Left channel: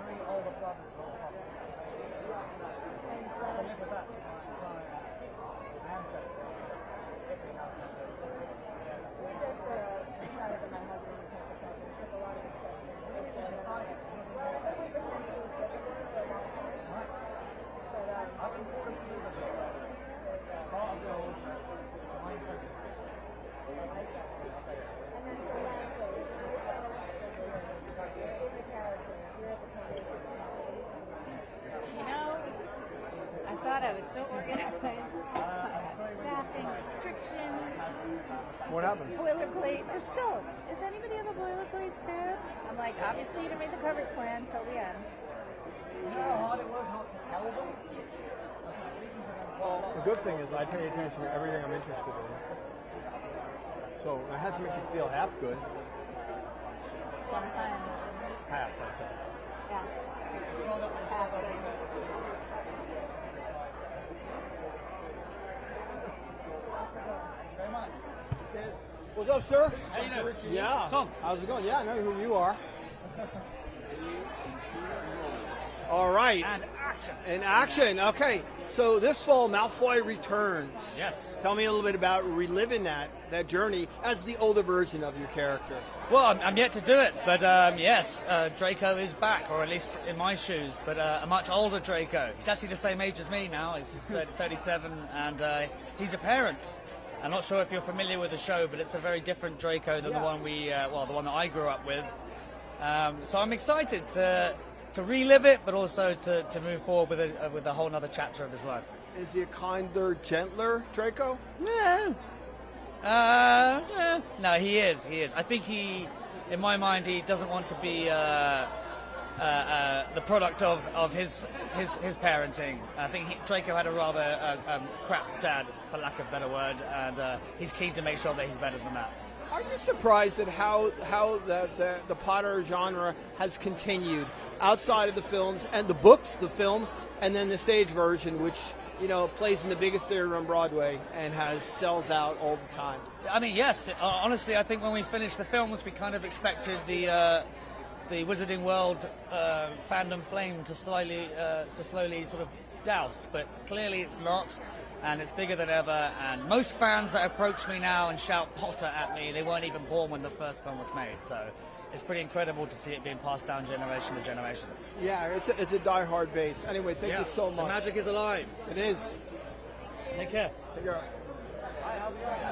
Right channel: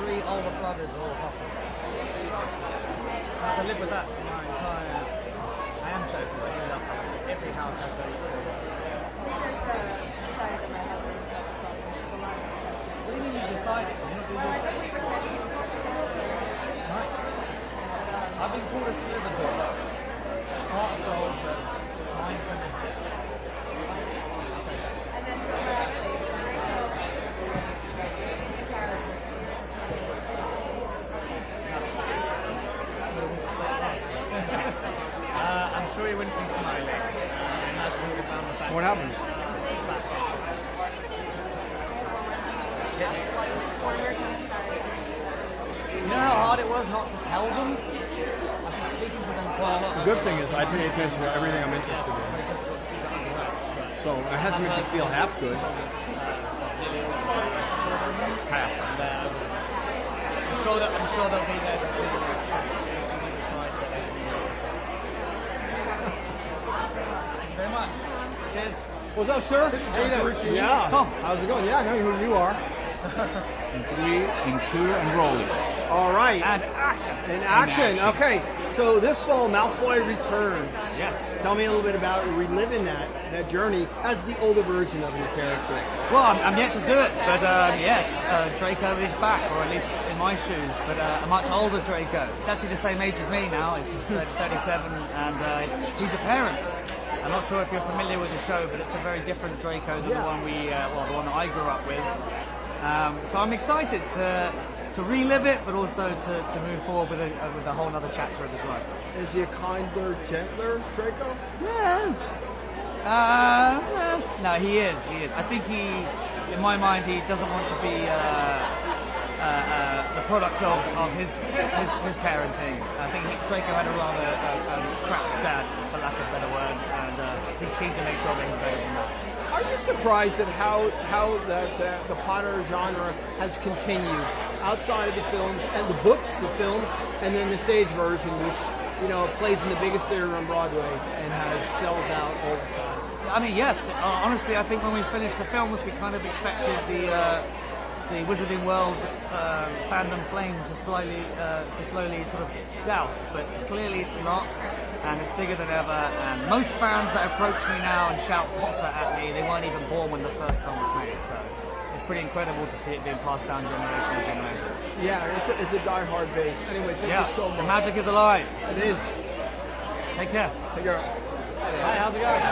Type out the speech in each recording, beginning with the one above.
3 older brothers all coupled. I have to live with that for my entire... I am joking, I do love that. Every house has those 3. What do you mean you decided? You're not doing your best. Right. I've been called a sliver boy. Heart of gold, but mind from the stick. I'll take that. I'm sure you wouldn't be smiling. What happened? You know how hard it was not to tell them? I've been speaking to them quite a lot. The good thing is I pay attention to everything I'm interested in. So it hasn't made me feel half good. Half. I'm sure they'll be there to see you. Thank you very much. Cheers. What's up, sir? This is Gino. Yeah. Tom. How's it going? Yeah, I know who you are. In 3, in 2, and rolling. All right. And action. In action. Okay. So this fall, Malfoy returns. Yes. Tell me a little bit about reliving that journey as the older version of your character. Well, I'm yet to do it, but yes, Draco is back, or at least in my shoes, but a much older Draco. He's actually the same age as me now. He's 37, and he's a parent. I'm not sure if you're familiar with the show, but it's a very different Draco than the one the one that I grew up with. So I'm excited to relive it, but also to move forward with a whole other chapter of his life. Is he a kinder, gentler Draco? Yeah. No, he is. I think in my mind, he doesn't want to be the product of his parenting. I think Draco had a rather crap dad, for lack of a better word, and he's keen to make sure that he's better than that. Are you surprised at how the Potter genre has continued outside of the films and the books, the films, and then the stage version, which plays in the biggest theater on Broadway and sells out all the time? I mean, yes. Honestly, I think when we finished the films, we kind of expected the Wizarding World fandom flame to slowly sort of doused, but clearly it's not, and it's bigger than ever. And most fans that approach me now and shout Potter at me, they weren't even born when the first film was made. So it's pretty incredible to see it being passed down generation to generation. Yeah, it's a die-hard base. Anyway, thank you so much. The magic is alive. It is. Take care. Take care. Hi, how's it going?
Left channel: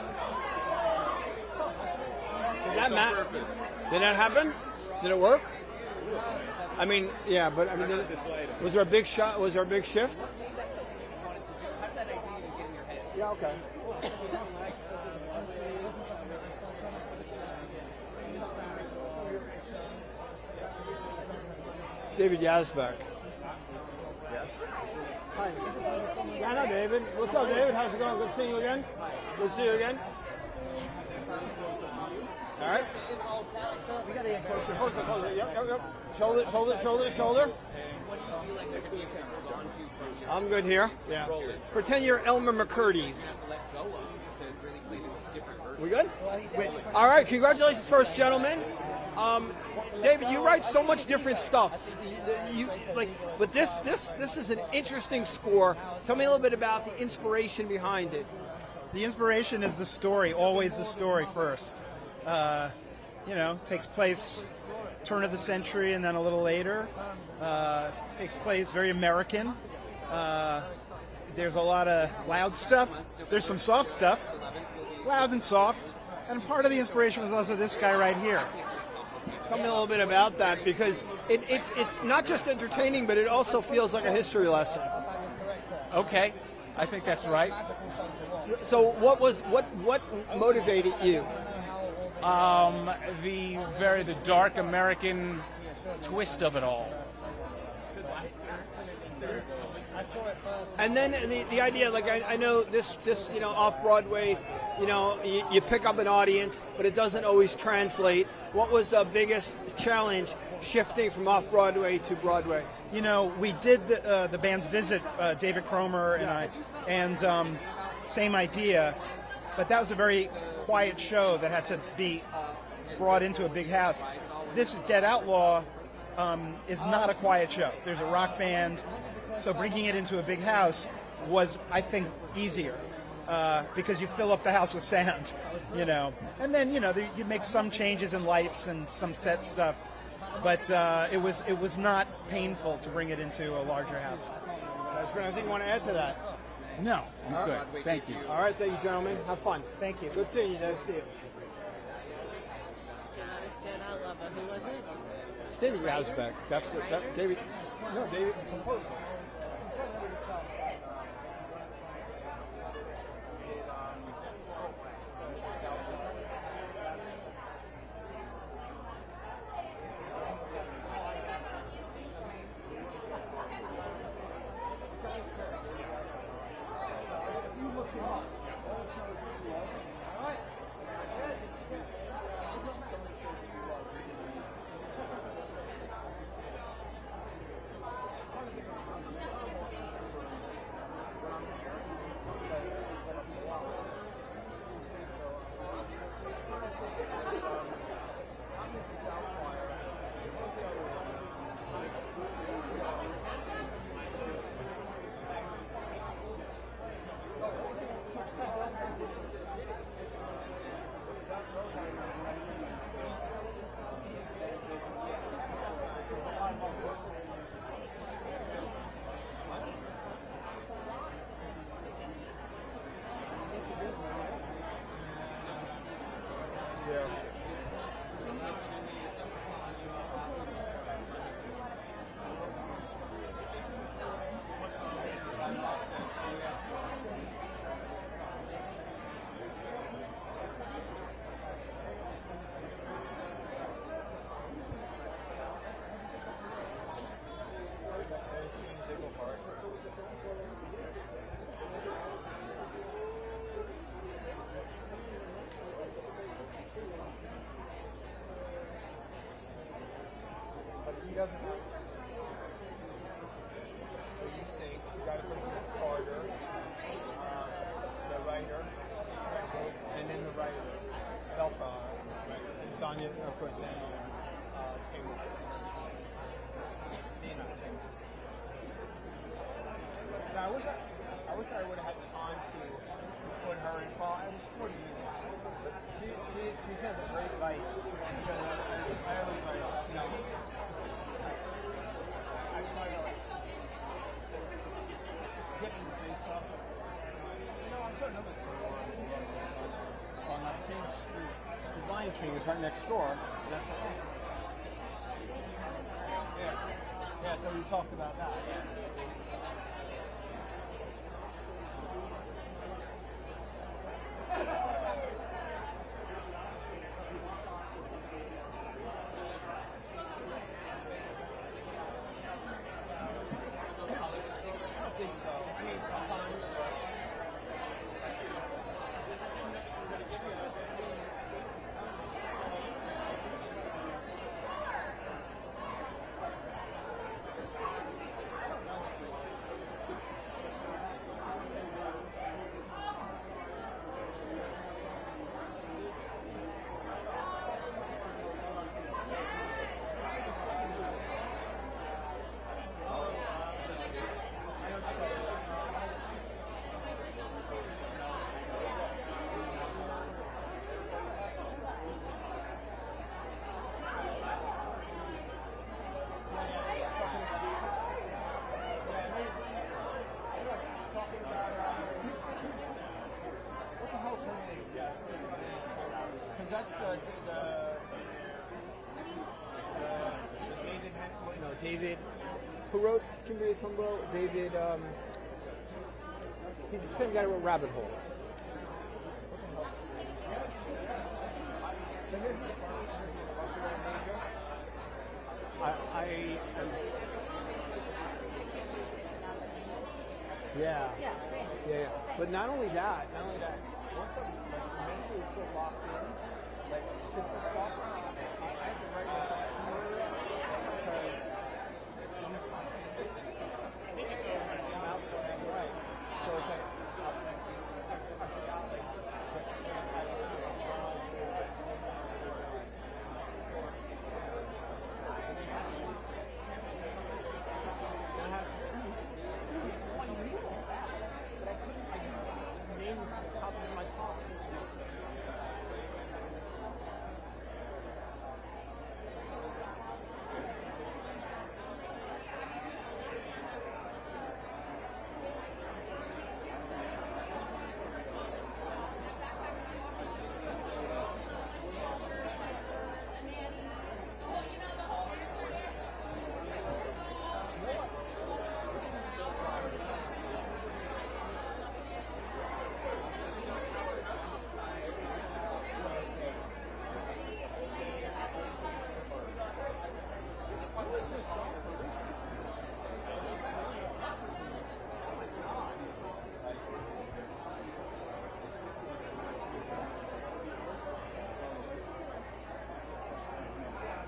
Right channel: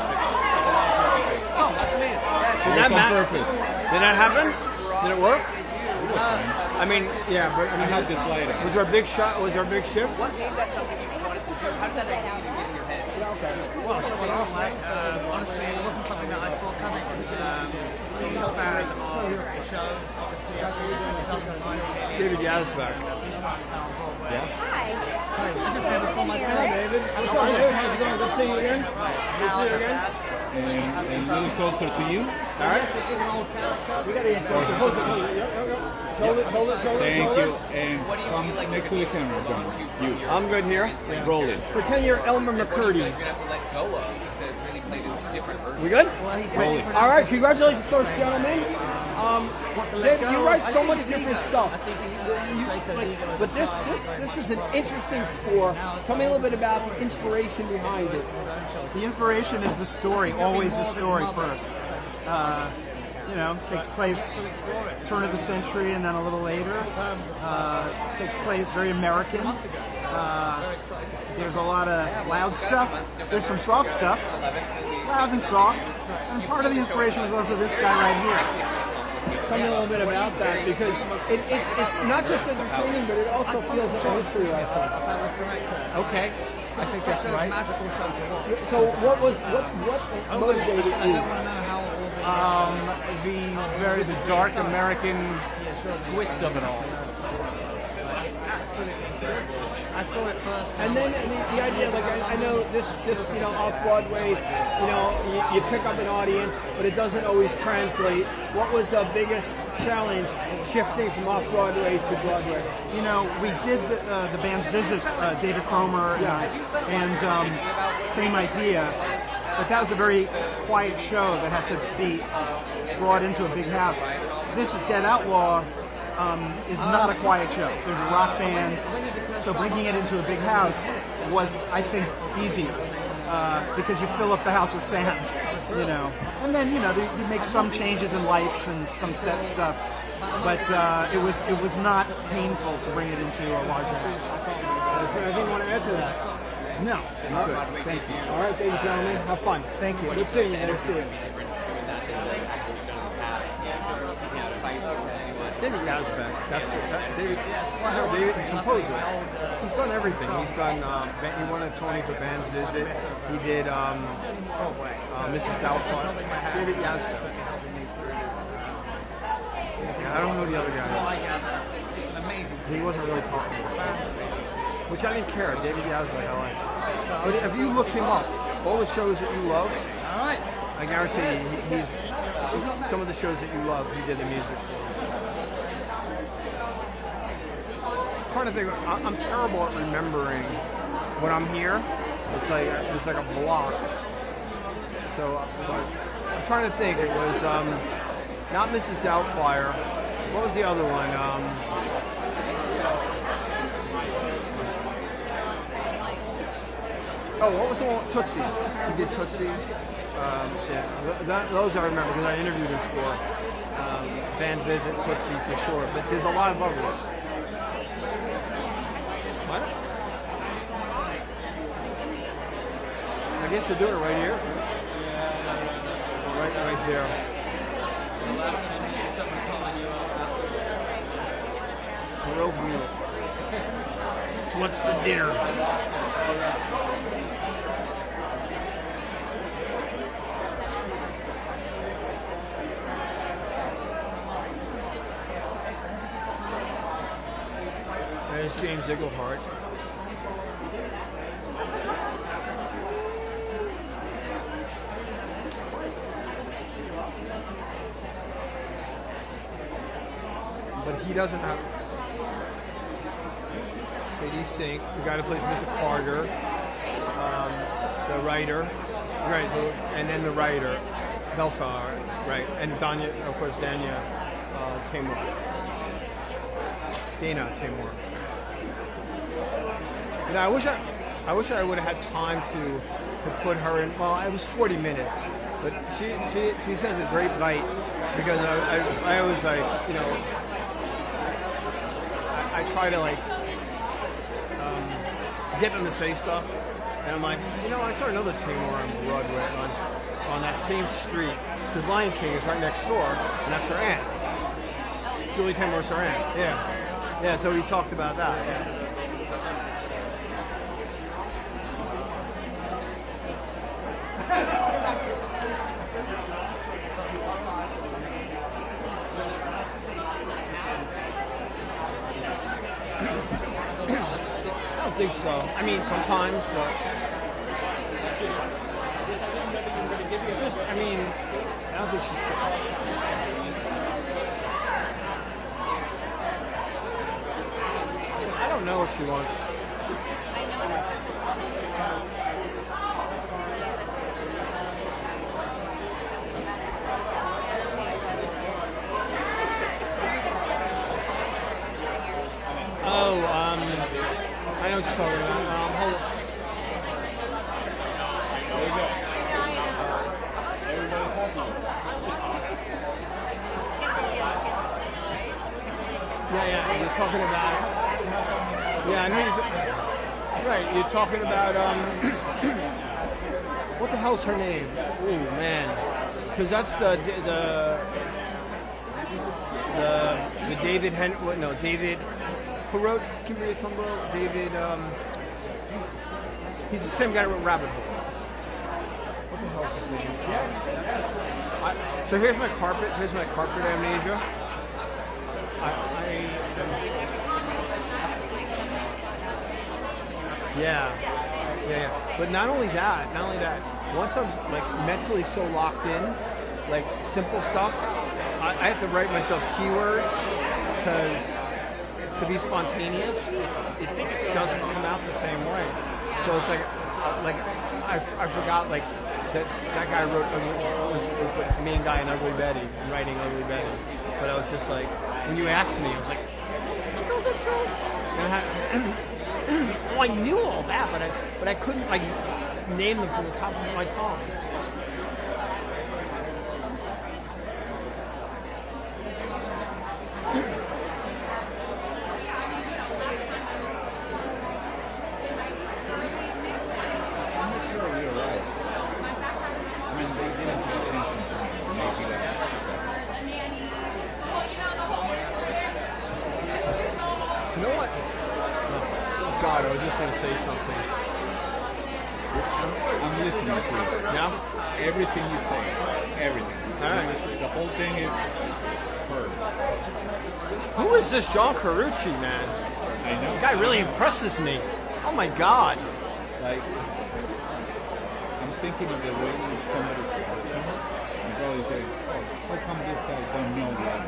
Oh, nice to meet you. Did that happen? Did it work? I mean, yeah. But, I had this later. Was there a big shot? Was there a big shift? What made that something that you wanted to do? How did that idea even get in your head? Well, honestly, it wasn't something that I saw coming. Huge fan of the show, obviously. David Yazbek. Yeah. Hi. I just never saw my son, David. How's it going? Good to see you again. Now as a dad. And a little closer to you. All right. Thank you. And come next to the camera, John. You. I'm good here. Roll it. Pretend you're Elmer McCurdy. Let go of to really play this different version. We good? Roll it. All right. Congratulations, first gentlemen. David, you write so much different stuff. But this is an interesting score. Tell me a little bit about the inspiration behind it. The inspiration is the story, always the story first. Takes place turn of the century and then a little later. Takes place very American. There's a lot of loud stuff. There's some soft stuff, loud and soft. And part of the inspiration is also this guy right here. Tell me a little bit about that, because it's not just entertaining, but it also feels like a history lesson. Okay, I think that's right. So what motivated you? The dark American twist of it all. I saw it first. And then the idea, like I know this off Broadway, you pick up an audience, but it doesn't always translate. What was the biggest challenge shifting from off Broadway to Broadway? We did the band's visit, David Cromer, and same idea, but that was a very quiet show that had to be brought into a big house. This Dead Outlaw is not a quiet show. There's a rock band, so bringing it into a big house was, I think, easier because you fill up the house with sand, you know. And then, you know, you make some changes in lights and some set stuff, but it was not painful to bring it into a larger house. Anything you want to add to that? No. Good. Thank you. All right, ladies and gentlemen, have fun. Thank you. Good seeing you. Good to see you. David Yazbek. David, the composer. He's done everything. He's done. He won a Tony for Band's Visit. He did Mrs. Doubtfire. David Yazbek. I don't know the other guy. It's an amazing. He wasn't really talking about it. Which I didn't care. David Yazbek, I like. But if you look him up, all the shows that you love, All right. I guarantee you, he's some of the shows that you love, he did the music for. I'm trying to think. I'm terrible at remembering when I'm here. It's like a block. So I'm trying to think. It was not Mrs. Doubtfire. What was the other one? What was the one? Tootsie. He did Tootsie. Those I remember because I interviewed him for Band's Visit, Tootsie for sure. But there's a lot of others. What? I guess they're doing it right here. Right there. Grove Mule. What's the dinner? There's James Iglehart. But he doesn't have Sadie Sink, the guy that plays Mr. Carter, the writer, right, and then the writer, Belfar, right, and Danya, of course, Dana Timur. Now, I wish I would have had time to put her in. Well, it was 40 minutes, but she says a great bite because I always like, you know, I try to like get them to say stuff, and I'm like, you know, I saw another Timur on Broadway on that same street because Lion King is right next door, and that's her aunt. Julie Taymor's her aunt. Yeah. So he talked about that. Yeah. I don't think so. I mean, sometimes, but I don't think she's. I don't know what she wants. I know what you're talking about. Hold on. Yeah, you're talking about. Yeah, I know right, you're talking about. What the hell's her name? Ooh, man, because that's the David David. Who wrote Kimberly Tumbo? David, he's the same guy who wrote Rabbit Hole. What the hell's his name? So here's my carpet amnesia. Yeah. But not only that, once I'm like mentally so locked in, like simple stuff, I have to write myself keywords because to be spontaneous, it doesn't come out the same way. So it's like I forgot like that guy wrote was the main guy in Ugly Betty, writing Ugly Betty. But I was just like, when you asked me. I was like, what was that show? Oh, I knew all that, but I couldn't like name them from the top of my tongue. You know what? Oh, God, I was just going to say something. I'm listening to you. Yeah? Everything you say. Everything. All right. The whole thing is heard. Who is this John Carucci, man? I know. The guy really impresses me. Oh my God. Like, I'm thinking of the way somebody and probably say, oh, how come this guy don't know that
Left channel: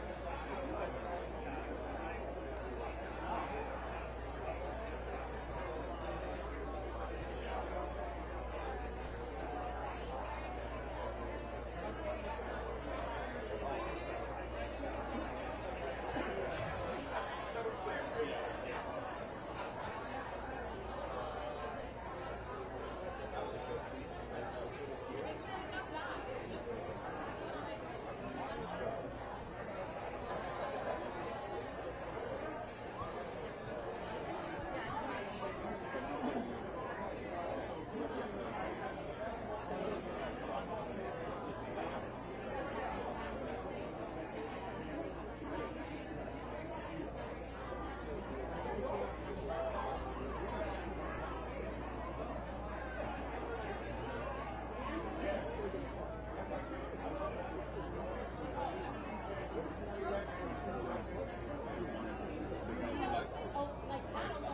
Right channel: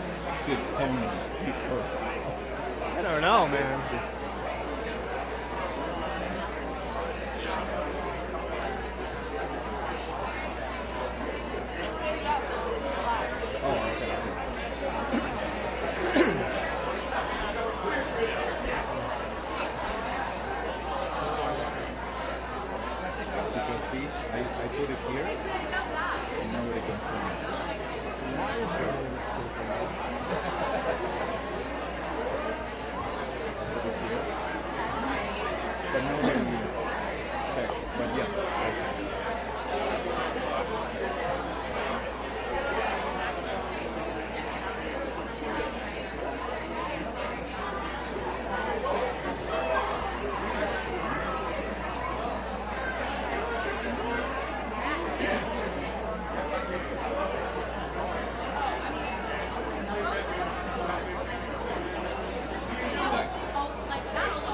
this Tony is perfect? I don't know, man. Oh, okay. Because see, I put it here, and nobody can find it. But nobody will check. But yeah, okay.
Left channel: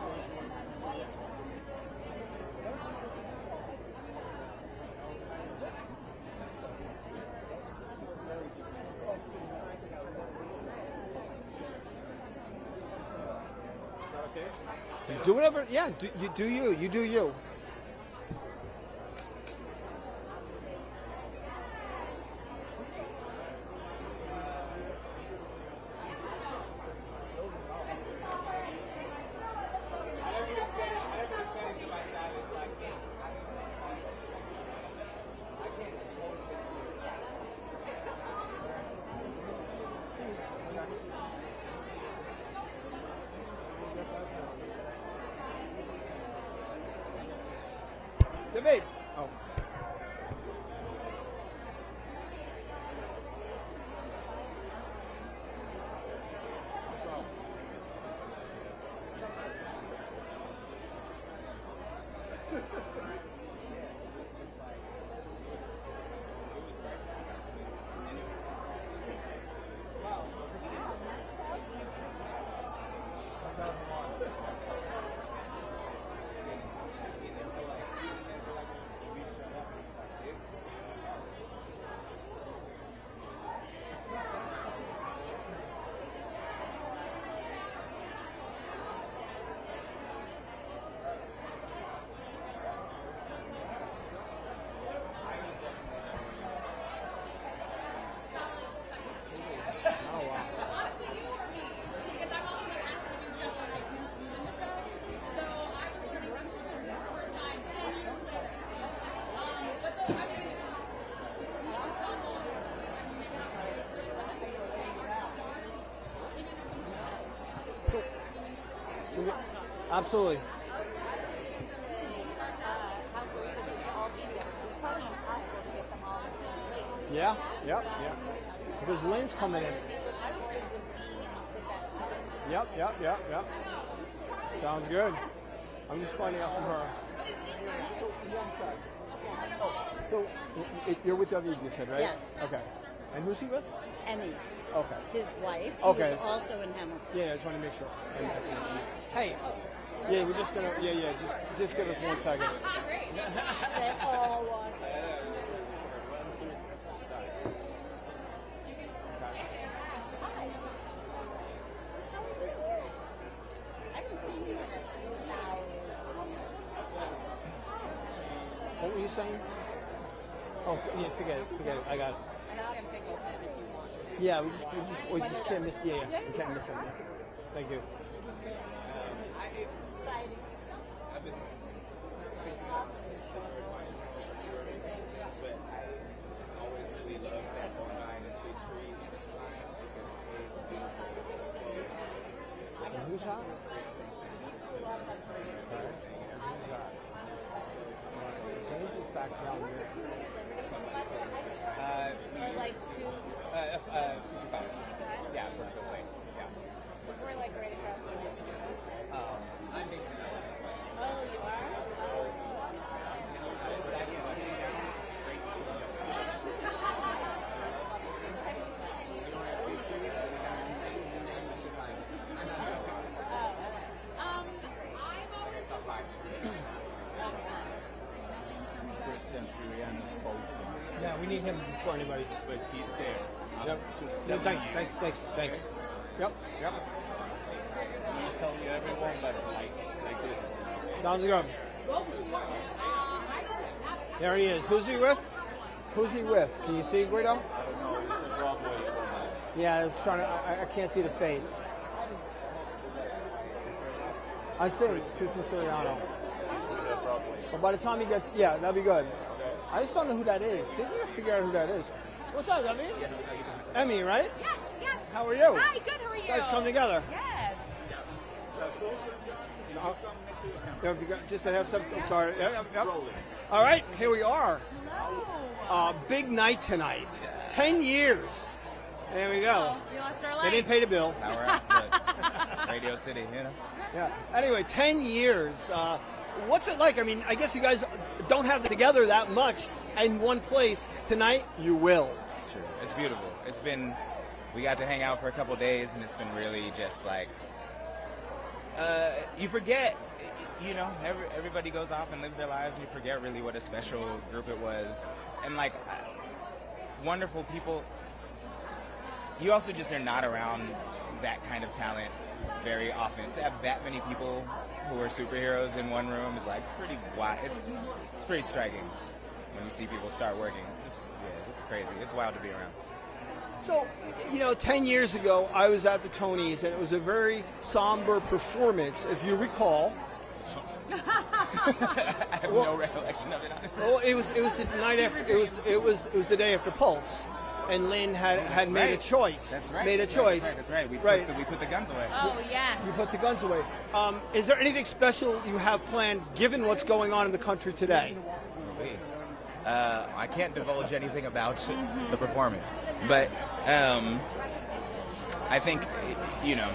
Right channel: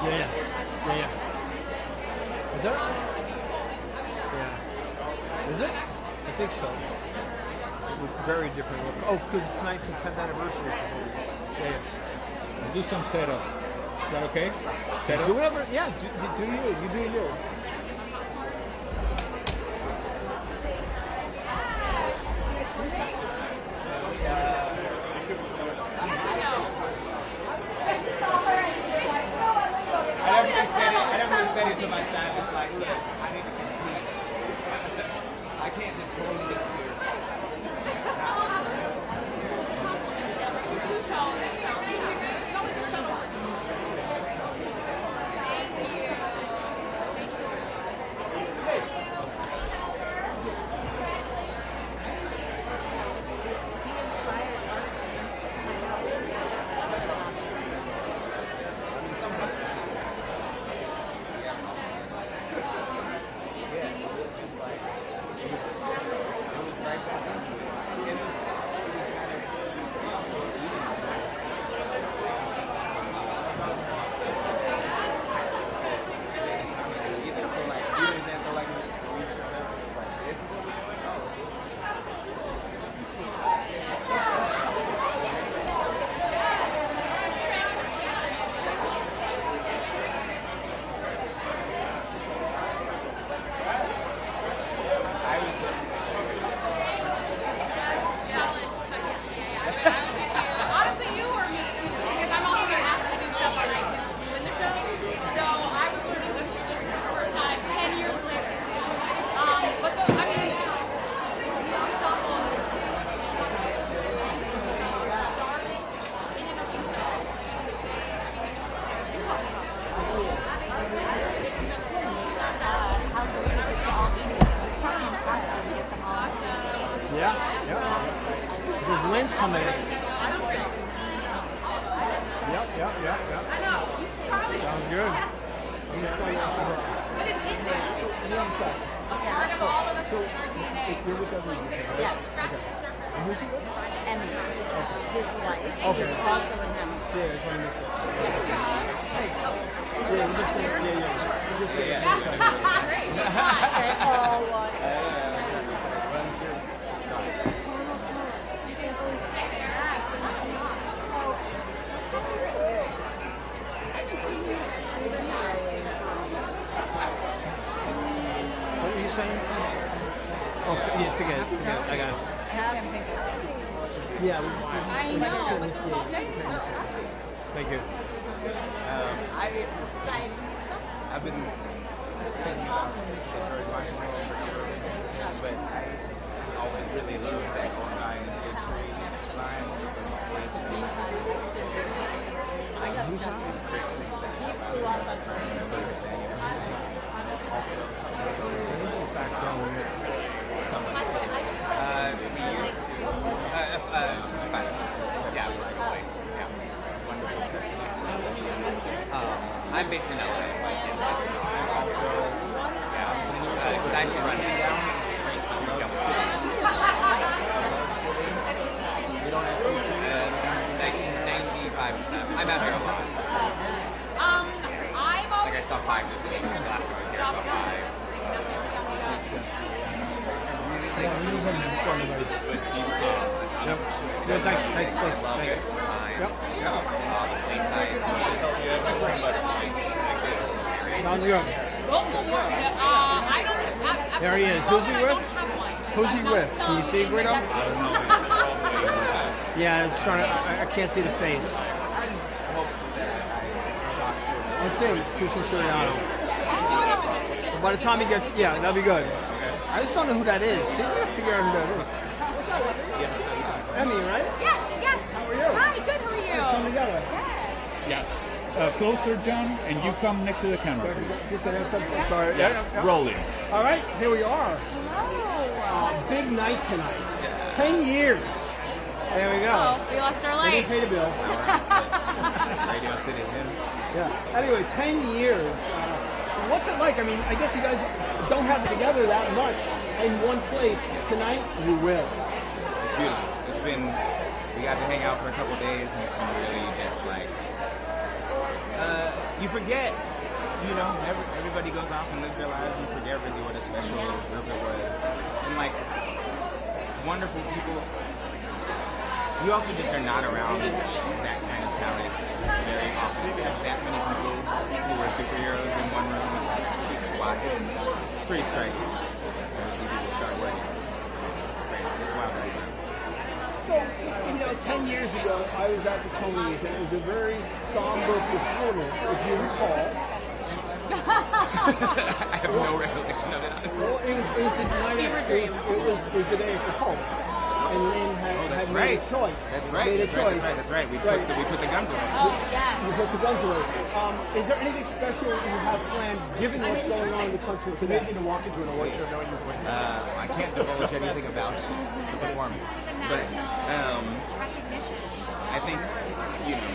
Yeah. Is it? Yeah. Is it? I think so. It's very different. Oh, because tonight's the 10th anniversary. Yeah. Do some setup. Is that okay? Do Setup? whatever. Yeah, do you. You do you. I never said it to my staff. It's like, look, I need to compete. I can't just totally disappear. coming. Yep. Sounds good. I'm just fighting over. So, you're with WG, right? Yes. Okay. And who's with? Emmy, Okay. his wife, Okay. is also in Hamilton. Yeah, trying to make sure. Yeah. Hey. Yeah, we're just gonna, Great. They're all one. What were you saying? Oh, yeah, forget it. Yeah, I got it. Yeah. I know, but there's also they're awesome. Thank you. Exciting stuff. I've been thinking about George Washington, but I always really loved that line and line. Chris thinks that about it saying and everything. It's also something we used to 25. Yeah, working away. Yeah. Wonderful person. I'm based in LA, but because I actually run it. Like 95%. I'm out here a lot. I've always Like I saw 5 this week. The last time I was here, I saw 5. Thanks. I love it. The play size. How's it going? I don't have. There he is. Who's he with? Who's he with? Can you see Guido? Yeah, I'm trying to. I can't see the face. I see. Trisha Suriano. By the time he gets, yeah, that'll be good. I just don't know who that is. See if I can figure out who that is. Emmy, right? Yes. How are you? Hi, good. How are you? Come together. Yes. Yes. Closer, John, and you come next to the camera. Just to have some. Sorry. Yeah, rolling. All right, here we are. Big night tonight. 10 years. There we go. Oh, we lost our We light. didn't pay the bill. Radio City. Yeah. Anyway, 10 years. What's it like? I mean, I guess you guys don't have it together that much in one place. Tonight, you will. It's beautiful. It's been, we got to hang out for a couple days, and it's been really just like, you forget, you know, everybody goes off and lives their lives. You forget really what a special group it was. And like, wonderful people. You also just are not around that kind of talent very often. To have that many people who are superheroes in one room is like, wow, it's pretty striking. To see people start working. It's crazy. It's wild to do. So, you know, 10 years ago, I was at the Tonys, and it was a very somber performance, if you recall. I have no recollection of it, honestly. Well, it was the night after. It was the day after Pulse, and Lynn had made a choice. That's right. Made a choice. That's right. We put the guns away. Oh, yes. You put the guns away. Is there anything special you have planned, given what's going on in the country today? to walk into an award show knowing you're winning. I can't divulge anything about the performance, but I think, you know,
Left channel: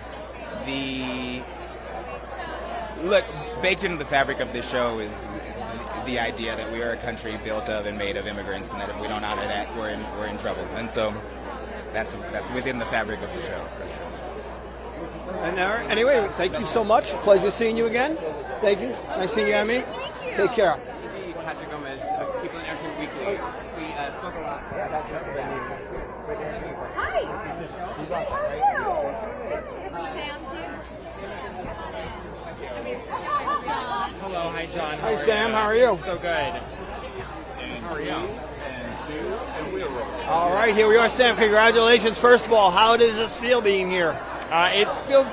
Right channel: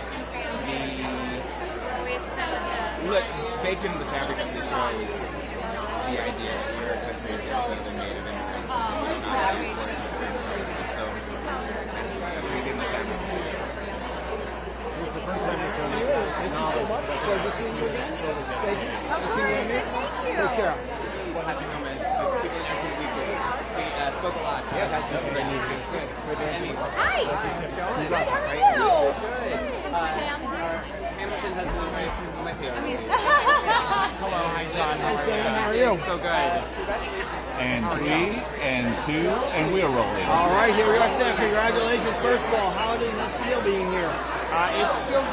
look, baked into the fabric of this show is the idea that we are a country built of and made of immigrants, and that if we don't honor that, we're in trouble. And so that's within the fabric of the show. Anyway, thank you so much. Pleasure seeing you again. Thank you. Nice seeing you, Emmy. Take care. We spoke a lot. It's good. Emmy. Hi. You got that, right? Sam, Hamilton has one with you. Hello, hi John. Hi, Sam. How are you? So good. And 3, and 2, and we're rolling. All right, here we are, Sam. Congratulations. First of all, how does this feel being here? It feels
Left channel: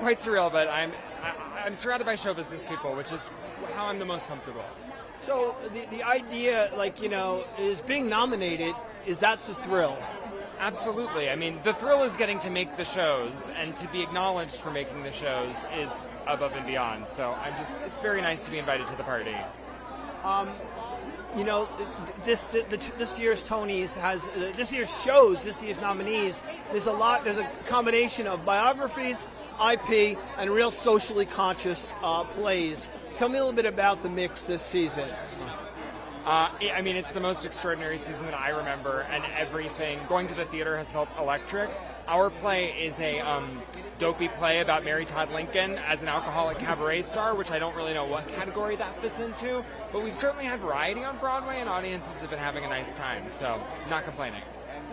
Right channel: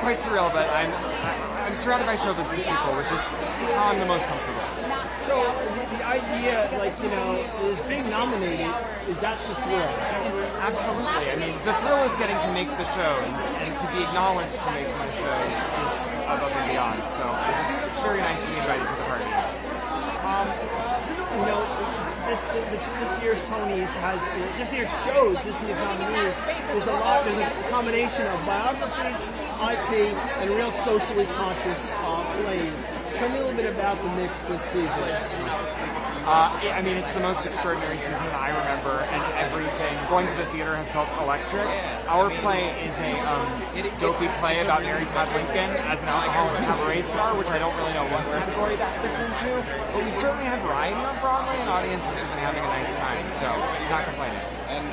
quite surreal, but I'm surrounded by show business people, which is how I'm the most comfortable. So the idea, like, you know, is being nominated, is that the thrill? Absolutely. I mean, the thrill is getting to make the shows, and to be acknowledged for making the shows is above and beyond. So it's very nice to be invited to the party. You know, this year's Tonys has, this year's shows, this year's nominees, there's a combination of biographies, IP, and real socially conscious plays. Tell me a little bit about the mix this season. I mean, it's the most extraordinary season that I remember, and everything. Going to the theater has felt electric. Our play is a dopey play about Mary Todd Lincoln as an alcoholic cabaret star, which I don't really know what category that fits into. But we've certainly had variety on Broadway, and audiences have been having a nice time, so not complaining.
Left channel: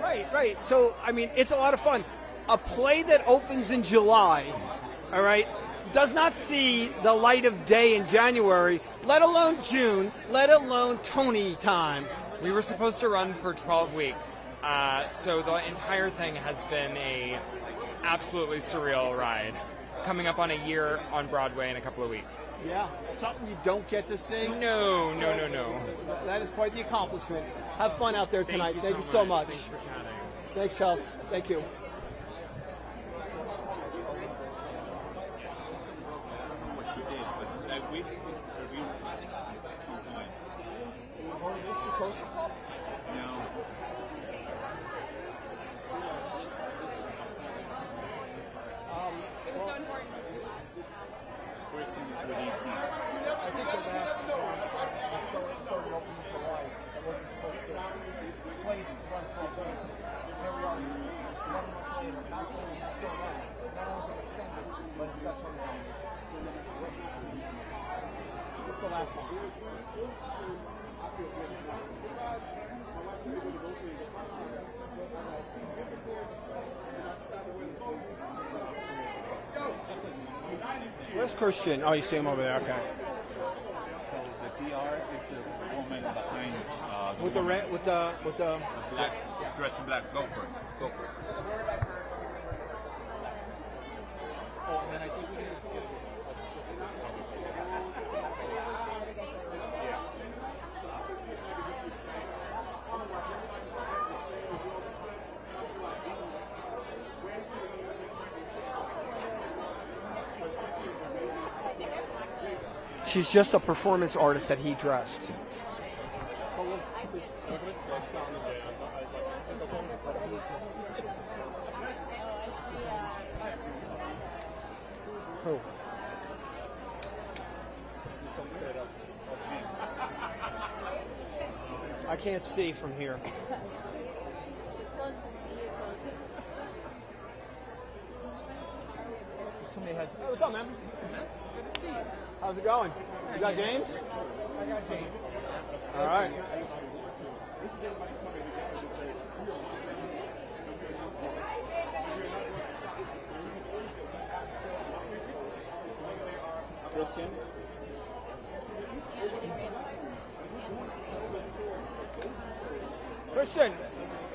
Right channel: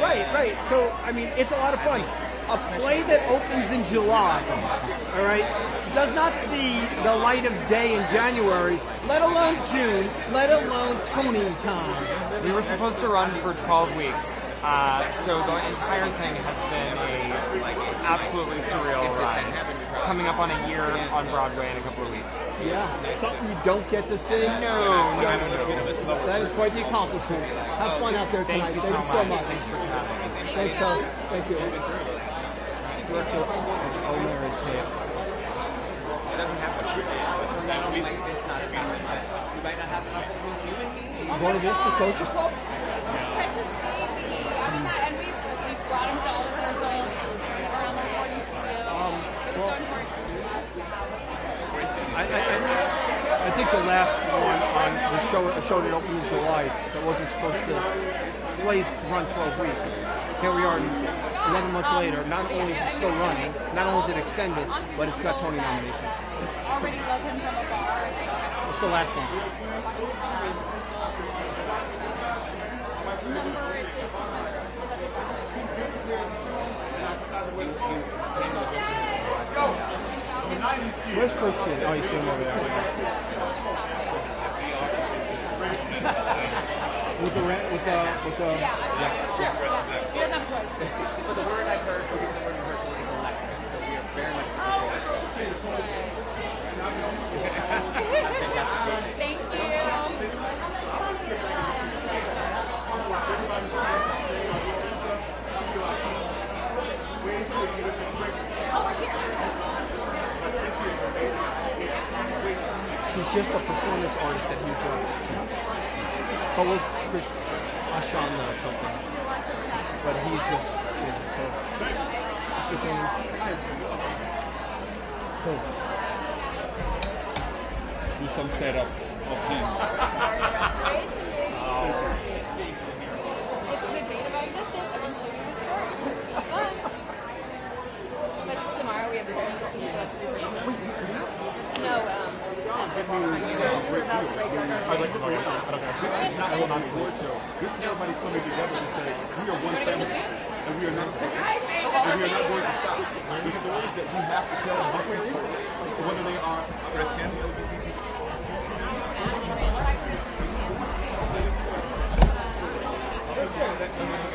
Right. So, I mean, it's a lot of fun. A play that opens in July, all right, does not see the light of day in January, let alone June, let alone Tony time. We were supposed to run for 12 weeks, So the entire thing has been a absolutely surreal ride. Coming up on a year on Broadway in a couple of weeks. Yeah, something you don't get to see. No. That is quite the accomplishment. Have fun out there tonight. Thank you so much. Thanks, Charles. Thank you. Director Culinary Chaos. It doesn't happen. Going against the social club? And we've brought him to all the rehearsals around the recording studio. I think the last one on the show that opened in July that wasn't supposed to run 12 weeks. Here we are 11 months later. Not only is it still running, not only is it extended, but it's got Tony nominations. Already love him from afar. It's the last one. Where's Christian? Oh, you see him over there. With the Yeah, sure. He doesn't have a choice. The word I've heard from people who are people live is we are very much Thank you. She's just a performance artist that he dressed. But with Chris Ashana or something. But he's just so. Do some setup of him. I can't see from here. It's the date of our existence that I'm shooting this story. It's fun. But tomorrow we have the very 15th, so that's really fun. No, We're about to break up. I will not award show. This is everybody coming together to say we are one family and we are not separate. And we are not going to stop. The stories that we have to tell must be told, whether they are prescient.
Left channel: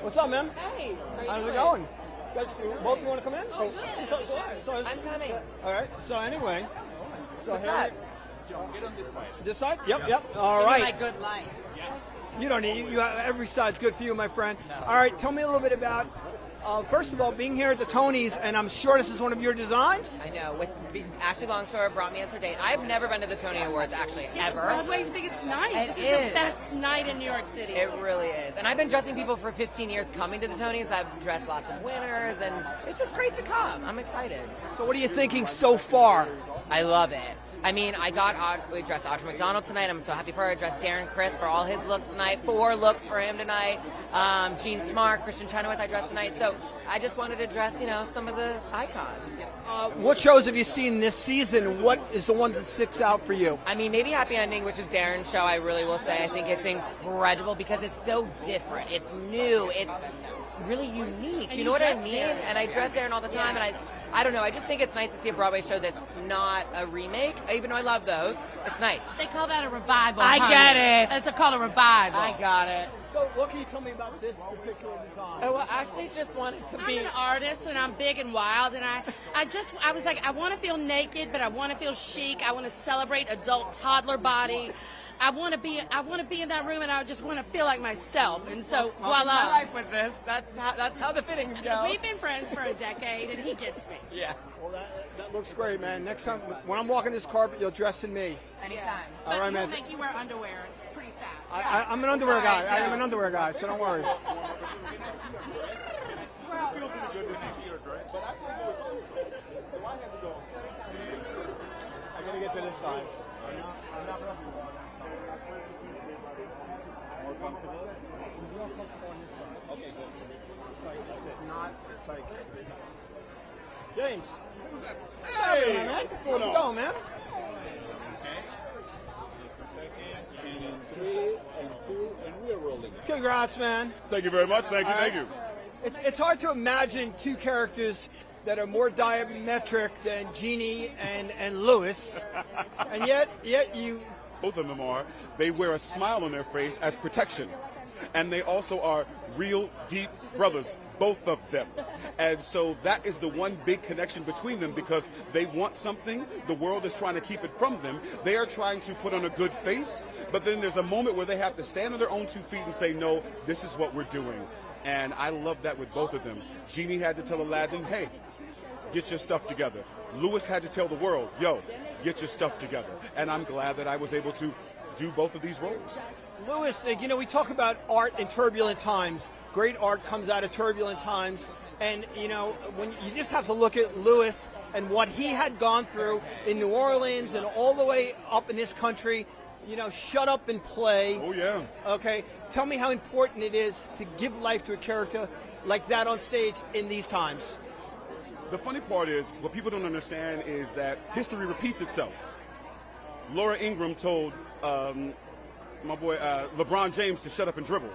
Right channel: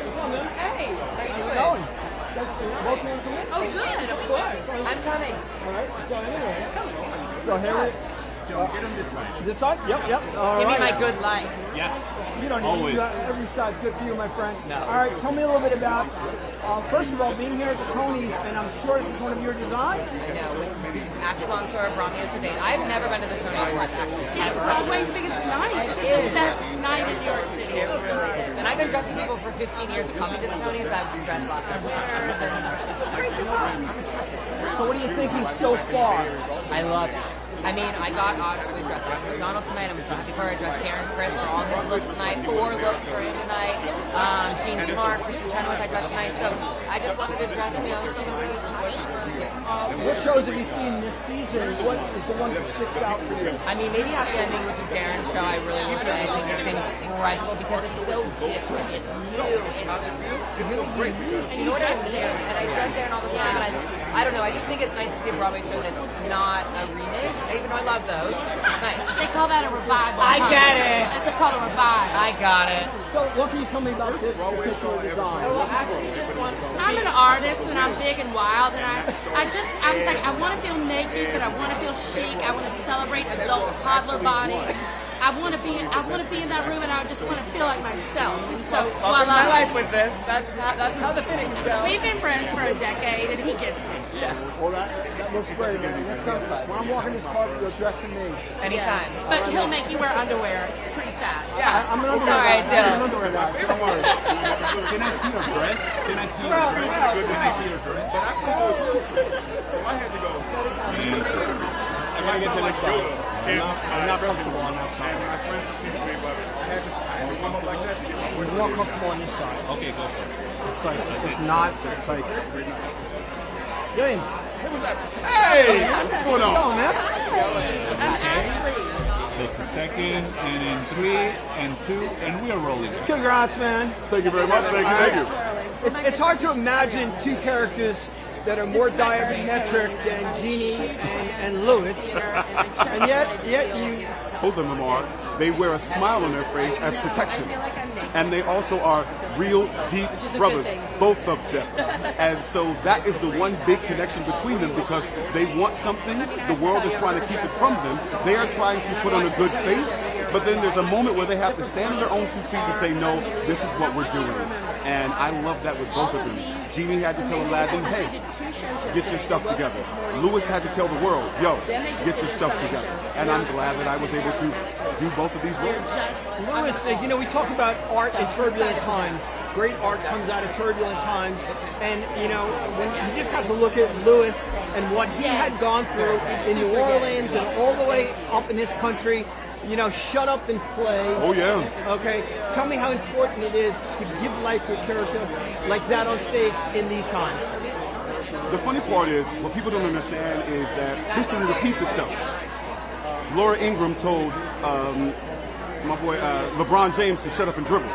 What's up, man? Hey, how you How's it doing? going? Guys, both want to come in? Oh, good, of course. I'm coming. All right. So anyway, so here. Joe, get him this way. This side? Yep. All Give right. me my good light. Yes. You don't need Always. you got, every side's good for you, my friend. No. All right, tell me a little bit about, first of all, being here at the Tonys, and I'm sure this is one of your designs. No, Ashley Longshore brought me here today. I've never been to the Tony Awards, actually. It's Broadway's biggest night. This is the best night in New York City. It really is. And I've been dressing people for 15 years coming to the Tonys. I've dressed lots of winners, and it's just great to come. I'm excited. So what are you thinking so far? I love it. I mean, we dressed Audra McDonald tonight. I'm so happy for her. I dressed Terrence Chris for all his looks tonight. 4 looks for him tonight. Gene Smart, Christian Chenoweth I dressed tonight. So I just wanted to dress, some of the icons. What shows have you seen this season? What is the one that sticks out for you? I mean, maybe Happy Ending, which is Darren's show, I really will say. I think it's incredible because it's so different. It's new. It's really unique. You know what I mean? And I dress Darren all the time, and I don't know. I just think it's nice to see a Broadway show that's not a remake, even though I love those. It's nice. They call that a revival. I get it. It's called a revival. I got it. So what can you tell me about this particular design? I'm an artist and I'm big and wild, and I was like, I want to feel naked, but I want to feel chic. I want to celebrate adult toddler body. I want to be in that room, and I just want to feel like myself. And so, Welcome to my life with this. That's how the fitting goes. We've been friends for a decade, and he gets me. Yeah. Well, that looks great, man. Next time, when I'm walking this carpet, you'll dress in me. Anytime. But he'll make you wear underwear. It's pretty sad. Yeah. I'm an underwear guy. Alright, I'm an underwear guy, so don't worry. Can I see your dress? Can I see your dress? Can I see your dress? But I can go first. So I had to go. I gotta get to this side. I'm not comfortable on that side. We're more comfortable on this side. Okay, go for it. It's like, this is not, it's like, James. What was that? Hey! What's going on? I'm Ashley. There's a second, and then 3, and 2, and we are rolling. Congrats, man. Thank you very much. Thank you. It's hard to imagine 2 characters that are more diametric than Jeannie and Louis, and yet you. Both of them are. They wear a smile on their face as protection. And they also are real deep brothers, both of them. And so that is the one big connection between them, because they want something, the world is trying to keep it from them. They are trying to put on a good face, but then there's a moment where they have to stand on their own 2 feet and say, no, this is what we're doing. And I love that with both of them. Jeannie had to tell Aladdin, hey, get your stuff together. Louis had to tell the world, yo, get your stuff together. And I'm glad that I was able to do both of these roles. Louis, you know, we talk about art in turbulent times. Great art comes out of turbulent times. And, you know, when you just have to look at Louis and what he had gone through in New Orleans and all the way up in this country. You know, shut up and play. Oh, yeah. Okay. Tell me how important it is to give life to a character like that on stage in these times. The funny part is, what people don't understand is that history repeats itself. Laura Ingraham told my boy LeBron James to shut up and dribble.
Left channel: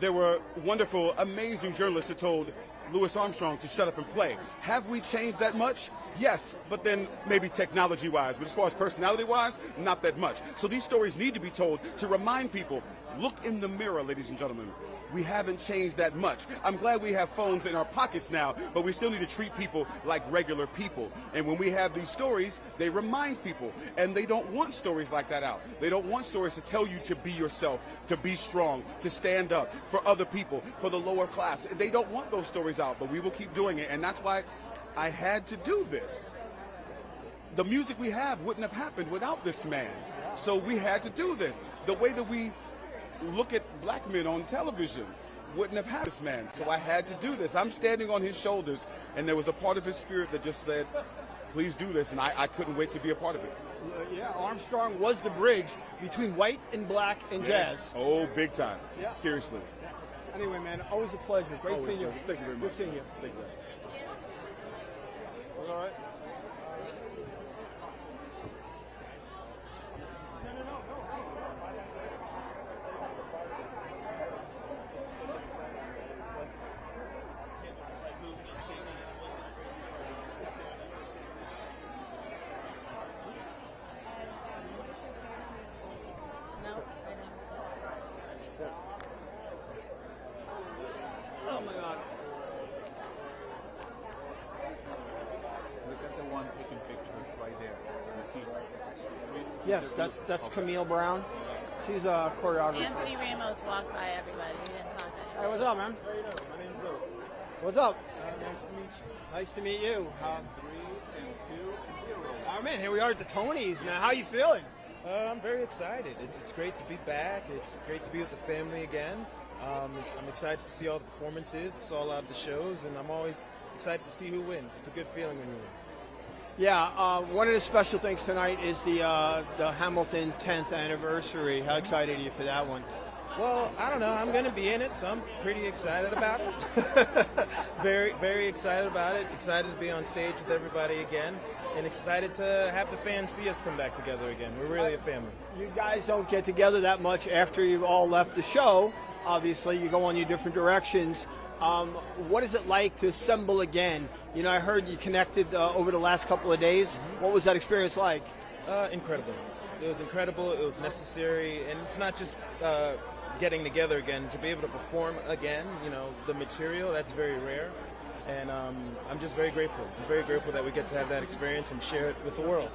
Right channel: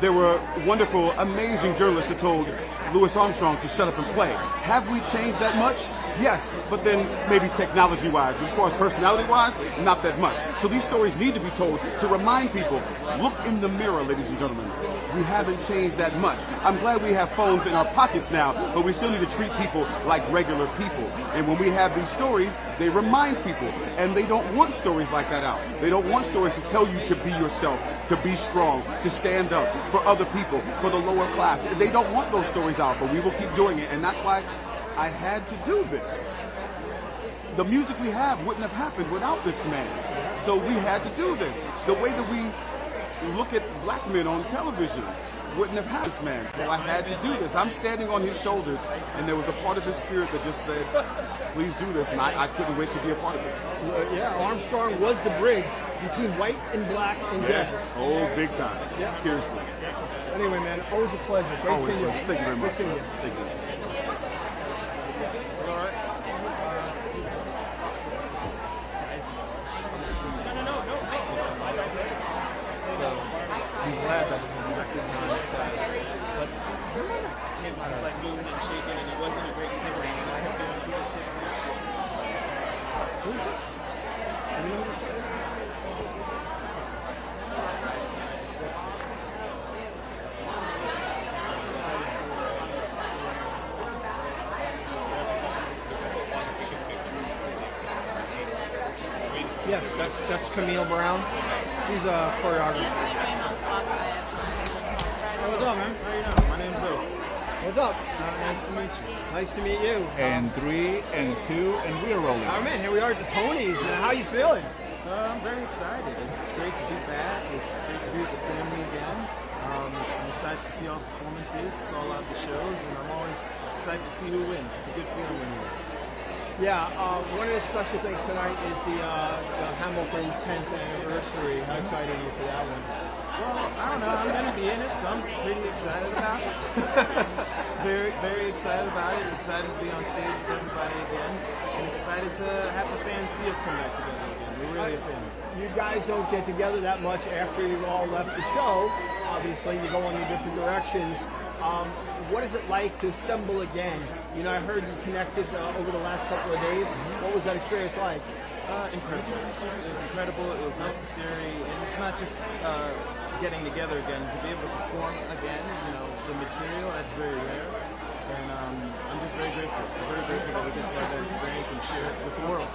There were wonderful, amazing journalists who told Louis Armstrong to shut up and play. Have we changed that much? Yes, but then maybe technology-wise. But as far as personality-wise, not that much. So these stories need to be told to remind people, look in the mirror, ladies and gentlemen. We haven't changed that much. I'm glad we have phones in our pockets now, but we still need to treat people like regular people. And when we have these stories, they remind people. And they don't want stories like that out. They don't want stories to tell you to be yourself, to be strong, to stand up for other people, for the lower class. They don't want those stories out, but we will keep doing it. And that's why I had to do this. The music we have wouldn't have happened without this man. So we had to do this. The way that we look at black men on television wouldn't have had this man. So I had to do this. I'm standing on his shoulders, and there was a part of his spirit that just said, please do this, and I couldn't wait to be a part of it. Yeah, Armstrong was the bridge between white and black and yes. Oh, big time. Yeah. Seriously. Anyway, man, always a pleasure. Great seeing you. Thank you very much. Good seeing you. Thank you. Yes, that's Camille Brown. He's a choreographer. What's up, man? How you doing? My name's Zoe. What's up? Nice to meet you. Nice to meet you. And 3 and 2, and we are rolling. Oh man, here we are at the Tonys. How are you feeling? I'm very excited. It's great to be back. It's great to be with the family again. I'm excited to see all the performances, saw a lot of the shows, and I'm always excited to see who wins. It's a good feeling when you win. Yeah, one of the special things tonight is the Hamilton 10th anniversary. How excited are you for that one? Well, I don't know. I'm going to be in it, so I'm pretty excited about it. very, very excited about it. Excited to be on stage with everybody again, and excited to have the fans see us come back together again. We're really a family. You guys don't get together that much after you've all left the show. Obviously, you go in your different directions. What is it like to assemble again? You know, I heard you connected over the last couple of days. What was that experience like? Incredible. It was incredible. It was necessary, and it's not just getting together again. To be able to perform again, you know, the material, that's very rare, and I'm just very grateful. I'm very grateful that we get to have that experience and share it with the world.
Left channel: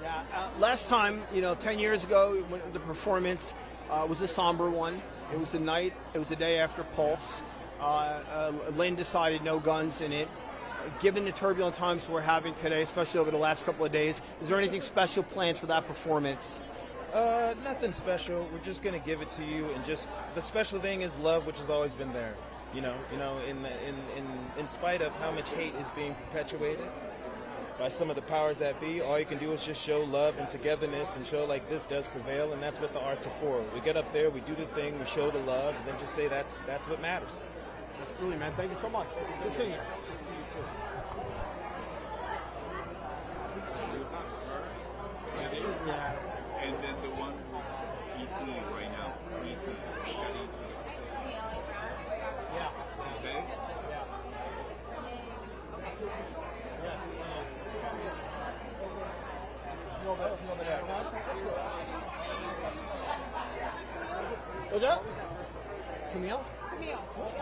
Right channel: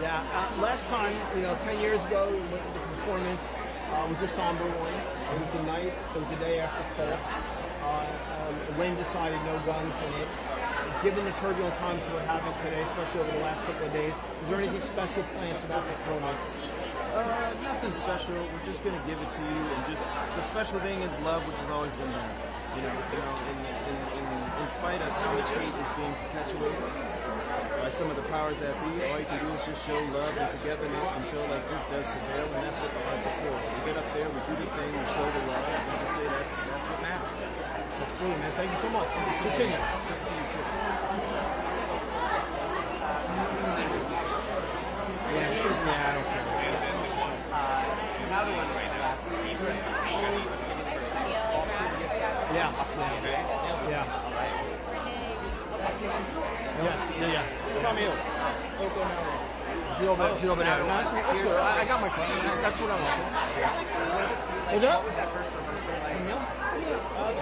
Yeah. Last time, you know, 10 years ago, the performance was a somber one. It was the night. It was the day after Pulse. Lane decided no guns in it. Given the turbulent times we're having today, especially over the last couple of days, is there anything special planned for that performance? Nothing special. We're just gonna give it to you, and just the special thing is love, which has always been there. You know, in spite of how much hate is being perpetuated by some of the powers that be, all you can do is just show love and togetherness and show like this does prevail, and that's what the arts are for. We get up there, we do the thing, we show the love, and just say that's what matters. That's brilliant, man. Thank you so much. Let's continue. Let's see you too. Yeah, I don't care. Another one right now. Yeah. Yes, yeah. Camille. She's over there. No, that's good. I got my phone. That's what I'm looking. Is that? Camille? The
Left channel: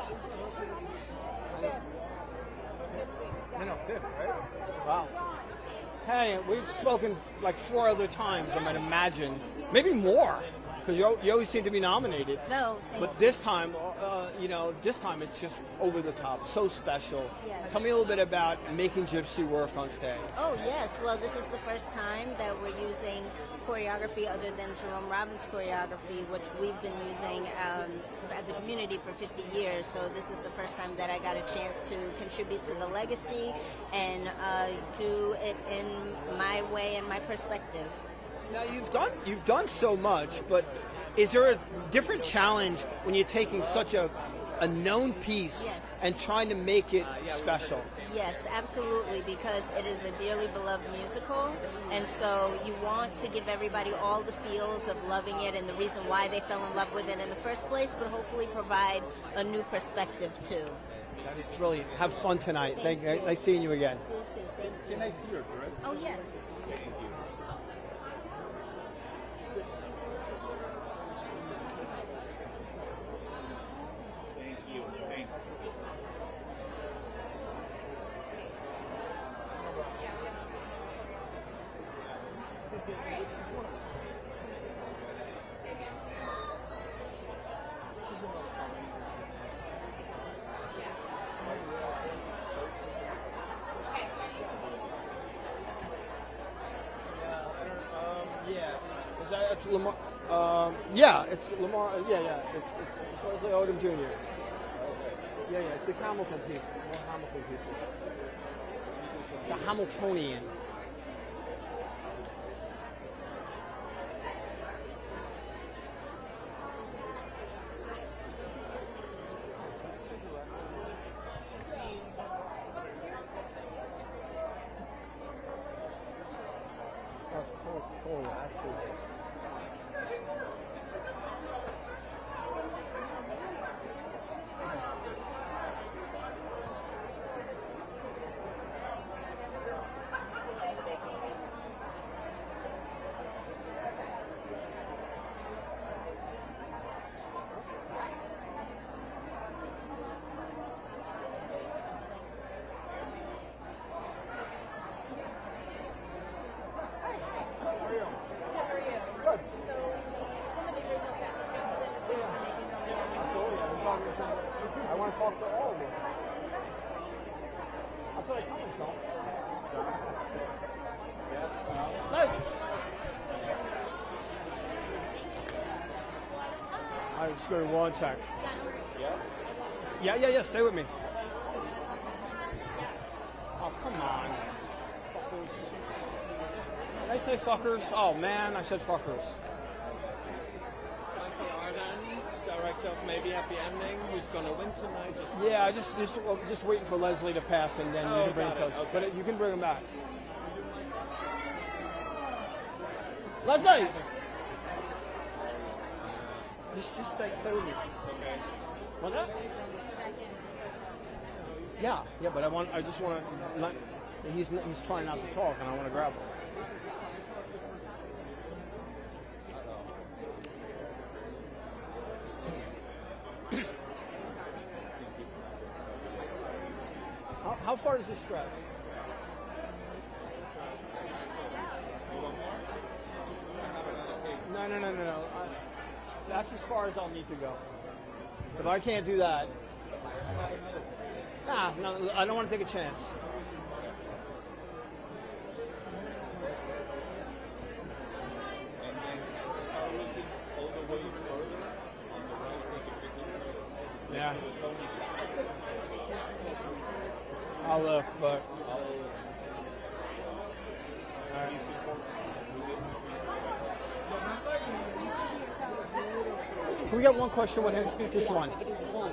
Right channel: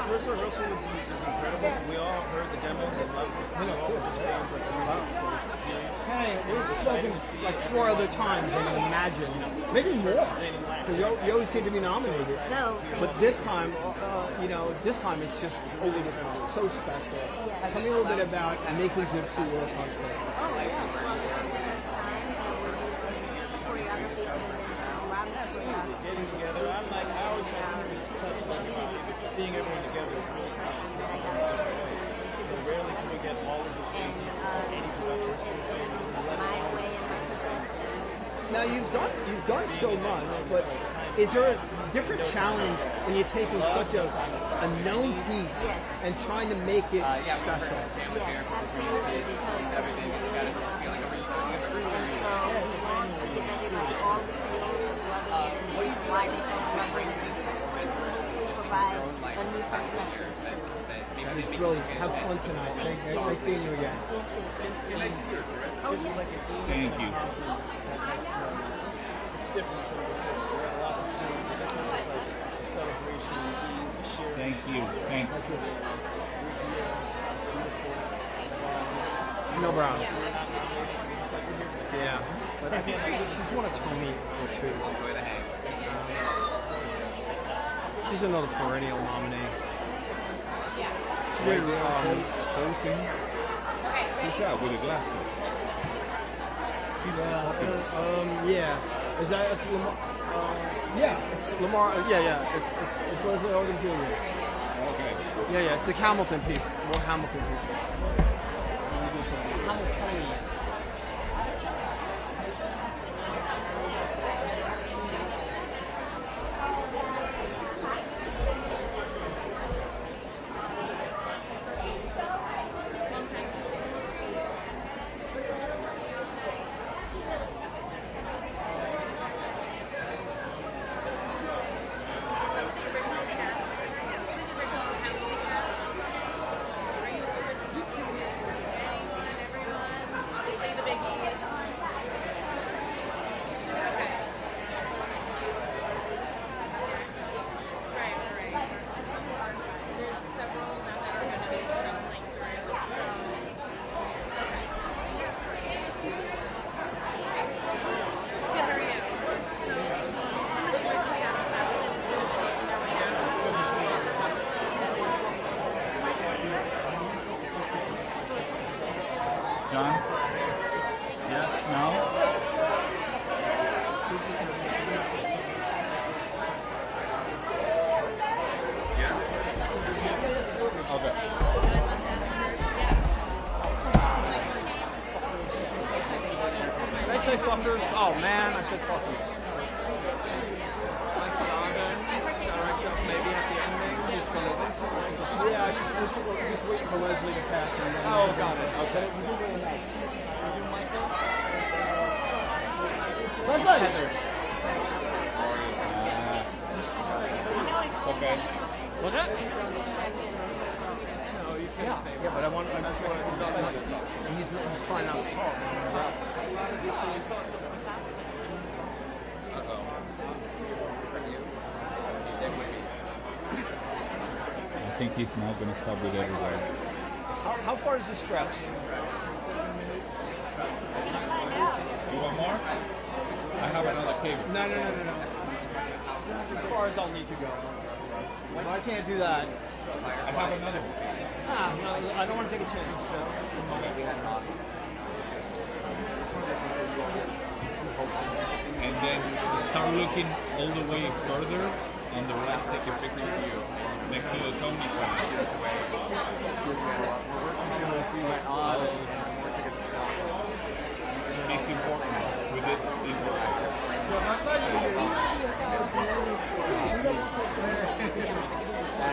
first rehearsal was incredible. We all heard the demos and loved it. We all just fans like Wow. Hey, we've spoken like 4 other times, I can imagine. Maybe more, because you always seem to be nominated. No. But this time, this time it's just over the top, so special. Tell me a little bit about making Gypsy work on stage. Oh, yes. Well, this is the first time that we're using choreography other than Jerome Robbins' choreography, which we've been using as a community for 50 years. So this is the first time that I got a chance to contribute to the legacy and do it in my way and my perspective. Now you've done so much, but is there a different challenge when you're taking such a known piece and trying to make it special? Yes, absolutely, because it is a dearly beloved musical, and so we want to give everybody all the feels of loving it and the reason why they fell in love with it in the first place, but hopefully provide a new perspective too. Really have fun tonight. Nice seeing you again. Thank you. It's different. Celebration, sharing. Thank you. Thank you. No Brown. Yeah. I think she's won a Tony or 2. She's another perennial nominee. She did Good job with the glasses. yeah. Is that it's Lamar? Yeah, it's Lamar. Yeah. It's Leslie Odom Jr. Okay. Yeah. It's a Hamilton piece. More Hamilton piece. Hamiltonian. John? Yes? No? Yeah? Yeah. Stay with me. Okay. Did I say fuckers? Oh man, I said fuckers. Maybe at the ending, it's going to Yeah, just waiting for Leslie to pass and then. Oh, got it. Okay. You can bring them back. Leslie. Okay. What's that? Yeah, but I just want to. He's trying not to talk. I think he's not going to stop with everybody. How far does it stretch? You want more? I have another cable. No. That's as far as I'll need to go. But I can't do that. I have another one. No, I don't want to take a chance. And then start looking all the way further on the right, take a picture of you next to the Tony sign. It's important. We did We got one question with him. This one.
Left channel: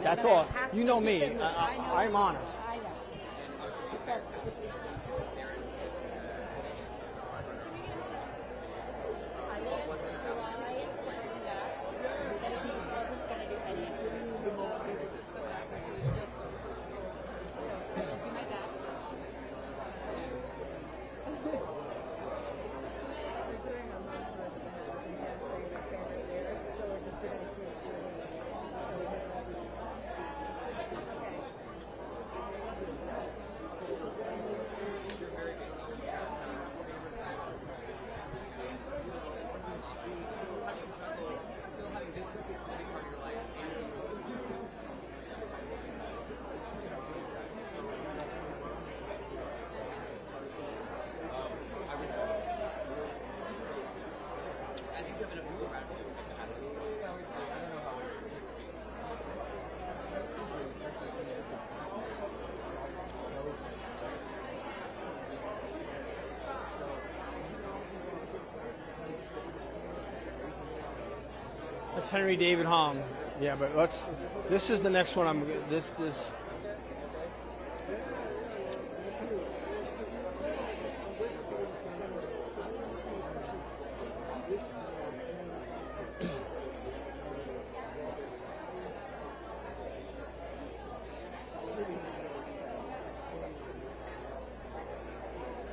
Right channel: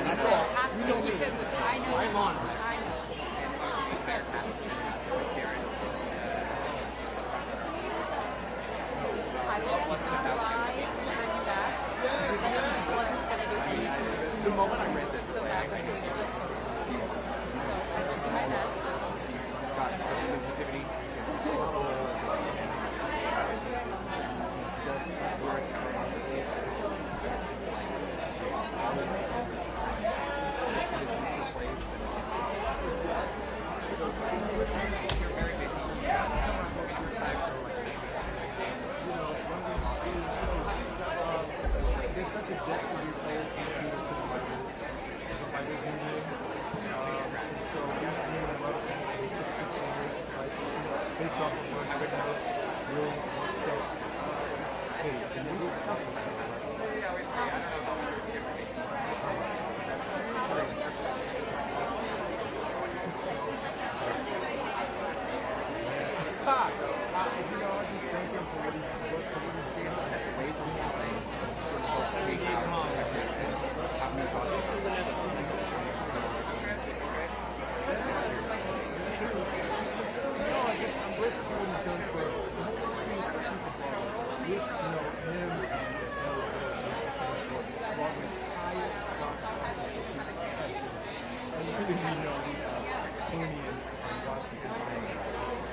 That's all. You know me. I am honest. The moment I read this, so that was what you just spoke about. So I went to my desk. Got sensitivity. off of words, take notes, really. So, It's Henry David Hong. Yeah, but let's. This is the next one. This.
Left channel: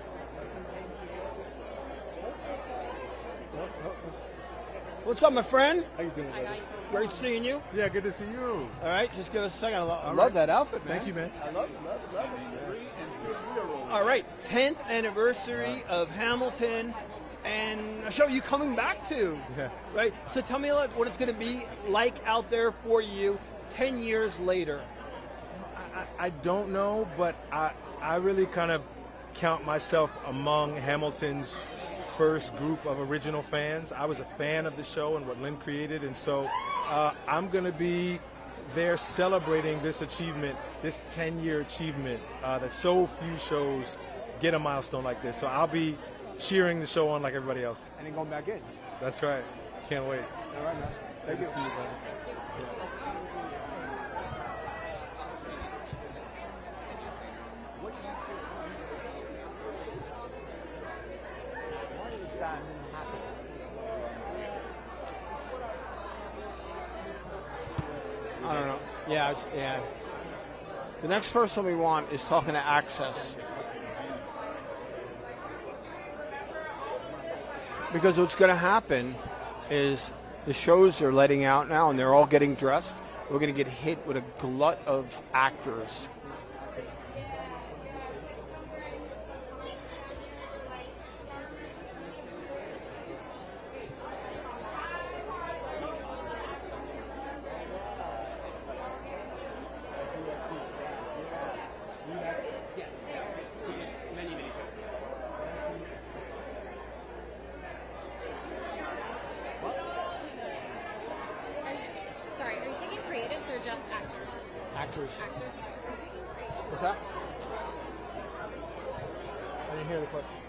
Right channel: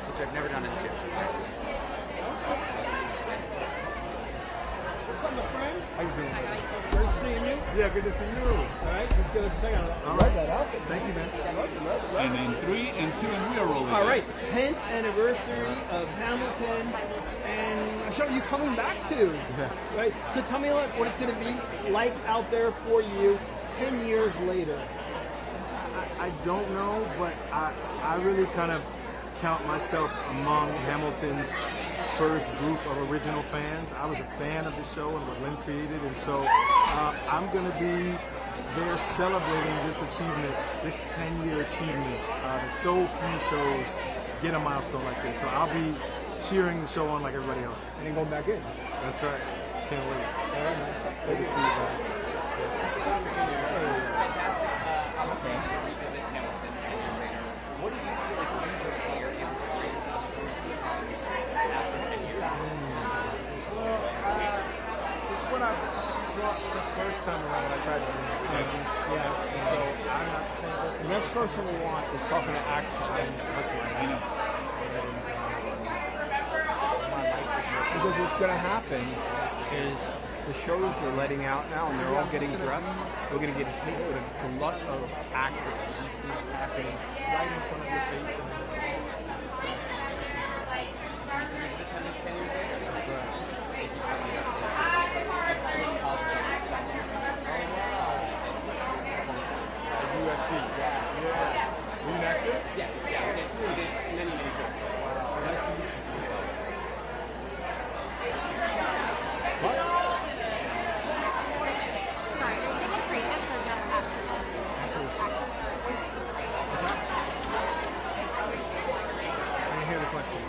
Which I've never done in the kitchen. What's up, my friend? How you doing, buddy? Great seeing you. Yeah, good to see you. All right, just gonna say I love that outfit. Thank you, man. And then 3 and 2 and we are rolling. All right, 10th anniversary of Hamilton, and a show you coming back to, right? So tell me what it's going to be like out there for you 10 years later. I don't know, but I really kind of count myself among Hamilton's first group of original fans. I was a fan of the show and what Lynn created, and so I'm going to be there celebrating this achievement, this 10-year achievement that so few shows get a milestone like this. So I'll be cheering the show on like everybody else. And then going back in. That's right. Can't wait. Good to see you, man. What do you feel like you personally are it's what I the first time around when I tried to Yeah. so I'm not the same person. The next person we want is talking to Access. Because what's going to happen is the shows are letting out now and they're all getting dressed. We're going to get hit with a glut of actors. Right in front of your face. Yes, yeah, we did many shows. Sorry, are you taking creatives or just actors? I didn't hear the question.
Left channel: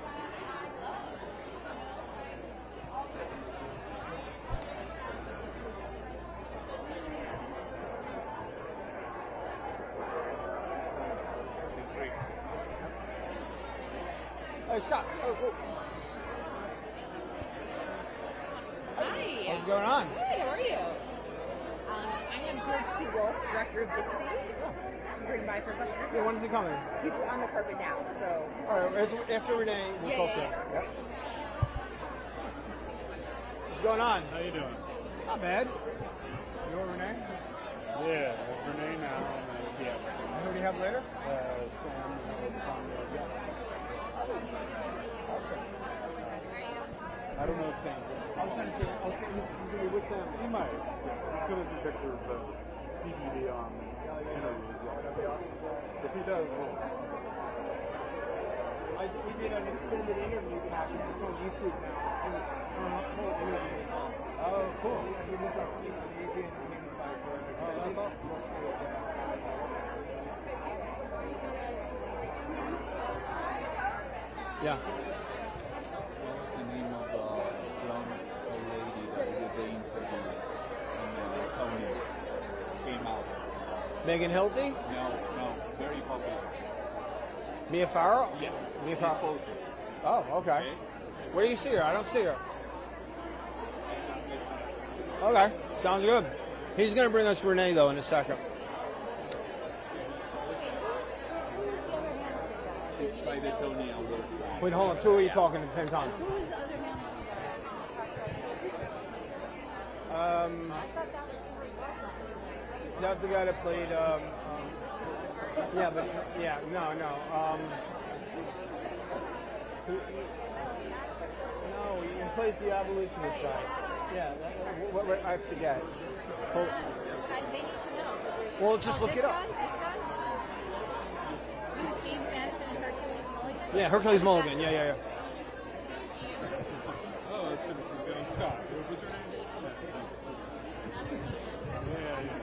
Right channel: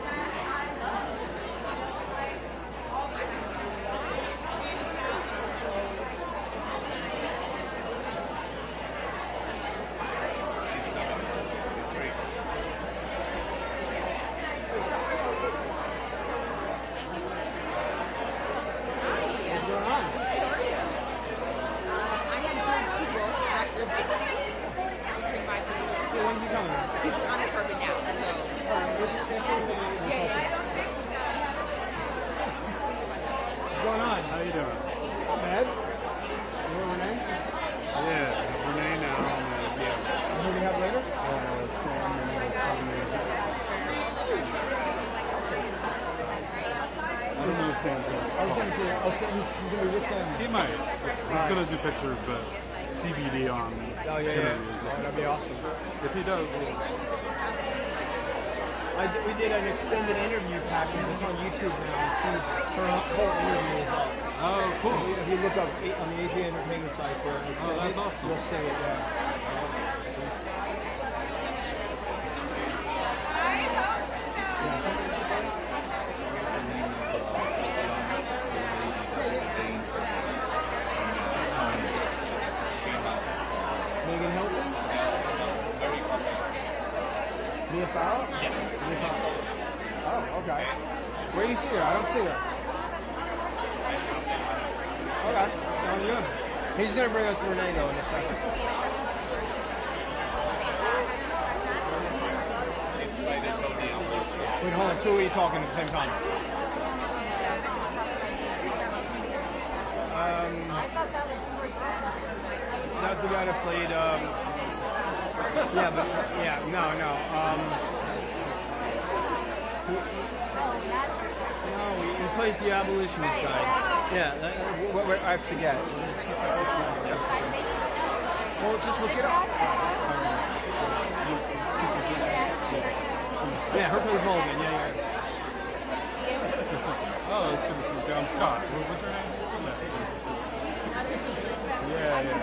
He might. He's going to do pictures, but CBD on. Oh, yeah. That'd be awesome. If he does. We did an extended interview package. It's on YouTube now. Her whole interview is up. Oh, cool. If you look up on the AP Entertainment site for extended, that's awesome. you'll see it, yeah. What's the name of the young lady that was ordained for the Tony? Megan Hilton? Very fucking. Mia Farrow? Yeah. Oh, okay. Where do you see her? I don't see her. Okay, sounds good. He's going to bring us Renee, though, in a second. Wait, hold on. Two of you talking at the same time. That's the guy that played, he plays the abolitionist guy. Yeah, I forget. Well, just look it up. Yeah, her plays Mulligan. Yeah. Scott. What's your name? Yeah.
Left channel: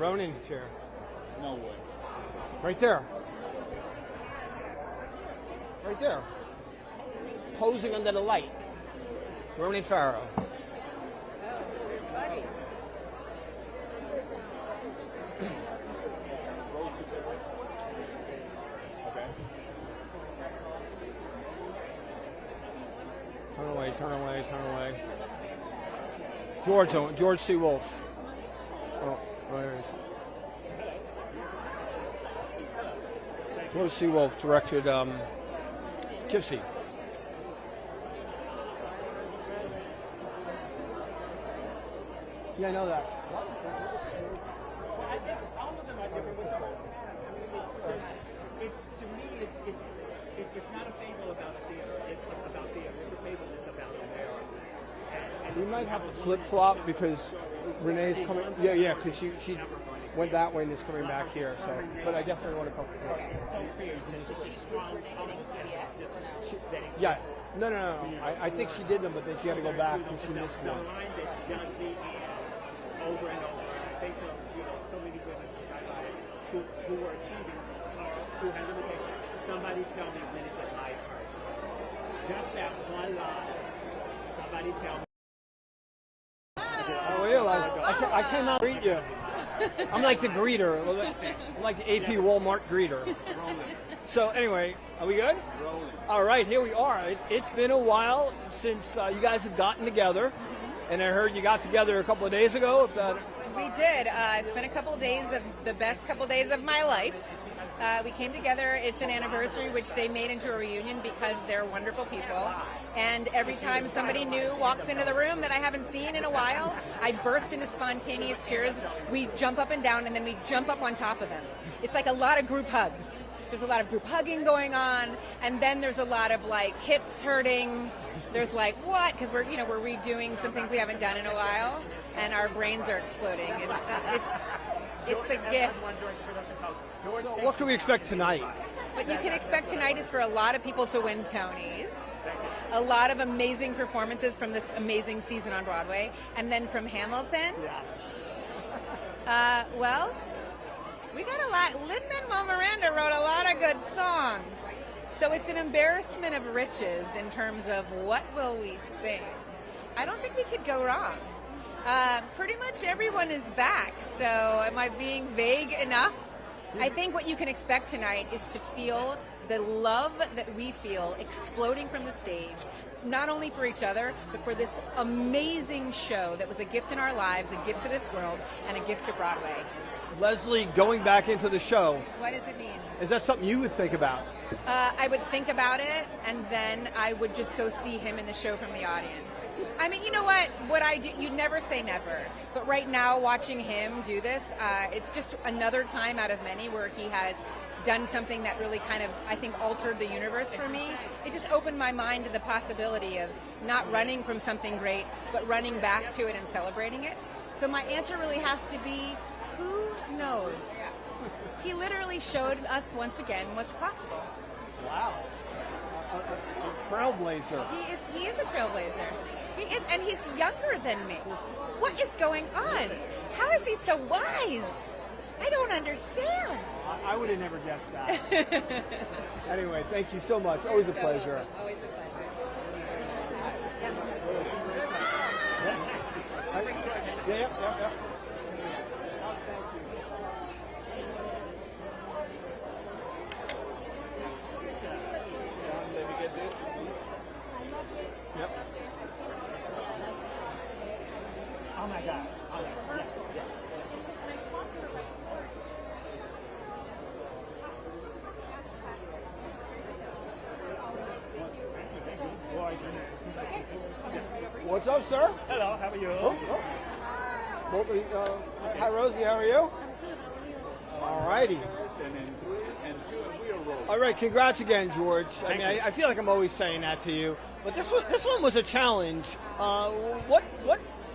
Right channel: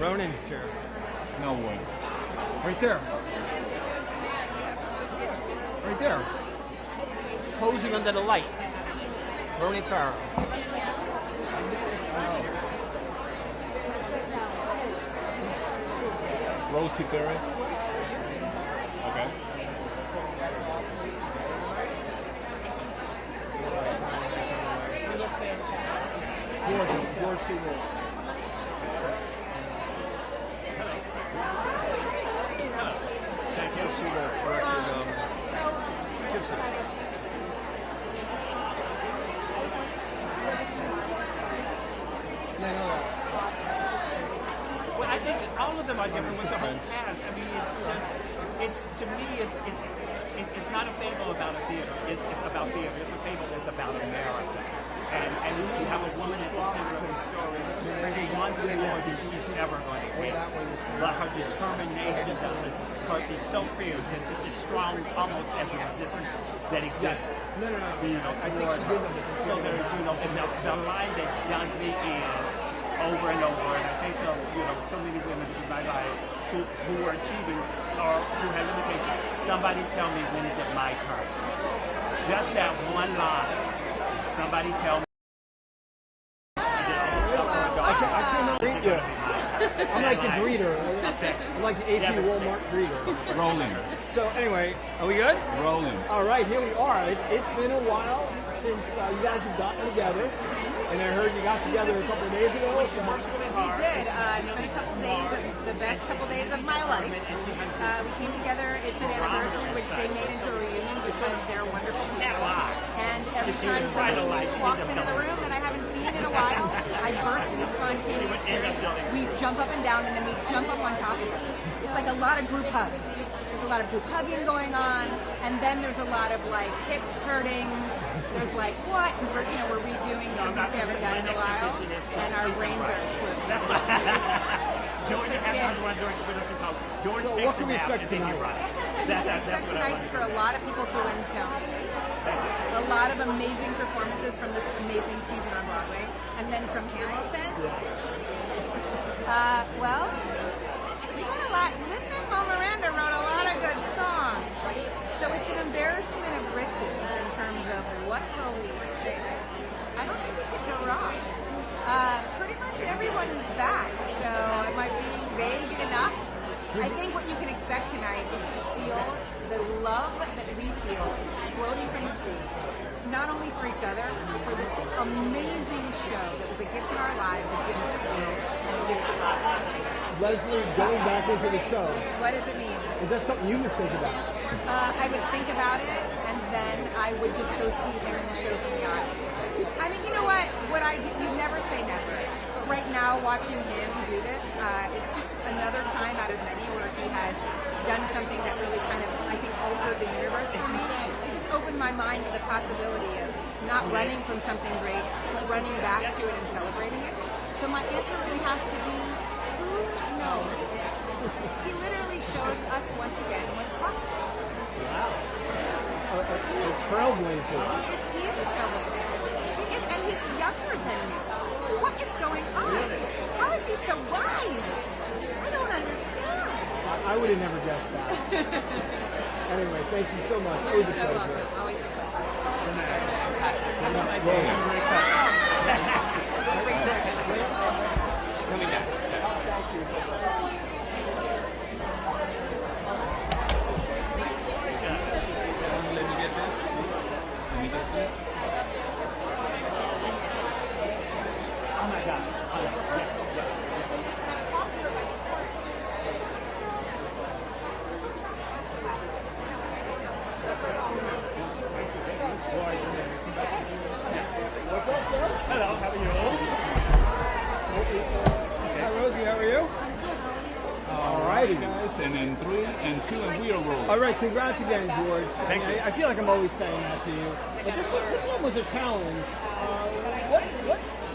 Ronan's here. No way. Right there. Right there. Posing under the light. Ronan Farrow. Rosie Perez. Okay. George C. Wolfe. George C. Wolfe directed Gypsy. Yeah, I know that. Well, I think all of them are different with the whole cast. I mean, it's to me, it's not a fable about a theater. It's about theater. It's a fable that's about America. And you have a woman because Renee's who wants more than she's ever going to get. That way was But her determination is so fierce. It's a strong, almost as a resistance that exists. No. I think she did them, but so there's, the line that does me in over and over, and I think of, so many women who are achieving or who have limitations. Somebody tell me, when is it my turn? Just that one line. Somebody tell me. I cannot greet you. I'm like the greeter. I'm like the AP Walmart greeter. Rolling. So anyway, are we good? Rolling. All right, here we are. It's been a while since you guys have gotten together. And I heard you got together a couple of days ago. We did. It's been a couple days of the best couple days of my life. We came together. It's an anniversary, which they made into a reunion because they're wonderful people. And every time somebody new walks into the room that I haven't seen in a while, I burst into spontaneous cheers. We jump up and down, and then we jump up on top of them. It's like a lot of group hugs. There's a lot of group hugging going on, and then there's a lot of like hips hurting. There's like, what? Because we're redoing some things we haven't done in a while, and our brains are exploding. It's a gift. What can we expect tonight? What you can expect tonight is for a lot of people to win Tonys, a lot of amazing performances from this amazing season on Broadway, and then from Hamilton. Well, we got a lot. Lin-Manuel Miranda wrote a lot of good songs. So it's an embarrassment of riches in terms of what will we sing. I don't think we could go wrong. Pretty much everyone is back, so am I being vague enough? I think what you can expect tonight is to feel the love that we feel exploding from the stage, not only for each other, but for this amazing show that was a gift in our lives, a gift to this world, and a gift to Broadway. Leslie, going back into the show. What does it mean? Is that something you would think about? I would think about it, and then I would just go see him in the show from the audience. I mean, you know what I do, you'd never say never, but right now watching him do this, it's just another time out of many where he has done something that really kind of, I think, altered the universe for me. It just opened my mind to the possibility of not running from something great, but running back to it and celebrating it. So my answer really has to be, who knows? He literally showed us once again what's possible. trailblazer. He is a trailblazer. He is, and he's younger than me. What is going on? How is he so wise? I don't understand. I would have never guessed that. Anyway, thank you so much. Always a pleasure. Always a Coming back. Let me get this. Let me get this. Oh my God. What's up, sir? Hello, how are you? Hi, Rosie. How are you? All righty. Guys, and then 3 and 2 and wheel roll. All right, congrats again, George. Thank you. I feel like I'm always saying that to you. But this one was a challenge. What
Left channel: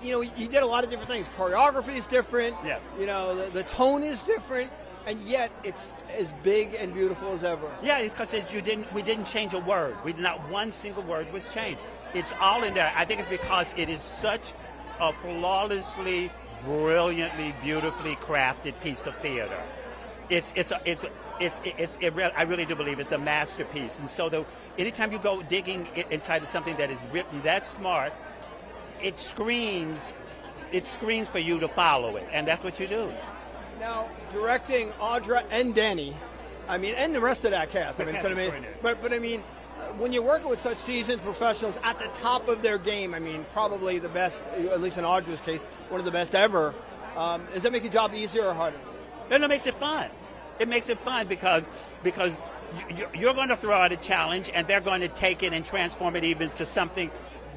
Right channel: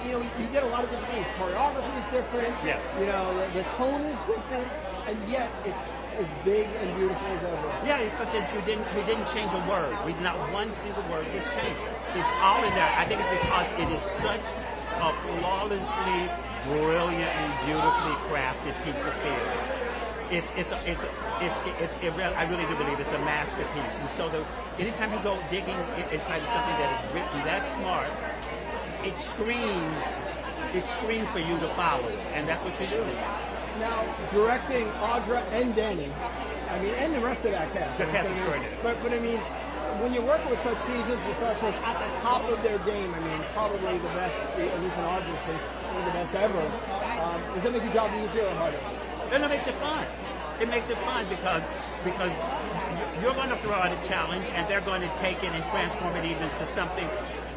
you know, you get a lot of different things. Choreography is different. Yes. You know, the tone is different, and yet it's as big and beautiful as ever. Yeah, it's because we didn't change a word. Not one single word was changed. It's all in there. I think it's because it is such a flawlessly, brilliantly, beautifully crafted piece of theater. I really do believe it's a masterpiece. And so anytime you go digging inside of something that is written that smart, it screams for you to follow it, and that's what you do. Now, directing Audra and Danny, I mean, and the rest of that cast. But I mean, when you're working with such seasoned professionals at the top of their game, I mean, probably the best, at least in Audra's case, one of the best ever. Does that make the job easier or harder? And it makes it fun. It makes it fun because you're going to throw out a challenge, and they're going to take it and transform it even to something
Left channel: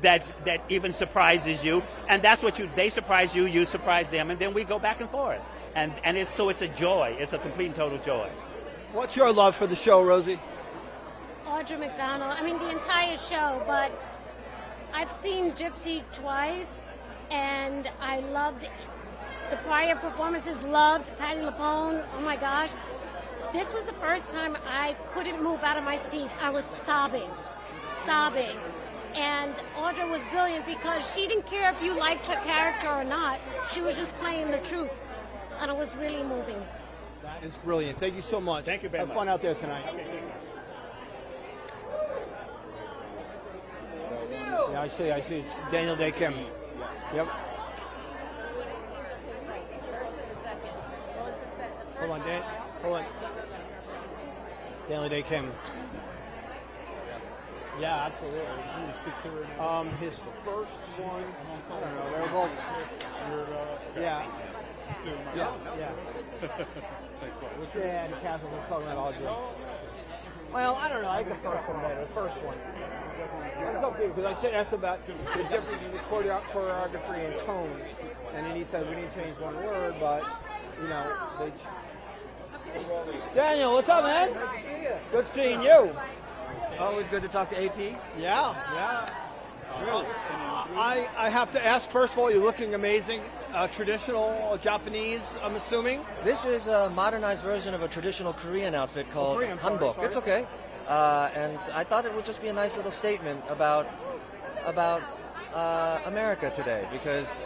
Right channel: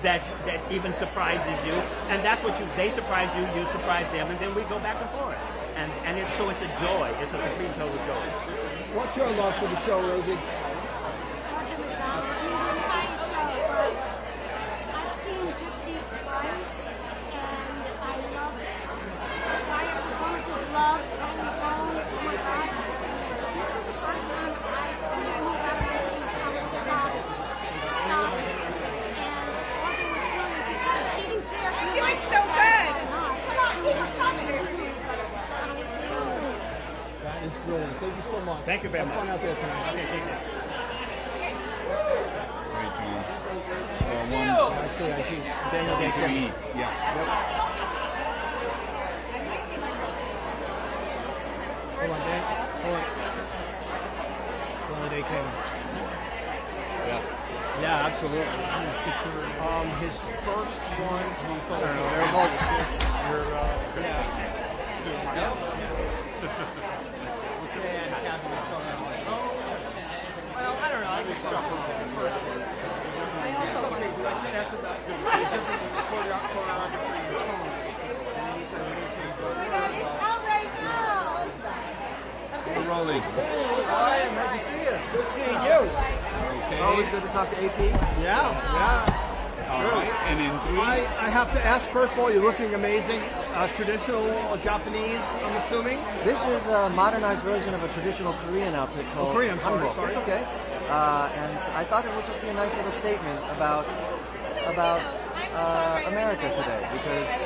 that even surprises you. And that's what they surprise you, you surprise them, and then we go back and forth. And it's a joy. It's a complete and total joy. What's your love for the show, Rosie? Audra McDonald. I mean, the entire show, but I've seen Gypsy twice, and I loved the choir performances, loved Patty LaPone. Oh my God. This was the first time I couldn't move out of my seat. I was sobbing. And Audra was brilliant because she didn't care if you liked her character or not. She was just playing the truth. And it was really moving. That is brilliant. Thank you so much. Thank you very much. Have fun out there tonight. Okay, thank you. Great, John. Yeah, I see. Daniel, thank you. Yeah. Yep. Hold on, Dan. Hold on. Well, they can. Yes. Yeah, absolutely. His first one. They're both. Yeah. And Catherine was talking all day. Well, I don't know. I guess that's the first one. I said asked about the difference in choreography and tone, and then he said we didn't change one word. Well, We're rolling. Daniel, what's up, man? Nice to see you. Good seeing you. Okay. Always good to talk to AP. Yeah. All right. And in 3. I have to ask, first of all, you're looking amazing. Traditional Japanese, I'm assuming? This is a modernized version of a traditional Korean outfit called Korean, hanbok. sorry. It's okay. And I thought it would just be a nice little statement about America today, because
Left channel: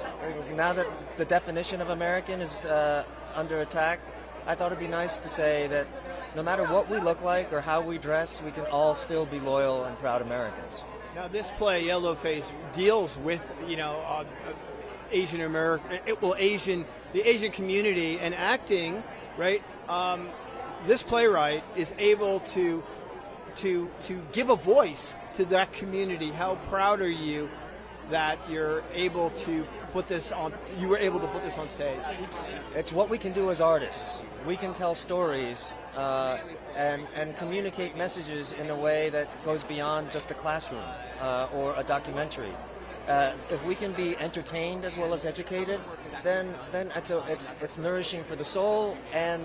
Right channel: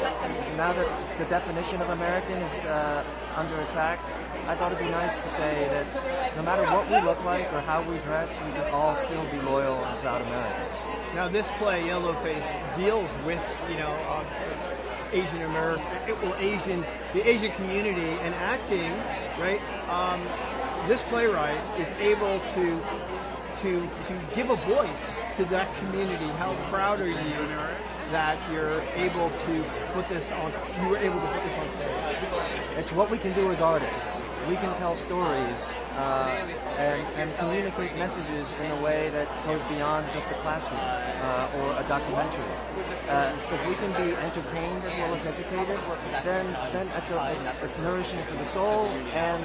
now that the definition of American is under attack, I thought it'd be nice to say that no matter what we look like or how we dress, we can all still be loyal and proud Americans. Now, this play, Yellowface, deals with, Asian American, the Asian community and acting, right? This playwright is able to give a voice to that community. How proud are you that you're able to put this on? You were able to put this on stage. It's what we can do as artists. We can tell stories and communicate messages in a way that goes beyond just a classroom or a documentary. If we can be entertained as well as educated, then it's nourishing for the soul and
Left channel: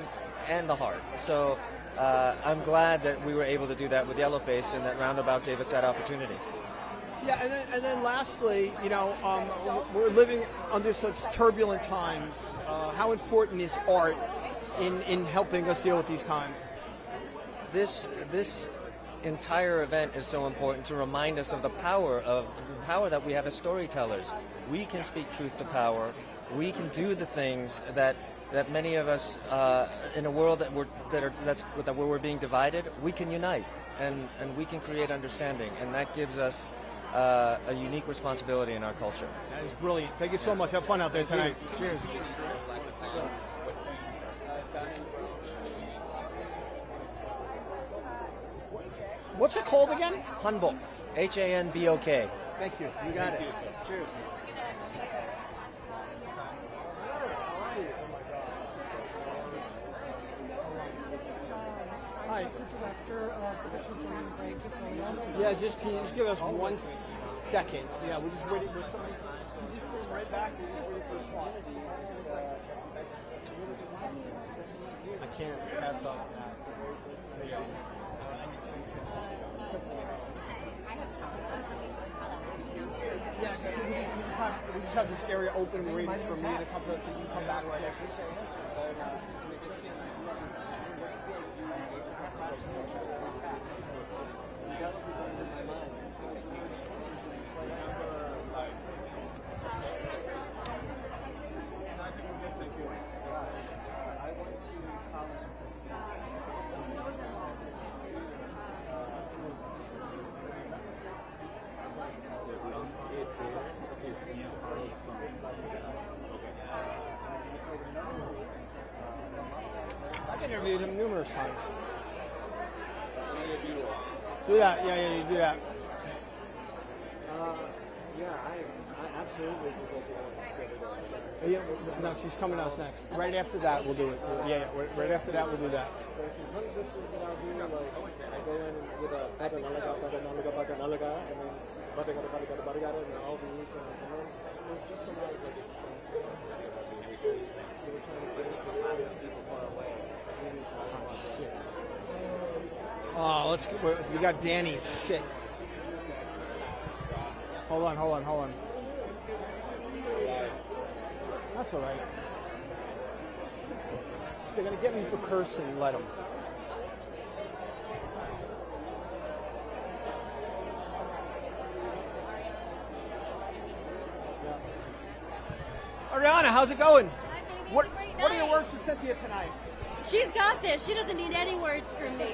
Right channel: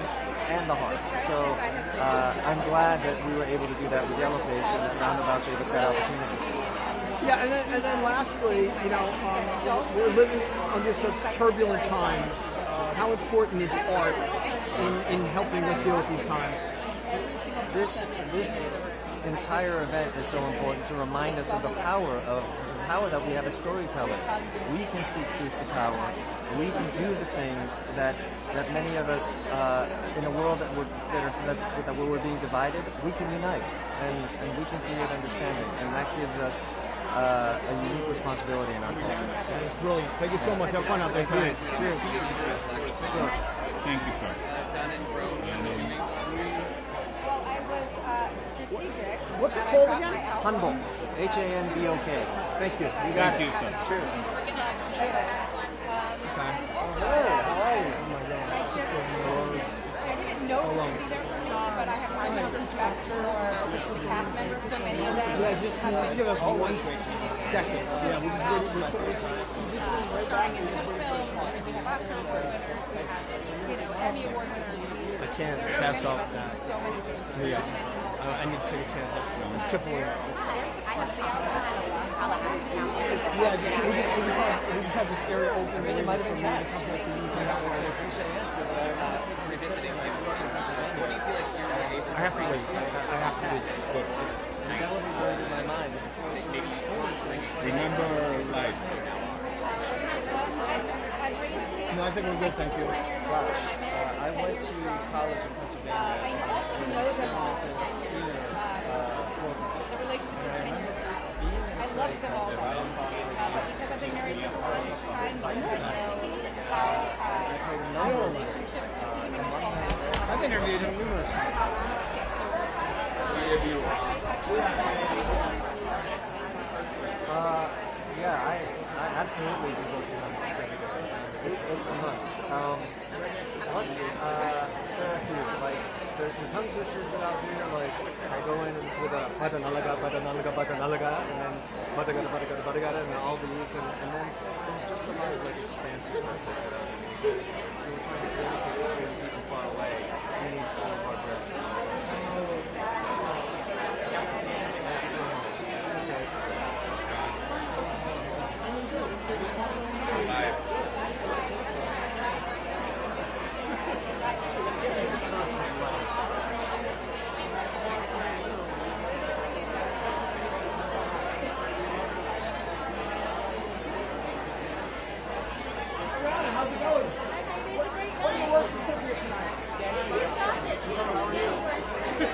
the heart. So I'm glad that we were able to do that with Yellowface, and that Roundabout gave us that opportunity. Yeah, and then lastly, we're living under such turbulent times. How important is art in helping us deal with these times? This entire event is so important to remind us of the power that we have as storytellers. We can speak truth to power. We can do the things that many of us in a world where we're being divided, we can unite and we can create understanding, and that gives us a unique responsibility in our culture. That is brilliant. Thank you so much. Have fun out there tonight. Thank you, sir. What's it called again? Hanbok. Hanbok. Thank you. Thank you, sir. How are you? Oh my God. I didn't know it would be there for me, but I have so much respect for the cast members. So many of them have Give us 1 second. Yeah, we have starring in good films. We have Oscar award winners. We have, Emmy award winners. I can't pass off that. Yeah. I need to take a chance. Let's keep away. I have to also Yeah, we just have this area open. Really might have been cats. I have to wait. It's indelibly burned in my mind, and it's really Remember, like, No, I think we're good, thank you. Gosh, I went to college in Pennsylvania. I know them all. I love them all. Because I've been married for a long time, I know I've been married numerous times. Yeah, I absolutely do hope you're not excited. It's a must. Right after that, right after that. There's some tongue twisters that I'll do, like I go in with a badanalaga, and then badagada, and all these, and then there's just a lot of like expansive work because we were trying to communicate to people far away. We need all of our breath. Oh, let's put, we got Danny. Shit. Okay. Hold on. Ariana, how's it going? What are your words for Cynthia tonight? She's got this. She doesn't need any words from me.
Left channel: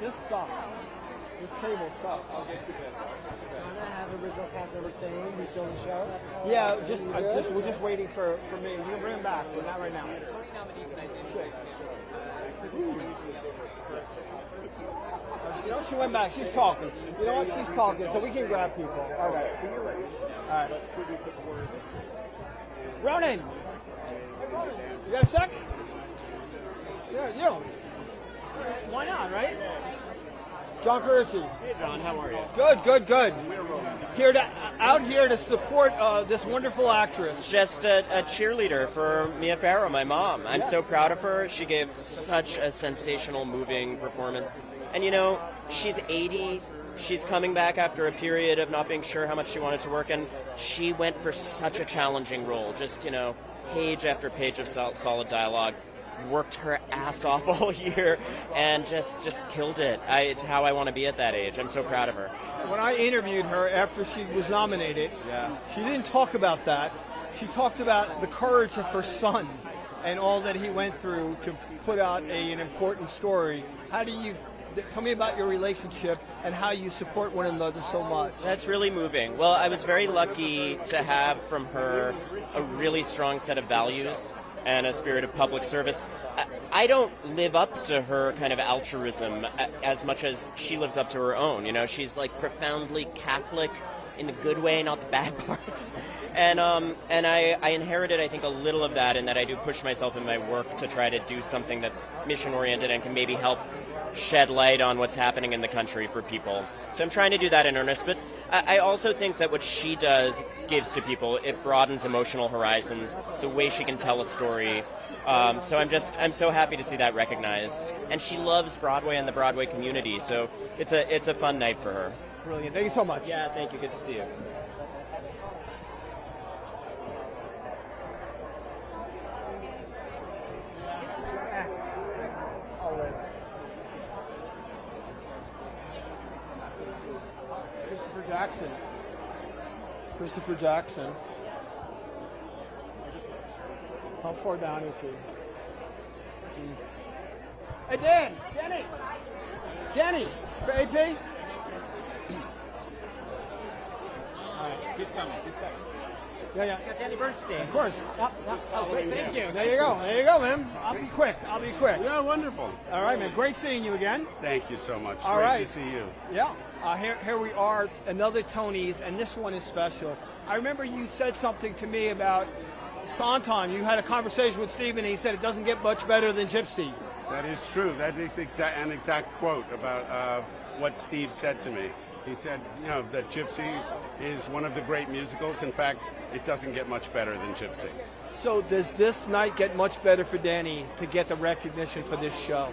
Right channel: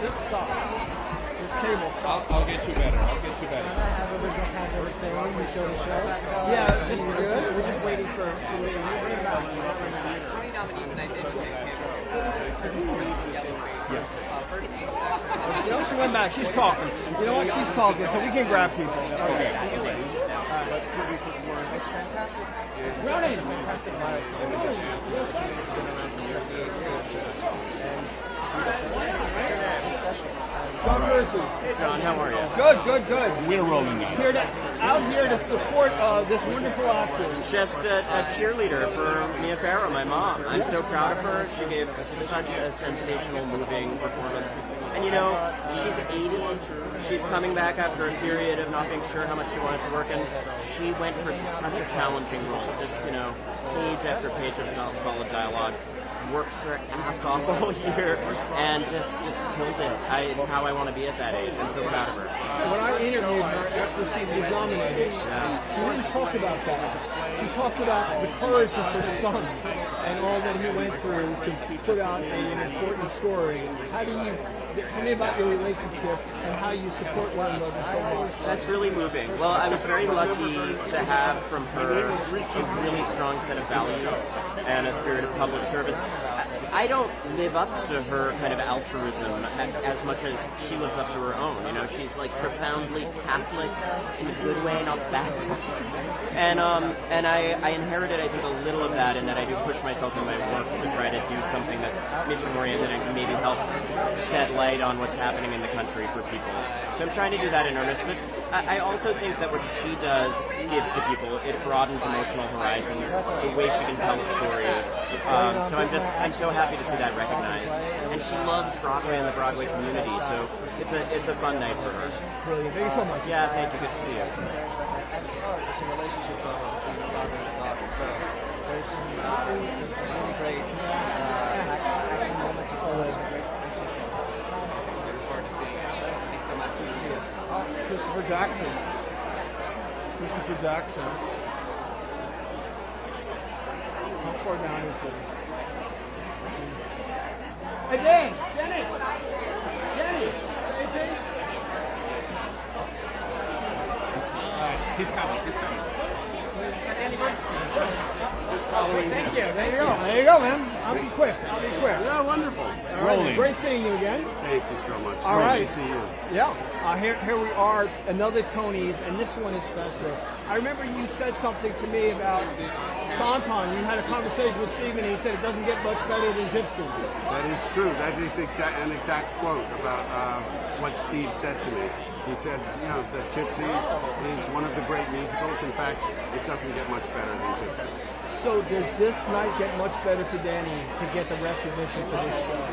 This sucks. This cable sucks. I'll get you better. Original cast members stay on when we show the show. Yeah, we're just waiting for me. We'll bring it back. Tony nominees and I didn't say Yes. You know, she went back. She's talking. You know what? She's talking, so we can grab people. Okay. It's fantastic. Brownie! It's a fantastic milestone. You have a second? It's been around for 7 years. And to be special. John Virgin. John, how are you? Good. We're rolling out. Out here to support this wonderful actress. Just a cheerleader for Mia Farrow, my mom. I'm so proud of her. She gave such a sensational, moving performance. And you know, she's 80. She's coming back after a period of not being sure how much she wanted to work, and she went for such a challenging role. Just, you know, page after page of solid dialogue. Worked her ass off all year and just killed it. It's how I want to be at that age. I'm so proud of her. When I interviewed her after she was nominated, she didn't talk about that. She talked about the courage of her son and all that he went through to put out an important story. Tell me about your relationship and how you support one another so much. That's really moving. Well, I was very lucky to have from her a really strong set of values and a spirit of public service. I don't live up to her kind of altruism as much as she lives up to her own. You know, she's like profoundly Catholic in the good way, not the bad parts. And I inherited, I think, a little of that, and that I do push myself in my work to try to do something that's mission-oriented and can maybe help shed light on what's happening in the country for people. So I'm trying to do that in earnest, but I also think that what she does gives to people. It broadens emotional horizons, the way she can tell a story. So I'm so happy to see that recognized. And she loves Broadway and the Broadway community, so it's a fun night for her. Brilliant. Thank you so much. Yeah, thank you. Good to see you. At its heart, it's a relationship between a mother and a daughter. So there's some really great. Acting moments as well as good to see you. Christopher Jackson. Christopher Jackson. How far down is it? Hey, Dan! Kenny! AJ? He's coming. Danny Bernstein. Just following him. Thank you. There you go, man. I'll be quick. Yeah, wonderful. All right, great seeing you again. Thank you so much. All Great right. to see you. Yeah. Here we are, another Tony's, and this one is special. I remember you said something to me about Santon. You had a conversation with Stephen, and he said it doesn't get much better than Gypsy. That is true. That is an exact quote about what Steve said to me. He said, that Gypsy is one of the great musicals. In fact, it doesn't get much better than Gypsy. So does this night get much better for Danny to get the recognition for this show?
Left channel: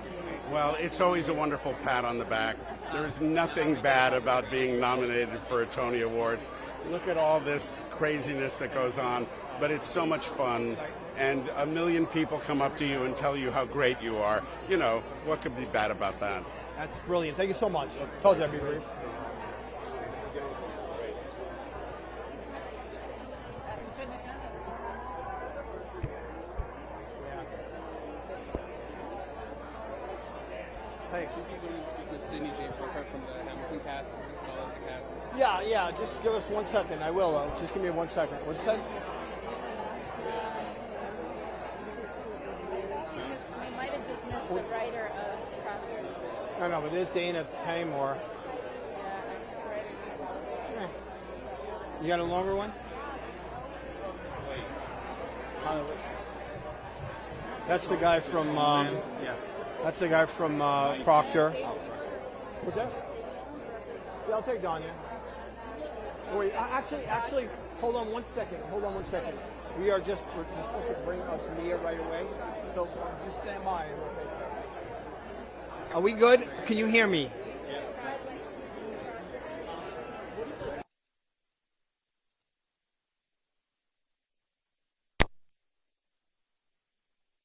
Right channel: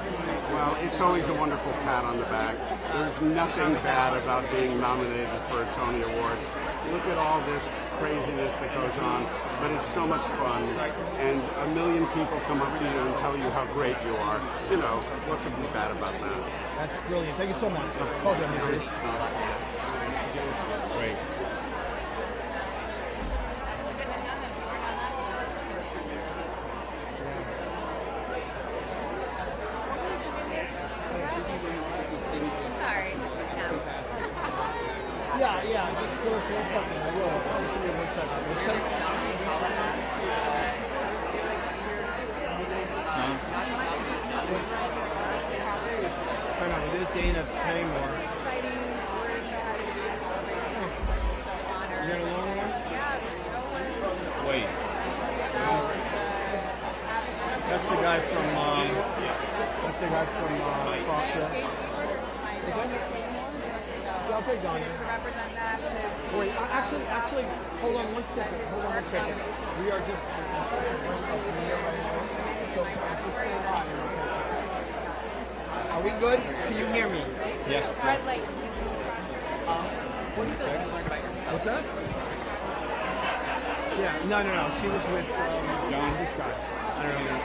Well, it's always a wonderful pat on the back. There's nothing bad about being nominated for a Tony Award. Look at all this craziness that goes on, but it's so much fun. And 1 million people come up to you and tell you how great you are. What could be bad about that? That's brilliant. Thank you so much. Well done, man. Great. Sorry. Yeah, just give us 1 second. I will. Just give me 1 second. I know, it is Dana Taymor. You got a longer one? Wait. That's the guy from Proctor. I'll take Danya. Wait, actually, hold on 1 second. We are just here right away. So just stand by. Are we good? Can you hear me? Yeah. What do you think? What's that? Yeah, no. She was with John, this guy. I don't know.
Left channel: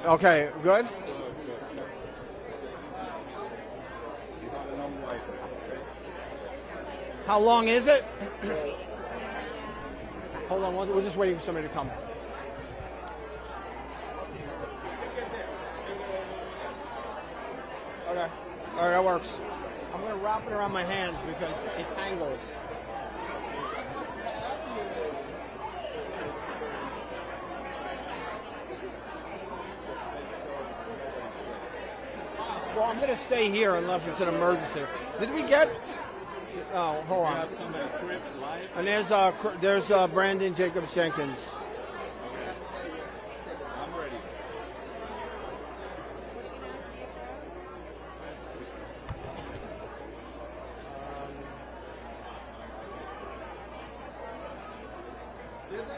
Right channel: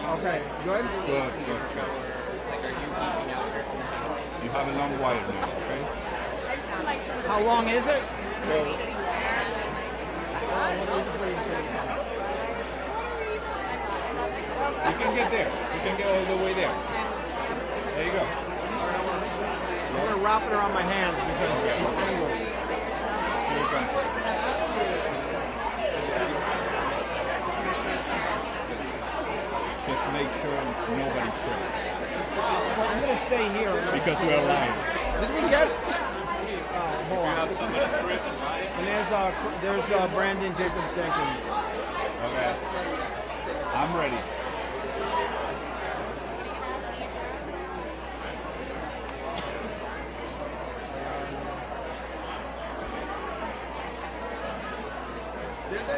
Okay, good? Good. You have a long while now, okay? How long is it? Well, Hold on, we're just waiting for somebody to come. you can get there. You can get all the way there. There you go. All right, that works. I'm going to wrap it around my hands because it's tangled. Okay. Just make sure nobody trips. Well, I'm going to stay here. Because we're alive. Did you get it? Hold on. And there's Brandon Jacobs Jenkins. Okay. I'm ready.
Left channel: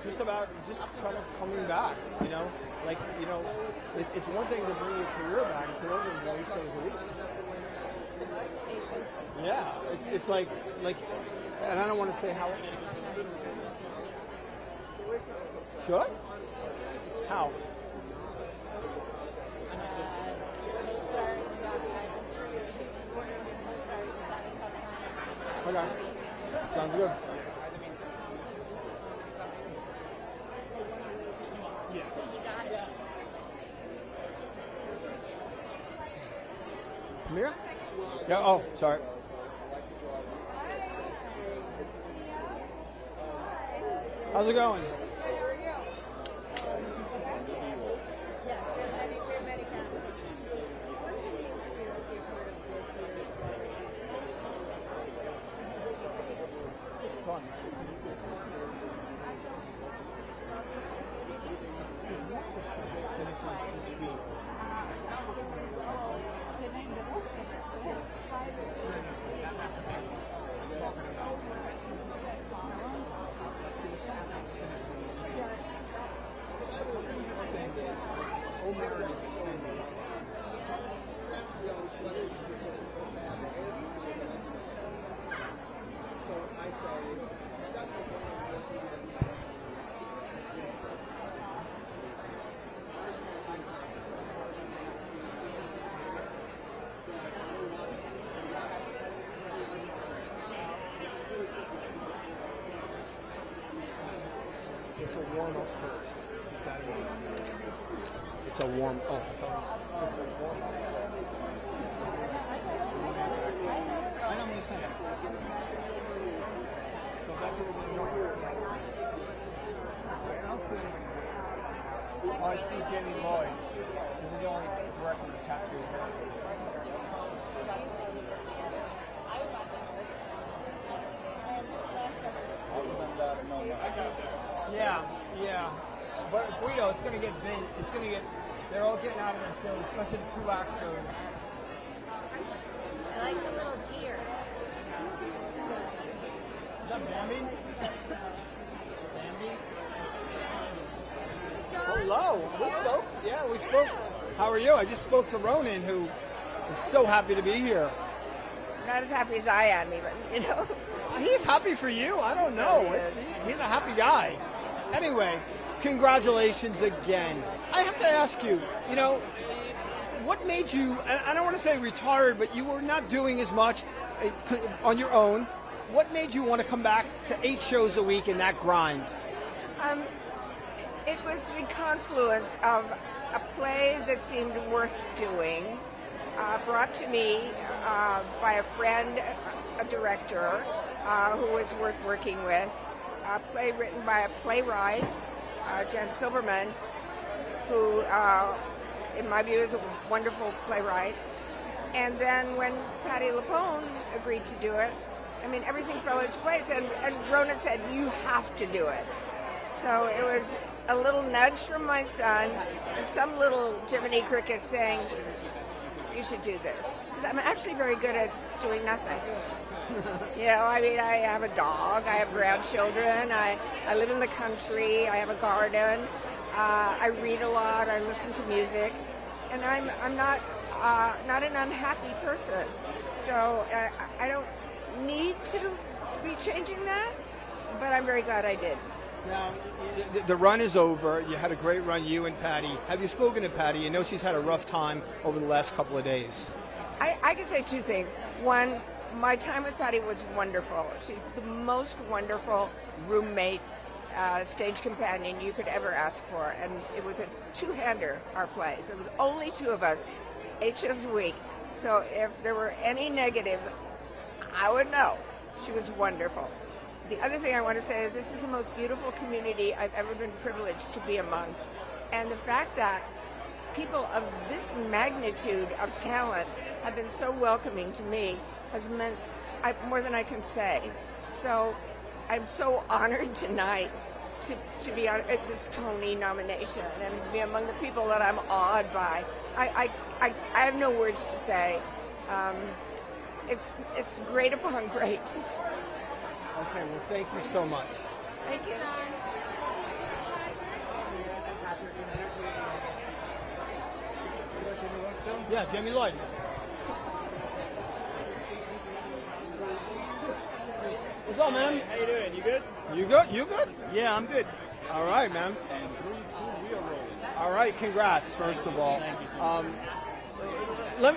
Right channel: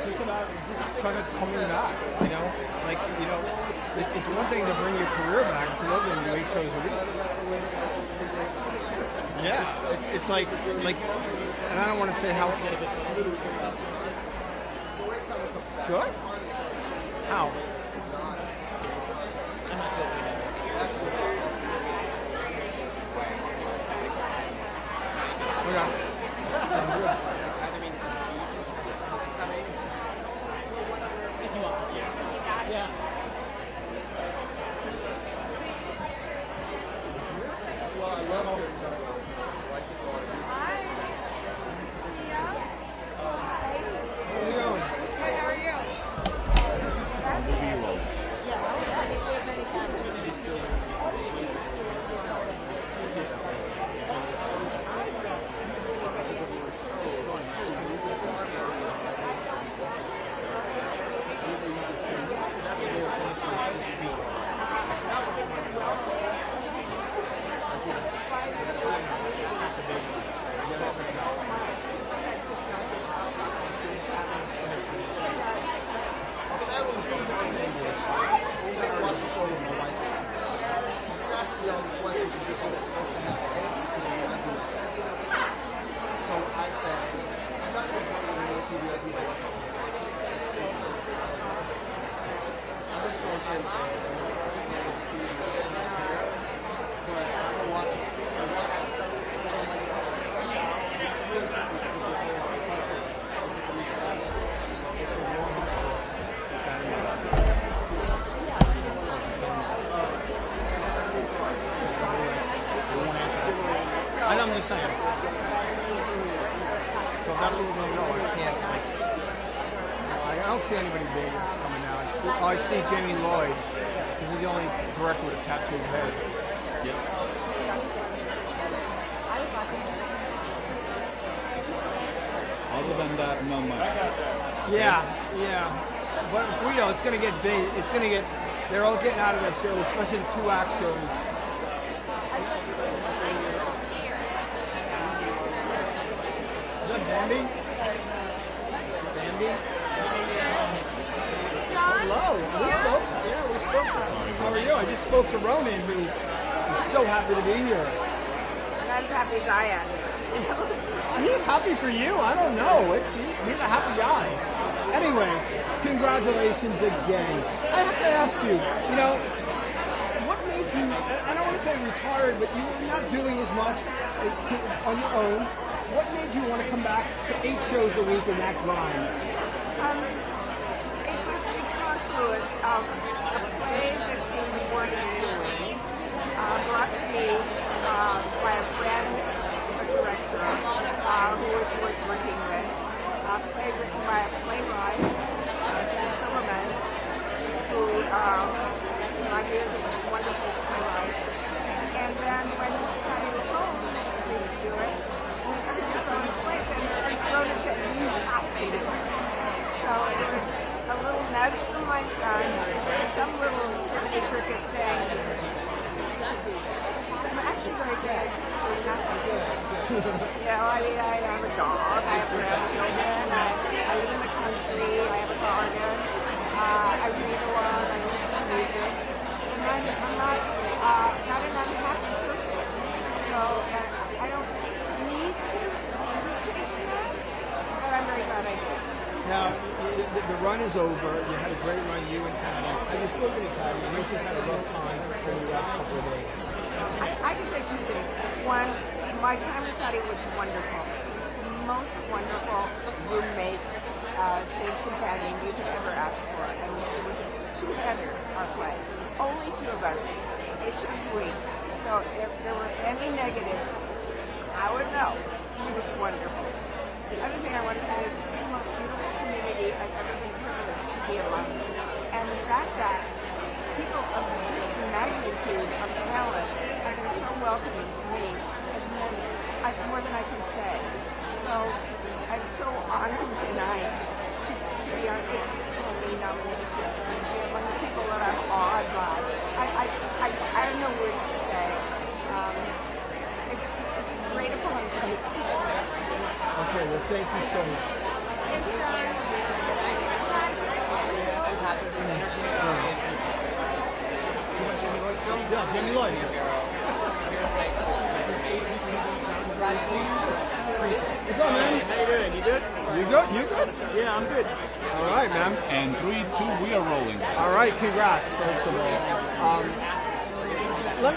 Just kind of coming back, it's one thing to bring your career back, it's another thing to make shows a week. Yeah, it's like I don't want to say how. Sure. How? Oh, sorry. How's it going? Good, how are you? We have many cameras. just saying. So that's what we're going to know. I can't. I don't see anybody big that's coming out. Oh, I see Jamie Lloyd. He's the only director with a tattooed head. Other than that, no much. Yeah. But we know it's going to get big. It's going to get. They're all getting out of their shows, especially the 2-act shows. Is that Bambi? Bambi? Hello. We spoke. Yeah, we spoke. How are you? I just spoke to Ronan, who's so happy to be here. Not as happy as I am. He's happy for you. I don't know. He's a happy guy. Anyway, congratulations again. I have to ask you, what made you, I don't want to say retired, but you were not doing as much on your own. What made you want to come back to 8 shows a week in that grind? It was the confluence of a play that seemed worth doing, brought to me by a friend, a director, who was worth working with. A play written by a playwright, Jen Silverman, who, in my view, is a wonderful playwright. And then when Patty LaPone agreed to do it, everything fell into place. And Ronan said, "You have to do it." So it was a little nudge from my son, some little Jiminy Cricket saying, "You should do this." So I'm actually very good at doing nothing. I have a dog, I have grandchildren, I live in the country, I have a garden, I read a lot, I listen to music, and I'm not an unhappy person. So I don't need to be changing that, but I'm very glad I did. Now, the run is over. You had a great run, you and Patty. Have you spoken to Patty? You know she's had a rough time over the last couple of days. I can say 2 things. One, my time with Patty was wonderful. She's the most wonderful roommate, stage companion you could ever ask for. And it was a two-hander, our play. There was only 2 of us, 8 shifts a week. So if there were any negative, I would know. She was wonderful. The other thing I want to say is this is the most beautiful community I've ever been privileged to be among. And the fact that people of this magnitude of talent have been so welcoming to me has been more than I can say. So I'm so honored tonight to be on this Tony nomination and be among the people that I'm awed by. I have no words to say. It's great upon great. Okay, well, thank you so much. Thank you. I'm happy with the energy. Yeah, Jamie Lloyd. What's up, man? How you doing? You good? You good? You good? Yeah, I'm good. All right, man. And 3, 2, we are rolling. All right, congrats, first of all. Let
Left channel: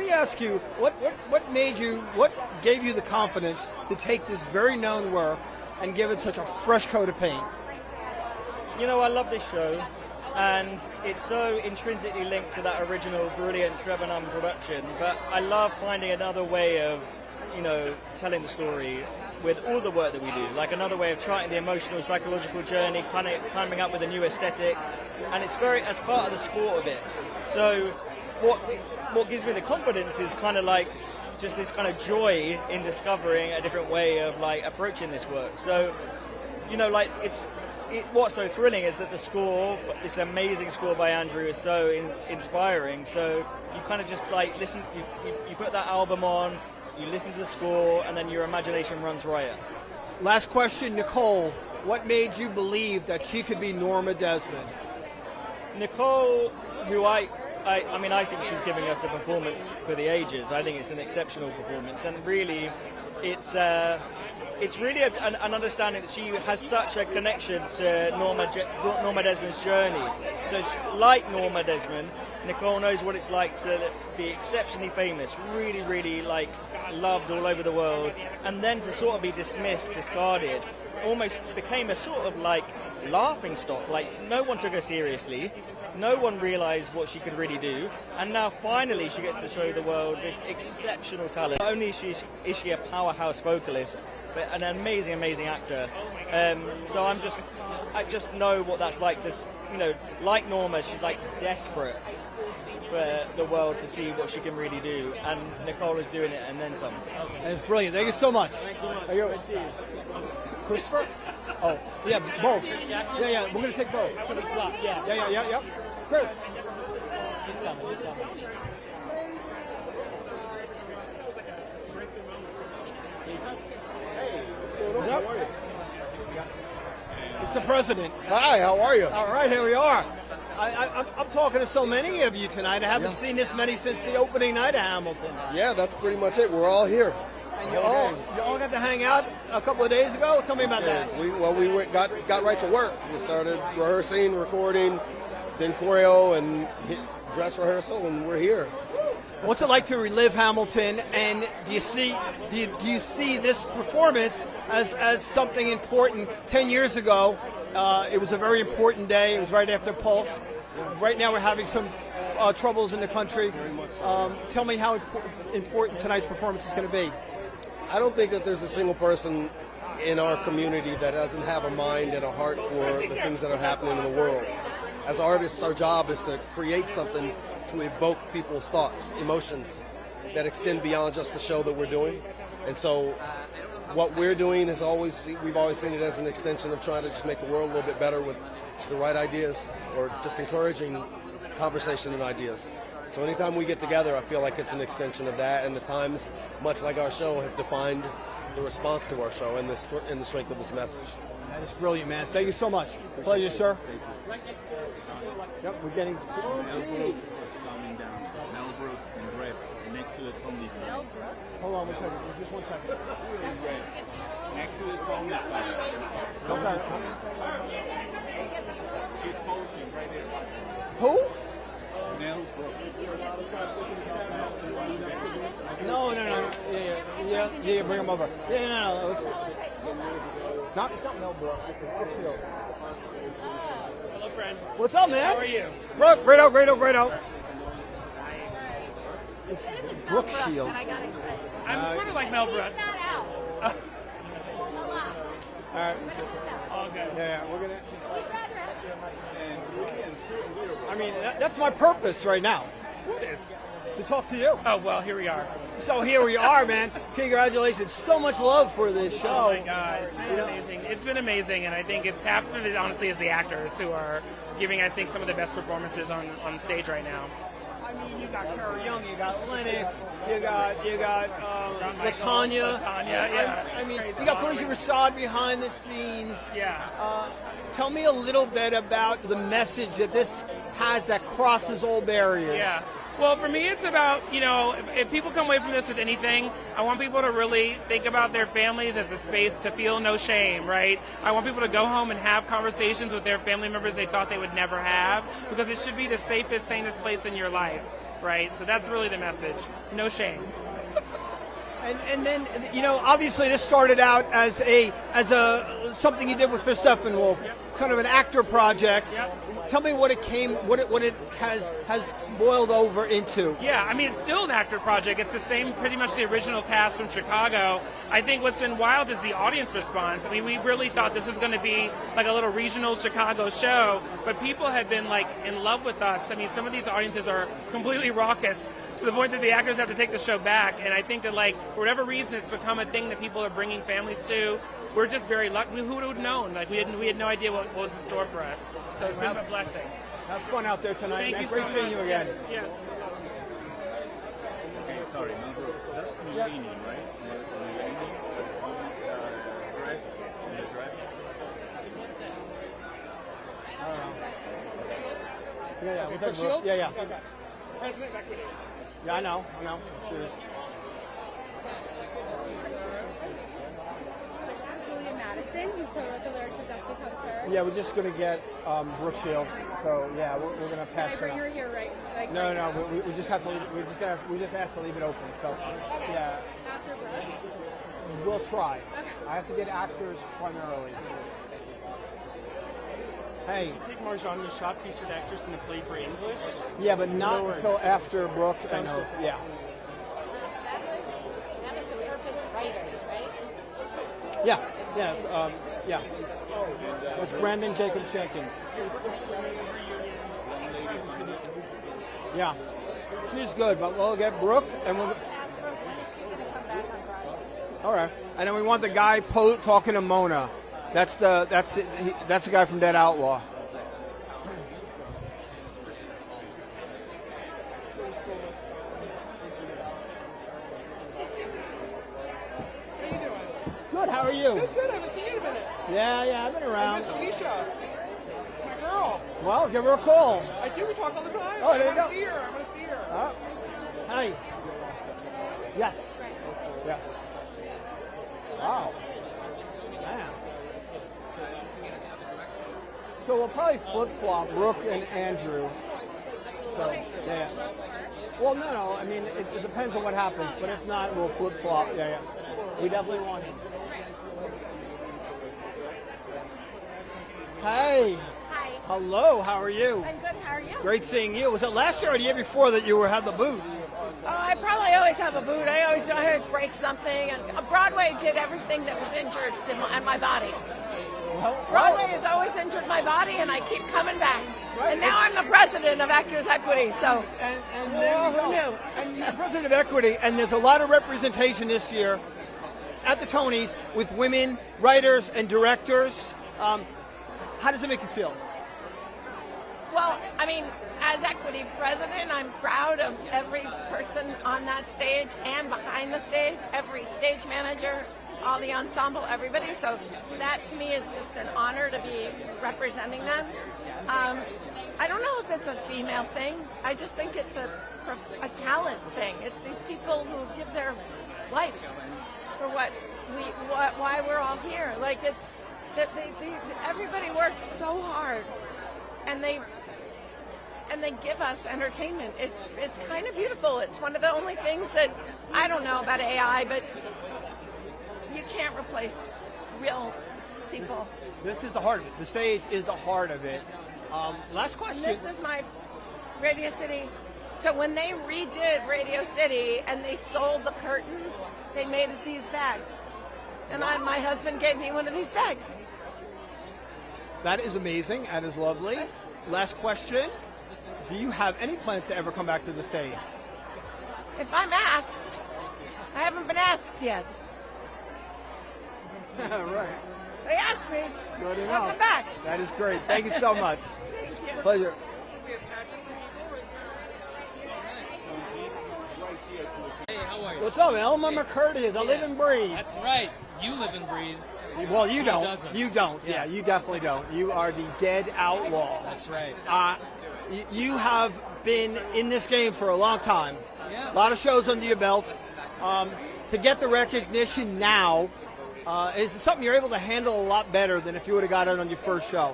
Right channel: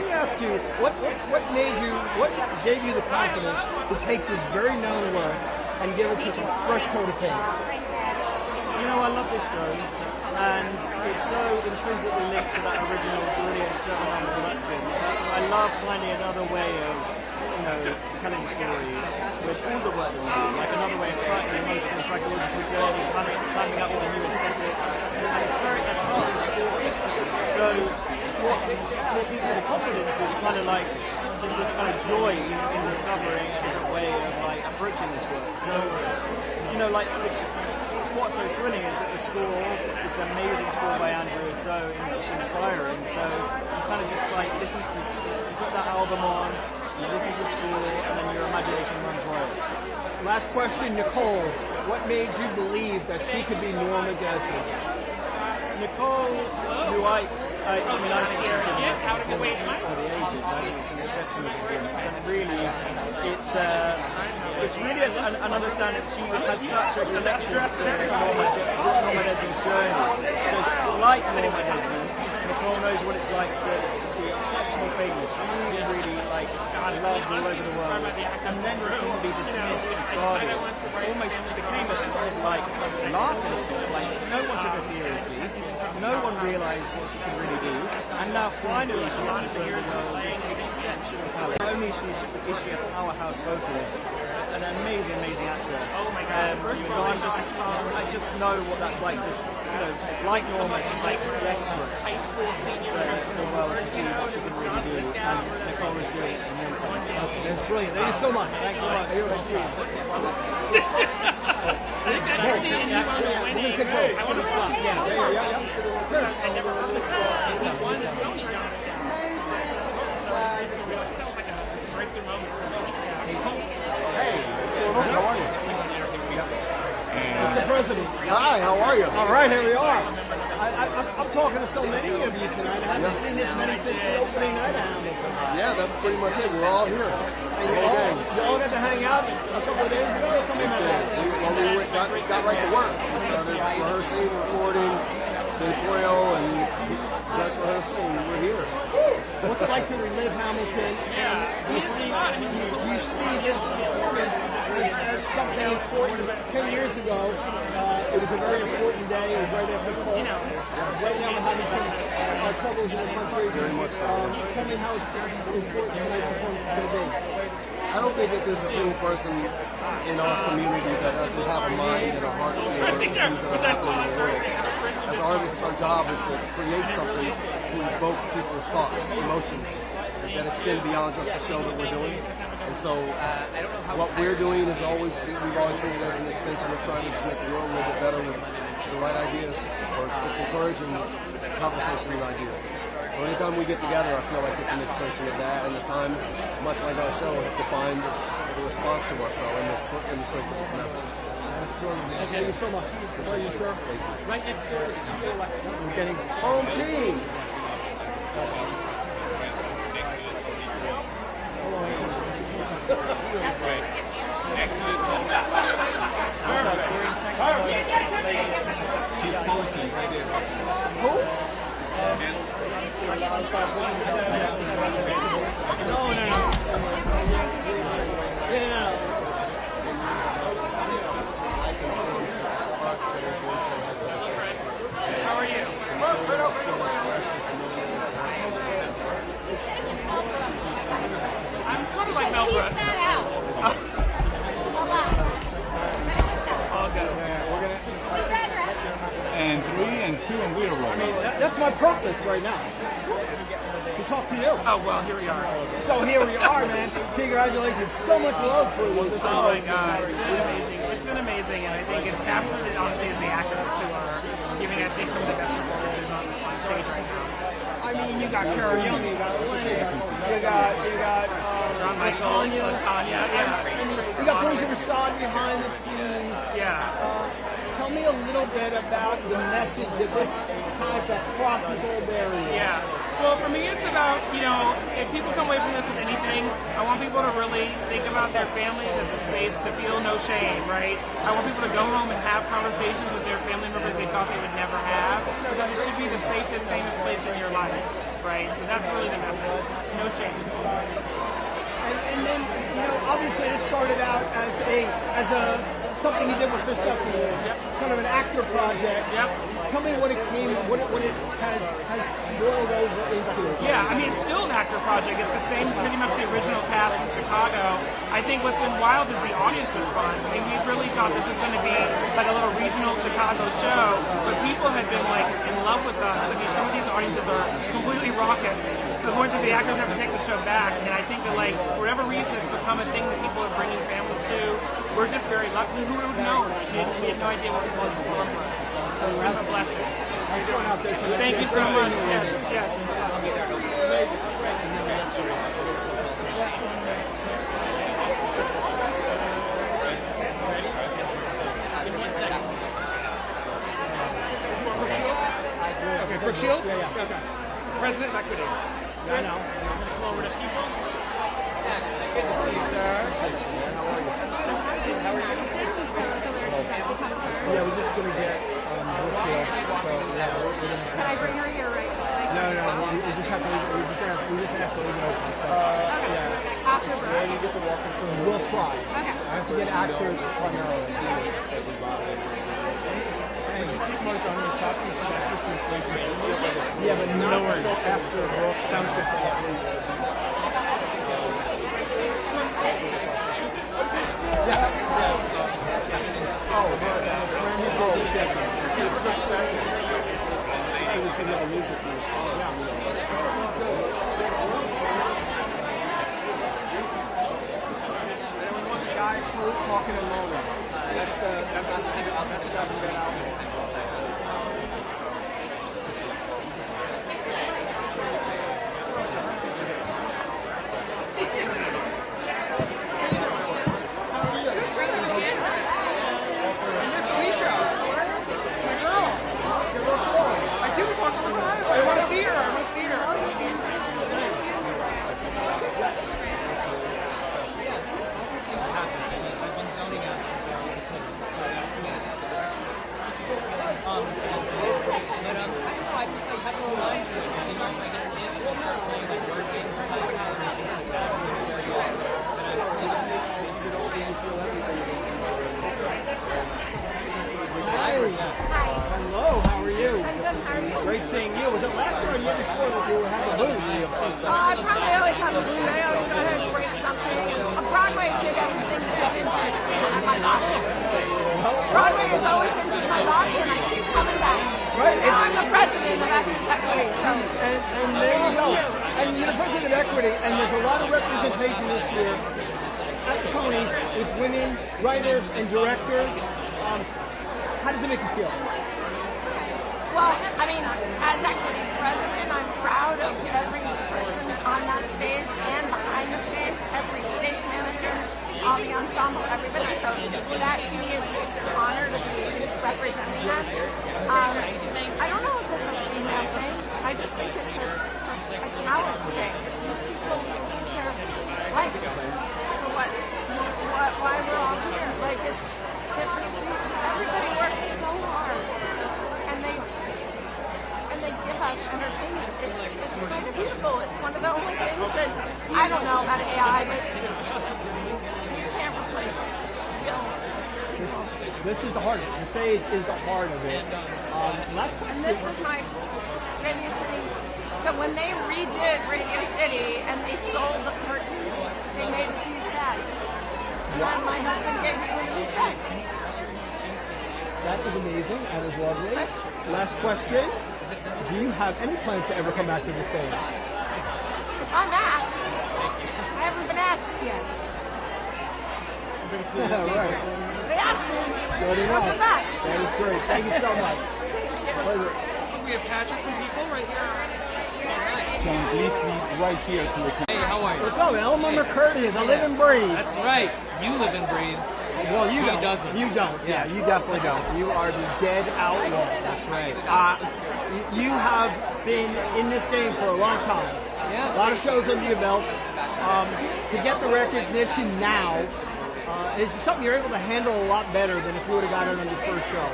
me ask you, what gave you the confidence to take this very known work and give it such a fresh coat of paint? I love this show, and it's so intrinsically linked to that original brilliant Trevor Nunn production. But I love finding another way of, telling the story with all the work that we do, like another way of trying the emotional, psychological journey, climbing up with a new aesthetic, and it's part of the sport of it. So what gives me the confidence is kind of like just this kind of joy in discovering a different way of approaching this work. So what's so thrilling is that the score, this amazing score by Andrew, is so inspiring. So you kind of just listen, you put that album on, you listen to the score, and then your imagination runs riot. Last question, Nicole. What made you believe that she could be Norma Desmond? Nicole, who I think she's giving us a performance for the ages. I think it's an exceptional performance, and really, it's really an understanding that she has such a connection to Norma Desmond's journey. So, like Norma Desmond, Nicole knows what it's like to be exceptionally famous, really, really loved all over the world, and then to sort of be dismissed, discarded, almost became a sort of like laughing stock. Like no one took her seriously, no one realised what she could really do, and now finally she gets to show the world this exceptional talent. Not only is she a powerhouse vocalist, but an amazing actor. So I just know what that's like to, like Norma, she's like desperate for the world to see what she can really do, and Nicole is doing it, and then some. It's brilliant. Thank you so much. Thanks so much. Oh, yeah, both. Yeah, we're gonna pick both. I want to put you down. Yeah. I never heard the call. That one is Tony got it. That was like a breakthrough moment for me. Hey, how are you? Mr. President. Hi, how are you? All right, here we are. I'm talking to so many of you tonight. I haven't seen this many since the opening night of Hamilton. Yeah, that's pretty much it. We're all here. You all got to hang out a couple of days ago? Tell me about that. We got right to work. We started rehearsing, recording, then choreo and dress rehearsal, and we're here. What's it like to relive Hamilton, and do you see this performance as something important? 10 years ago, it was a very important day, right after Pulse. Right now we're having some troubles in the country. Tell me how important tonight's performance is going to be. I don't think that there's a single person in our community that doesn't have a mind and a heart for the things that are happening in the world. As artists, our job is to create something to evoke people's thoughts, emotions that extend beyond just the show that we're doing. And so what we're doing is we've always seen it as an extension of trying to just make the world a little bit better with the right ideas, or just encouraging conversation and ideas. So anytime we get together, I feel like it's an extension of that, and the Times, much like our show, have defined the response to our show in the strength of this message. That's brilliant, man. Thank you so much. Pleasure, sir. Right next door. We're getting home team. She's posting right there. Who? No. What's up, man? How are you? Look, great out. I'm sort of like Mel Brooks. And 3 and 2 and we're rolling. That's my purpose right now. To talk to you. Oh, well, here we are. So here we are, man. Congratulations. So much love for this show. Oh my God, it's been amazing. It's been amazing, and I think it's happened, honestly, is the actors who are giving, I think, some of the best performances on stage right now. I mean, you got Carol Young, you got Lennox, you got John Michael, Tanya. Yeah. You got Felicia Rashad behind the scenes. Yeah. Tell me a little bit about the message that this has that crosses all barriers. Yeah. Well, for me, it's about, if people come away from this with anything, I want people to really think about their families as a space to feel no shame, right? I want people to go home and have conversations with their family members they thought they would never have, because it should be the safest, sanest place in your life, right? So that's really the message. No shame. And then, obviously this started out as something you did with Chris Steppenwolf, kind of an actor project. Yep. Tell me what it has boiled over into. Yeah, I mean, it's still an actor project. It's the same, pretty much the original cast from Chicago. I think what's been wild is the audience response. I mean, we really thought this was going to be like a little regional Chicago show, but people have been like in love with us. I mean, some of these audiences are completely raucous to the point that the actors have to take the show back. And I think that, like, for whatever reason, it's become a thing that people are bringing families to. We're just very lucky. Who would have known? Like, we had no idea what was in store for us. So it's really a blessing. Thank you so much. Yes. Okay, Brooke Shields? Yeah. Okay. President of Equity. I know. Come over to people. Good to see you, sir. Yeah, we're just gonna get Brooke Shields. So yeah, we're gonna pass her. You're here, right? No, we just have to leave it open. So, yeah. Yeah, you get to walk into. We'll try. Okay. I have to get actors primarily. Hey, did you take Marjani a shot because you like just this like Yeah, but not after Rock. Sounds good for you. Yeah. Oh, it's brand new Golden Seconds. It took seconds. As soon as you hear the music, it was on. Yeah. She's good. Well, get Brooke. All right. And then we want the guy talking to Mona. That's the guy from Dead Outlaw. Good. How are you? Miss Alicia. It's my girl. Well, give her a call. I do talk on the phone. Oh, I want to see her. I want to see her. Yes. So we'll probably flip-flop Brooke and Andrew. I just like having a little extra, you know, like Well, no, I mean, it depends on what happens. It's not a flip-flop. Hey! Hello, how are you? Great seeing you. Was it last year or the year before that you had the booth? I probably always have a booth. I always know how to bring something. And Broadway did everything that was injured at my body. Broadway has always injured my body, and I keep coming back. And now I'm the president of Actors Equity, so and there you go. And you're the president of Equity, and there's a lot of representation this year at the Tonys with women, writers, and directors. How does it make you feel? well, I mean, as Equity president, I'm proud of every person on that stage and behind the stage, every stage manager, all the ensemble, everybody. So that to me is just an honor to be representing them. I don't know if it's a female thing. I just think it's a talent thing. It's these people who give their life for why we're all here. Like everybody works so hard, and they give us entertainment. It's kind of beautiful. It's one of the only things that I don't know about AI, but you can't replace real people. This is the heart of it. The stage is the heart of it. Last question. And this is my Radio City. So when they redid Radio City and they sold the curtains, they made these bags. And then my husband gave me one of these bags. That is amazing. That is lovely. Last question. Do you have any plans to ever come back to the stage? If I'm asked, I haven't been asked yet. Right. They asked me. Good I'll enough. come back. That is great. Thank you so much. Pleasure. we have Patrick from people right here. John Gleason right here to the Hey, how are you? What's up, Elmer McCurdy is a live and breathe. That's right. You live and breathe. Well, you He don't. doesn't. You don't. Yeah, you definitely don't. You are the dead outlaw. That's right. You have been in this game for a long time. Yeah. A lot of shows under your belt. To get the recognition now, is it something you're able to handle a lot better than if you would have got it on your first show?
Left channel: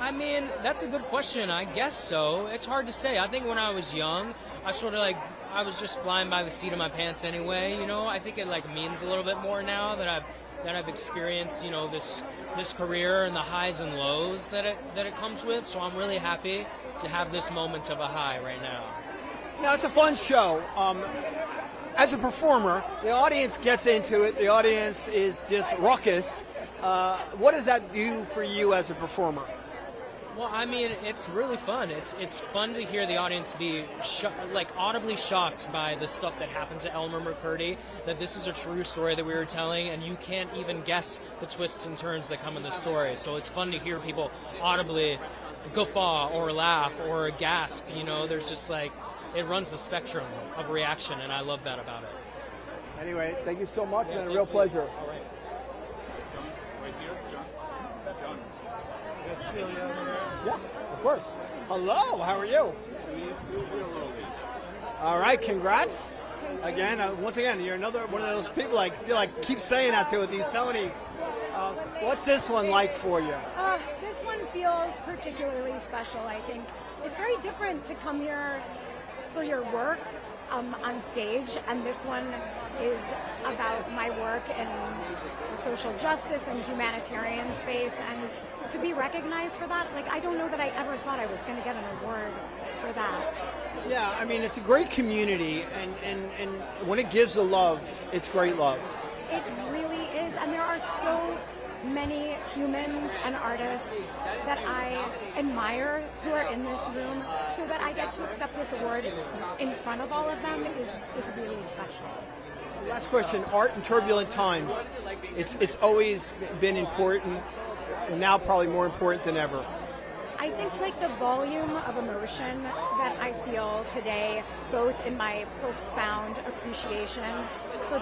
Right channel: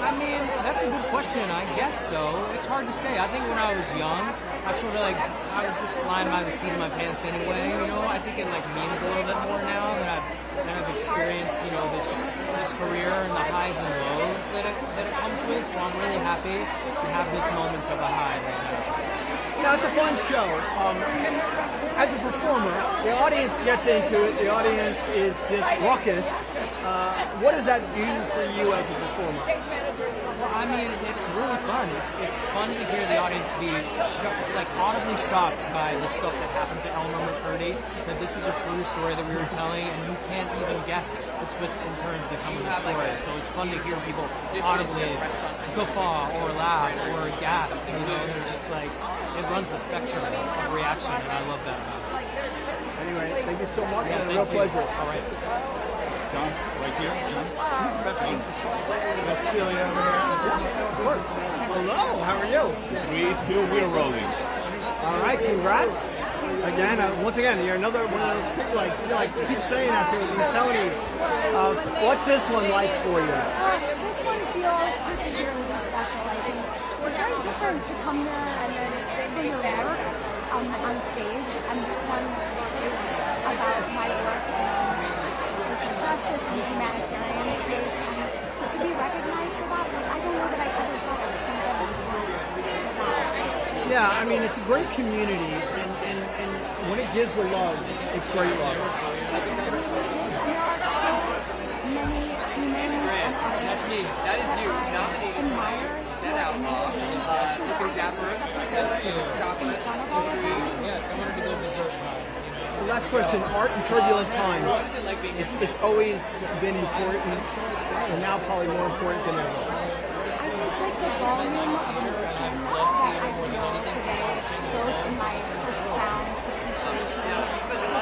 I mean, that's a good question. I guess so. It's hard to say. I think when I was young, I was just flying by the seat of my pants anyway. You know, I think it means a little bit more now that I've experienced, this career and the highs and lows that it comes with. So I'm really happy to have this moments of a high right now. It's a fun show. As a performer, the audience gets into it. The audience is just ruckus. What does that do for you as a performer? Well, I mean, it's really fun. It's fun to hear the audience be audibly shocked by the stuff that happens to Elmer McCurdy, that this is a true story that we were telling, and you can't even guess the twists and turns that come in the story. So it's fun to hear people audibly guffaw or laugh or gasp. There's just it runs the spectrum of reaction, and I love that about it. Anyway, thank you so much. Yeah, It's a real thank you. pleasure. All right. John, right here. John. Who's the best place to start? That's Celia over here. Hello, how are you? 3, 2, we're rolling. All right, congrats. Again, once again, you're another one of those people, keep saying that to these Tonys. What's this one like for you? This one feels particularly special, I think. It's very different to come here and then for your work. on stage, and this one is about my work in social justice and humanitarian space, and to be recognized for that, like, I don't know that I ever thought I was going to get an award for that. Yeah, I mean, it's a great community, and when it gives the love, it's great love. It is, and there are so many humans and artists that I admire who are in this room, so that I get to accept this award in front of all of them is really. The last question, art in turbulent times. It's always been important, and now probably more important than ever. I think like the volume of emotion that I feel today, both in my profound appreciation of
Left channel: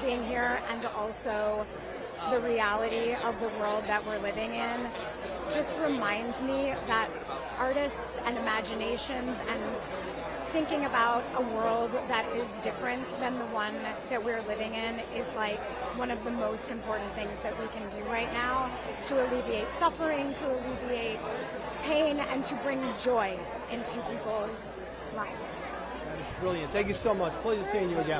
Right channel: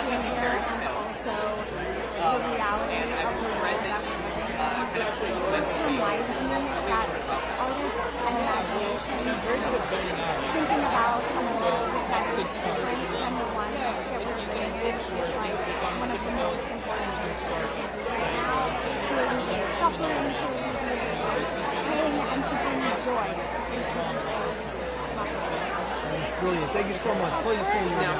being here and also the reality of the world that we're living in, just reminds me that artists and imaginations and thinking about a world that is different than the one that we're living in is like one of the most important things that we can do right now to alleviate suffering, to alleviate pain, and to bring joy into people's lives. That was brilliant. Thank you so much. Pleasure seeing you again.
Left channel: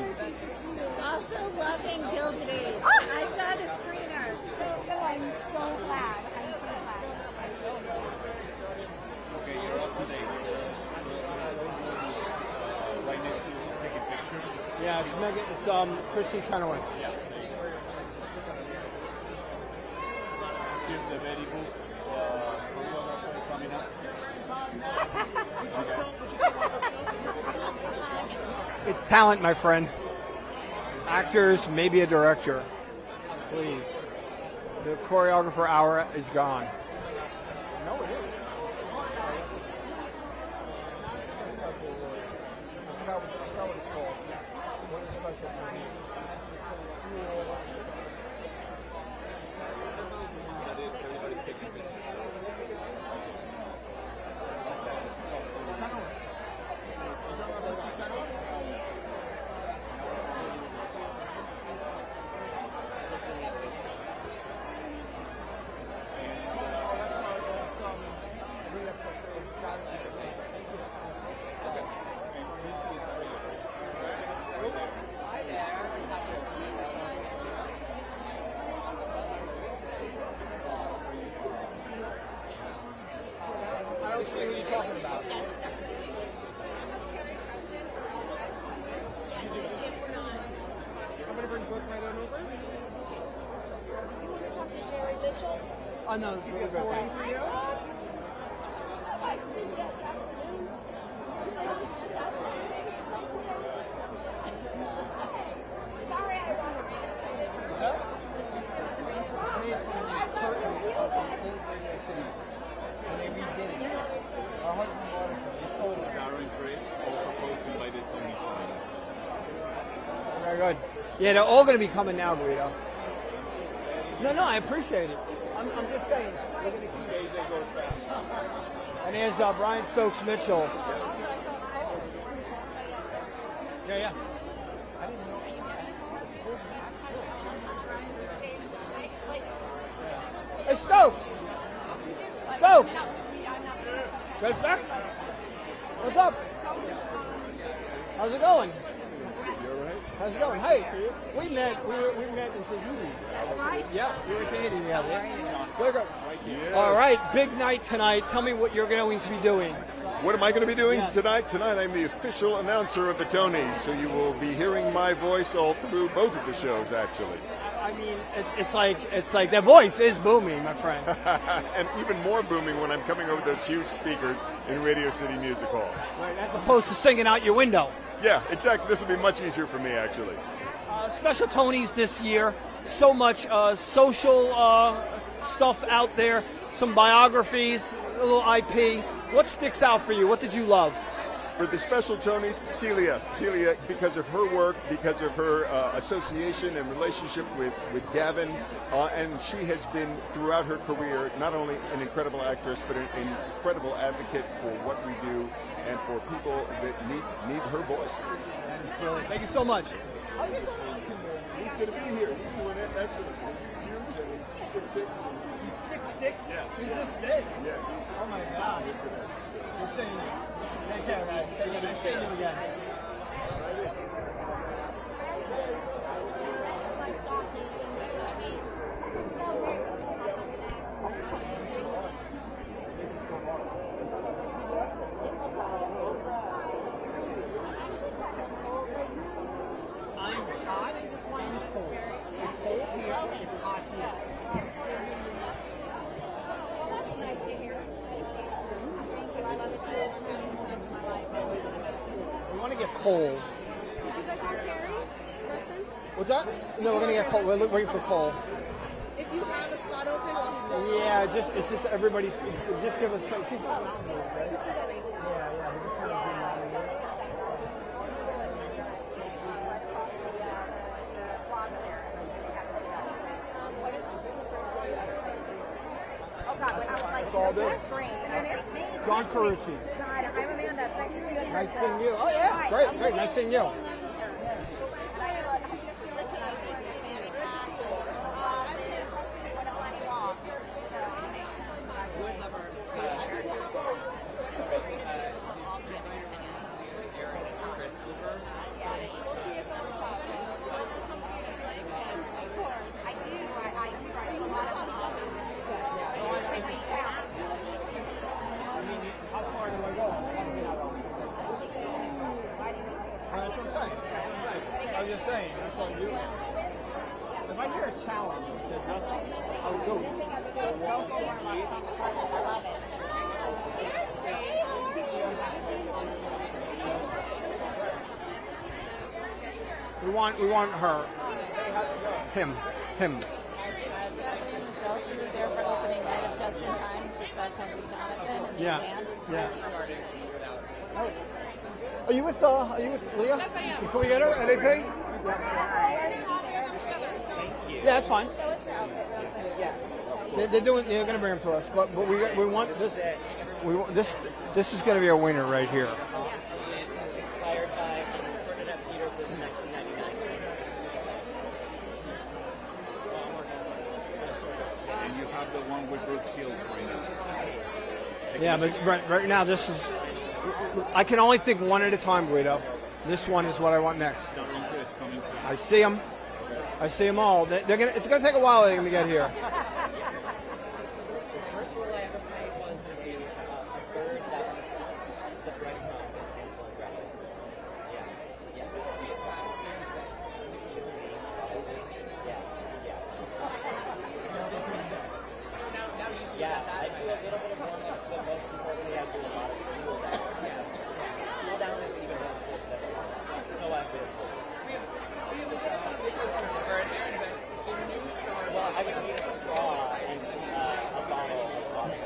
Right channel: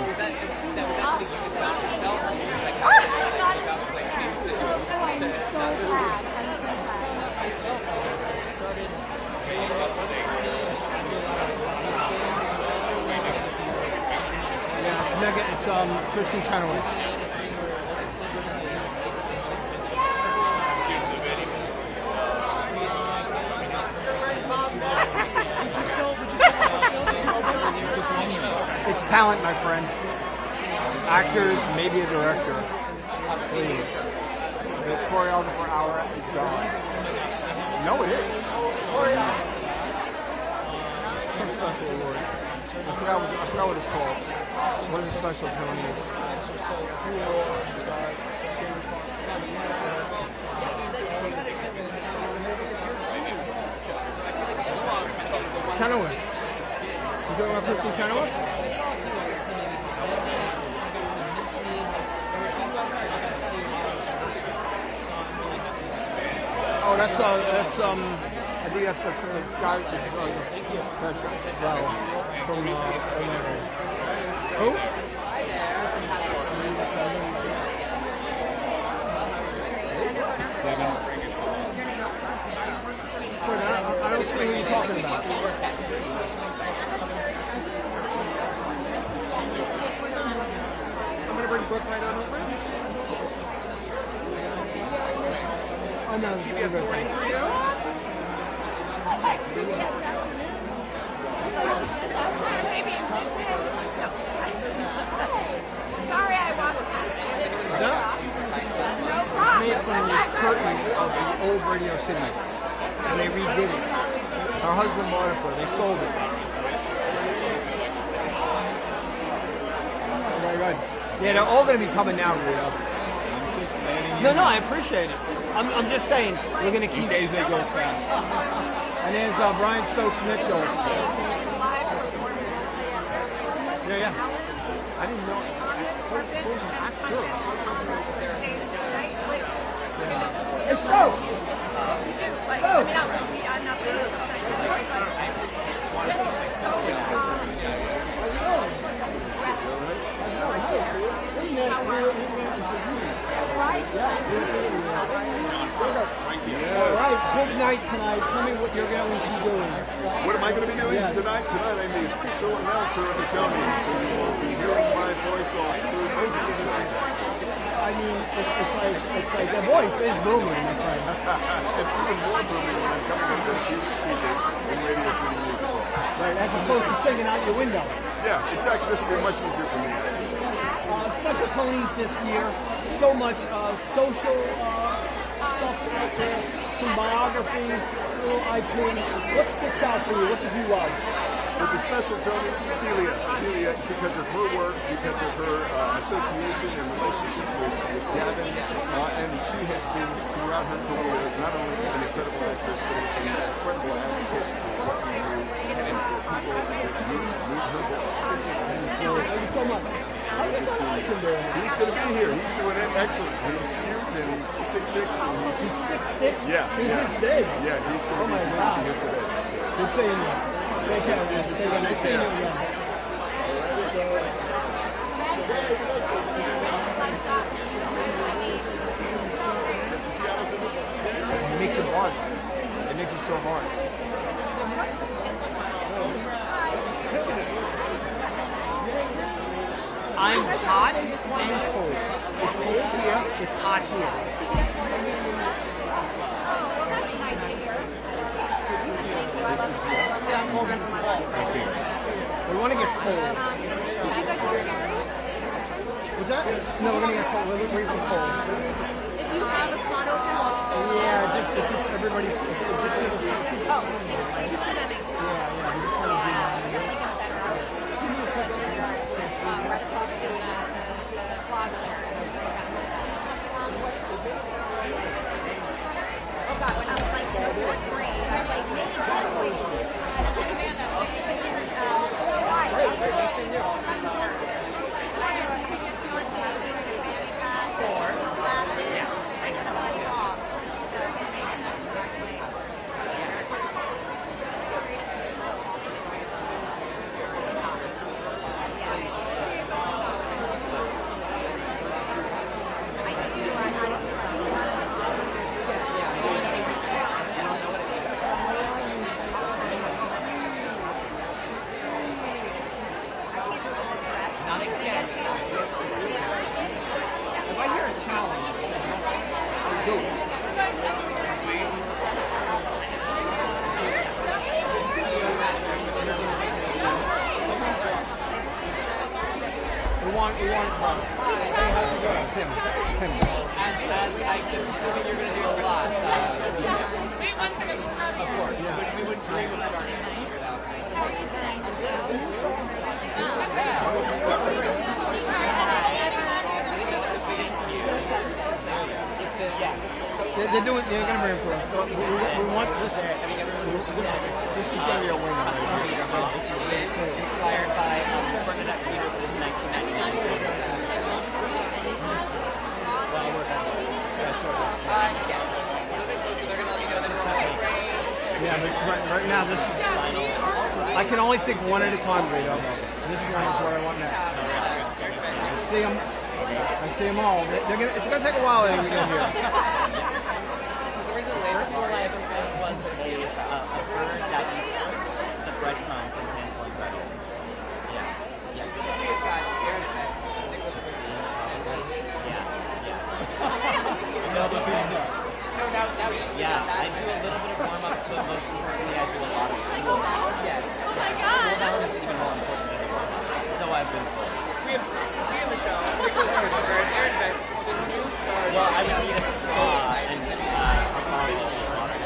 It's Kristen Chenoweth. It's talent, my friend. Actors, maybe a director. Please. The choreographer hour is gone. No, it is. Some special award. I forgot what it's called. What is a special Tony? Chenoweth. You talking about Kristen Chenoweth? Oh, that's I think that's the guy. Thank you. From who? I don't see who you're talking about. I'm gonna bring Brooke right on over. I know. Thanks. Sorry, I walked past you. No problem. Made from the curtain of the old Radio City, and they redid it. Her husband bought it for her. They sold it. Oh my God. Yeah, they're all going to be coming down, Rio. No, I appreciate it. I'm just saying, we're going to keep it going fast. And there's Brian Stokes Mitchell. Yeah. I didn't know. There's an actor. Yeah. Hey, Stokes! Stokes! What's up? How's it going? That's right. All right, big night tonight. Tell me what you're going to be doing. What am I going to be doing tonight? Tonight I'm the official announcer of the Tonys, so you will be hearing my voice all through both of the shows, actually. I mean, it's like their voice is booming, my friend. And even more booming when I'm coming over those huge speakers in Radio City Music Hall. Right, as opposed to singing out your window. Yeah, exactly. This will be much easier for me, actually. Special Tonys this year. So much social stuff out there. Some biographies, a little IP. What sticks out for you? What did you love? For the Special Tonys, Celia, because of her work, because of her association and relationship with Gavin, and she has been, throughout her career, not only an incredible actress, but an incredible advocate for what we do and for people that need her voice. Thank you so much. He's going to be here. He's doing it excellent. He's huge and he's 6'6". And he's 6'6"? Yeah. He's this big? Yeah, he's going to be here today. So. Good seeing you. Take care, man. Take care. Nice seeing you again. it's hot here. Oh, well, that's nice to hear. Thank you. I love it too. We want to get cold. Can I go to your area? What's that? No, we're going to get cold. We're going to go cold. If you have a spot open, Yeah, just everybody. Oh, 6:30. Just to make sure. Yeah, it's at Lincoln Center. I was just for the Juilliard, right across the plaza there. Oh God, when I was like in the fourth grade, I played Amanda. Great, nice seeing you. This is going to be a winner right here. Inspired by Bernadette Peters' 1999 Yeah, but right now this is. I can only think one at a time, Guido. This one is what I want next. I see them all. It's going to take a while anyway to get here. Personally, I was a bird that eats the breadcrumbs and canceling bread. Yeah. Yeah, I do a little bit of warm-ups, but most importantly, I do a lot of cool down. Cool down is even more important than warm-ups, so I've been told. We have a show. Well, I'm going to need a straw and a bottle of water.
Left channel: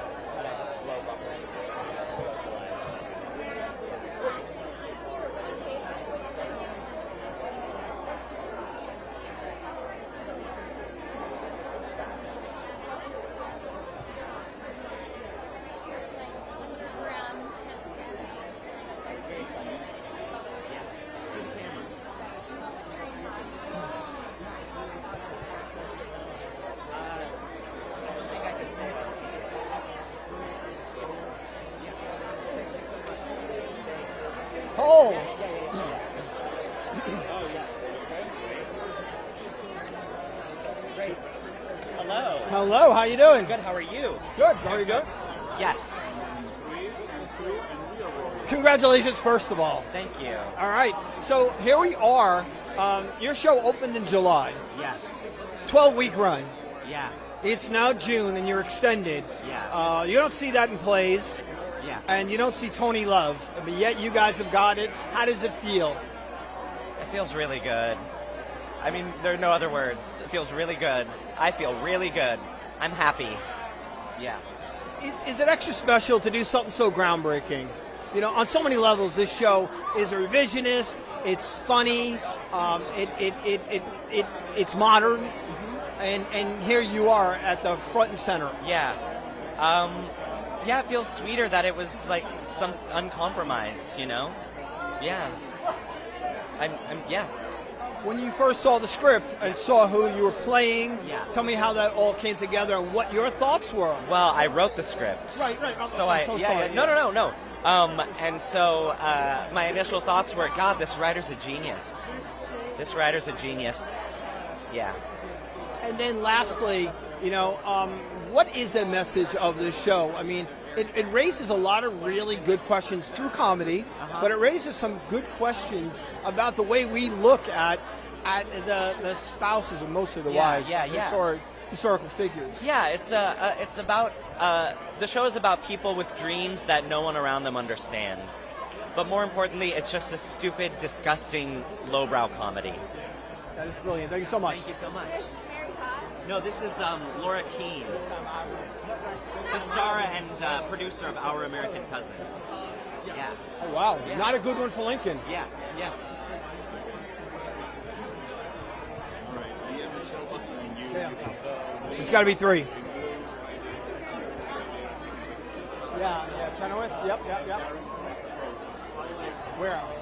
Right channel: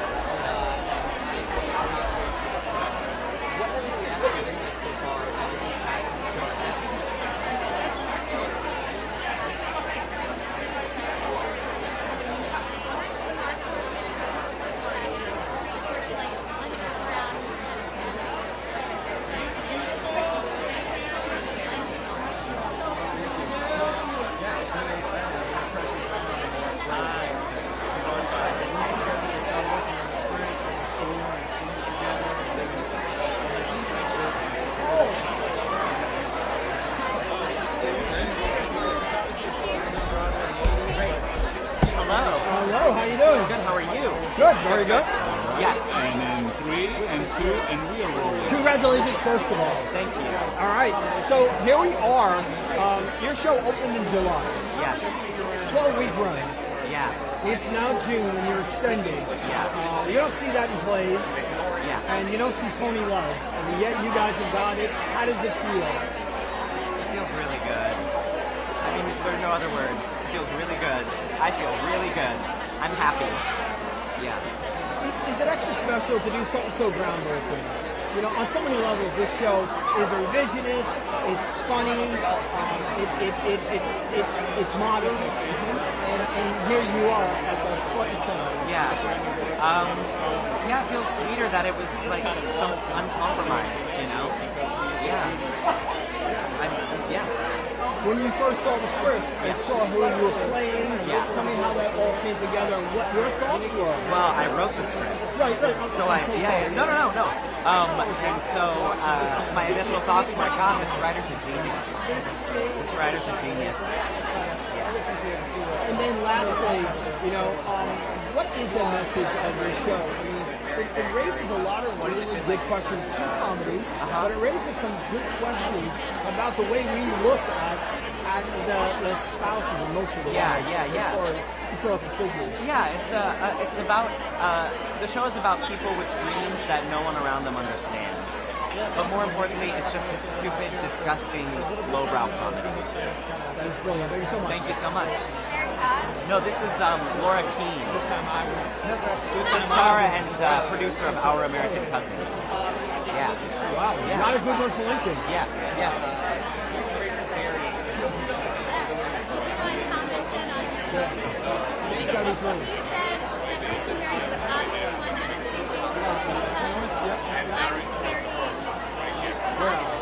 Hello, how you doing? Good, how are you? Good, very good. Yes. And then 3 and 2, and we are rolling. Congratulations, first of all. Thank you. All right, so here we are. Your show opened in July. Yes. 12-week run. Yeah. It's now June, and you're extended. Yeah. You don't see that in plays. Yeah. And you don't see Tony Love. And yet you guys have got it. How does it feel? It feels really good. I mean, there are no other words. It feels really good. I feel really good. I'm happy. Yeah. Is it extra special to do something so groundbreaking? You know, on so many levels, this show is revisionist. It's funny. It's modern. And here you are at the front and center. Yeah. Yeah, it feels sweeter that it was like some uncompromised, you know? Yeah. Yeah. When you first saw the script and saw who you were playing, tell me how that all came together and what your thoughts were. Well, I wrote the script. Right. So no. And so my initial thoughts were, God, this writer's a genius. This writer's a genius. Yeah. And then lastly, you know, what is the message of this show? I mean, it raises a lot of really good questions through comedy, but it raises some good questions about the way we look at the spouses of most of the wives, or historical figures. Yeah, it's about the show is about people with dreams that no one around them understands. But more importantly, it's just a stupid, disgusting, lowbrow comedy. That's brilliant. Thank you so much. Thank you so much. No, this is Laura Keene, star and producer of Our American Cousin. Yeah. Wow. Yeah. Not a good one for Lincoln. Yeah. Yeah. It's got to be 3.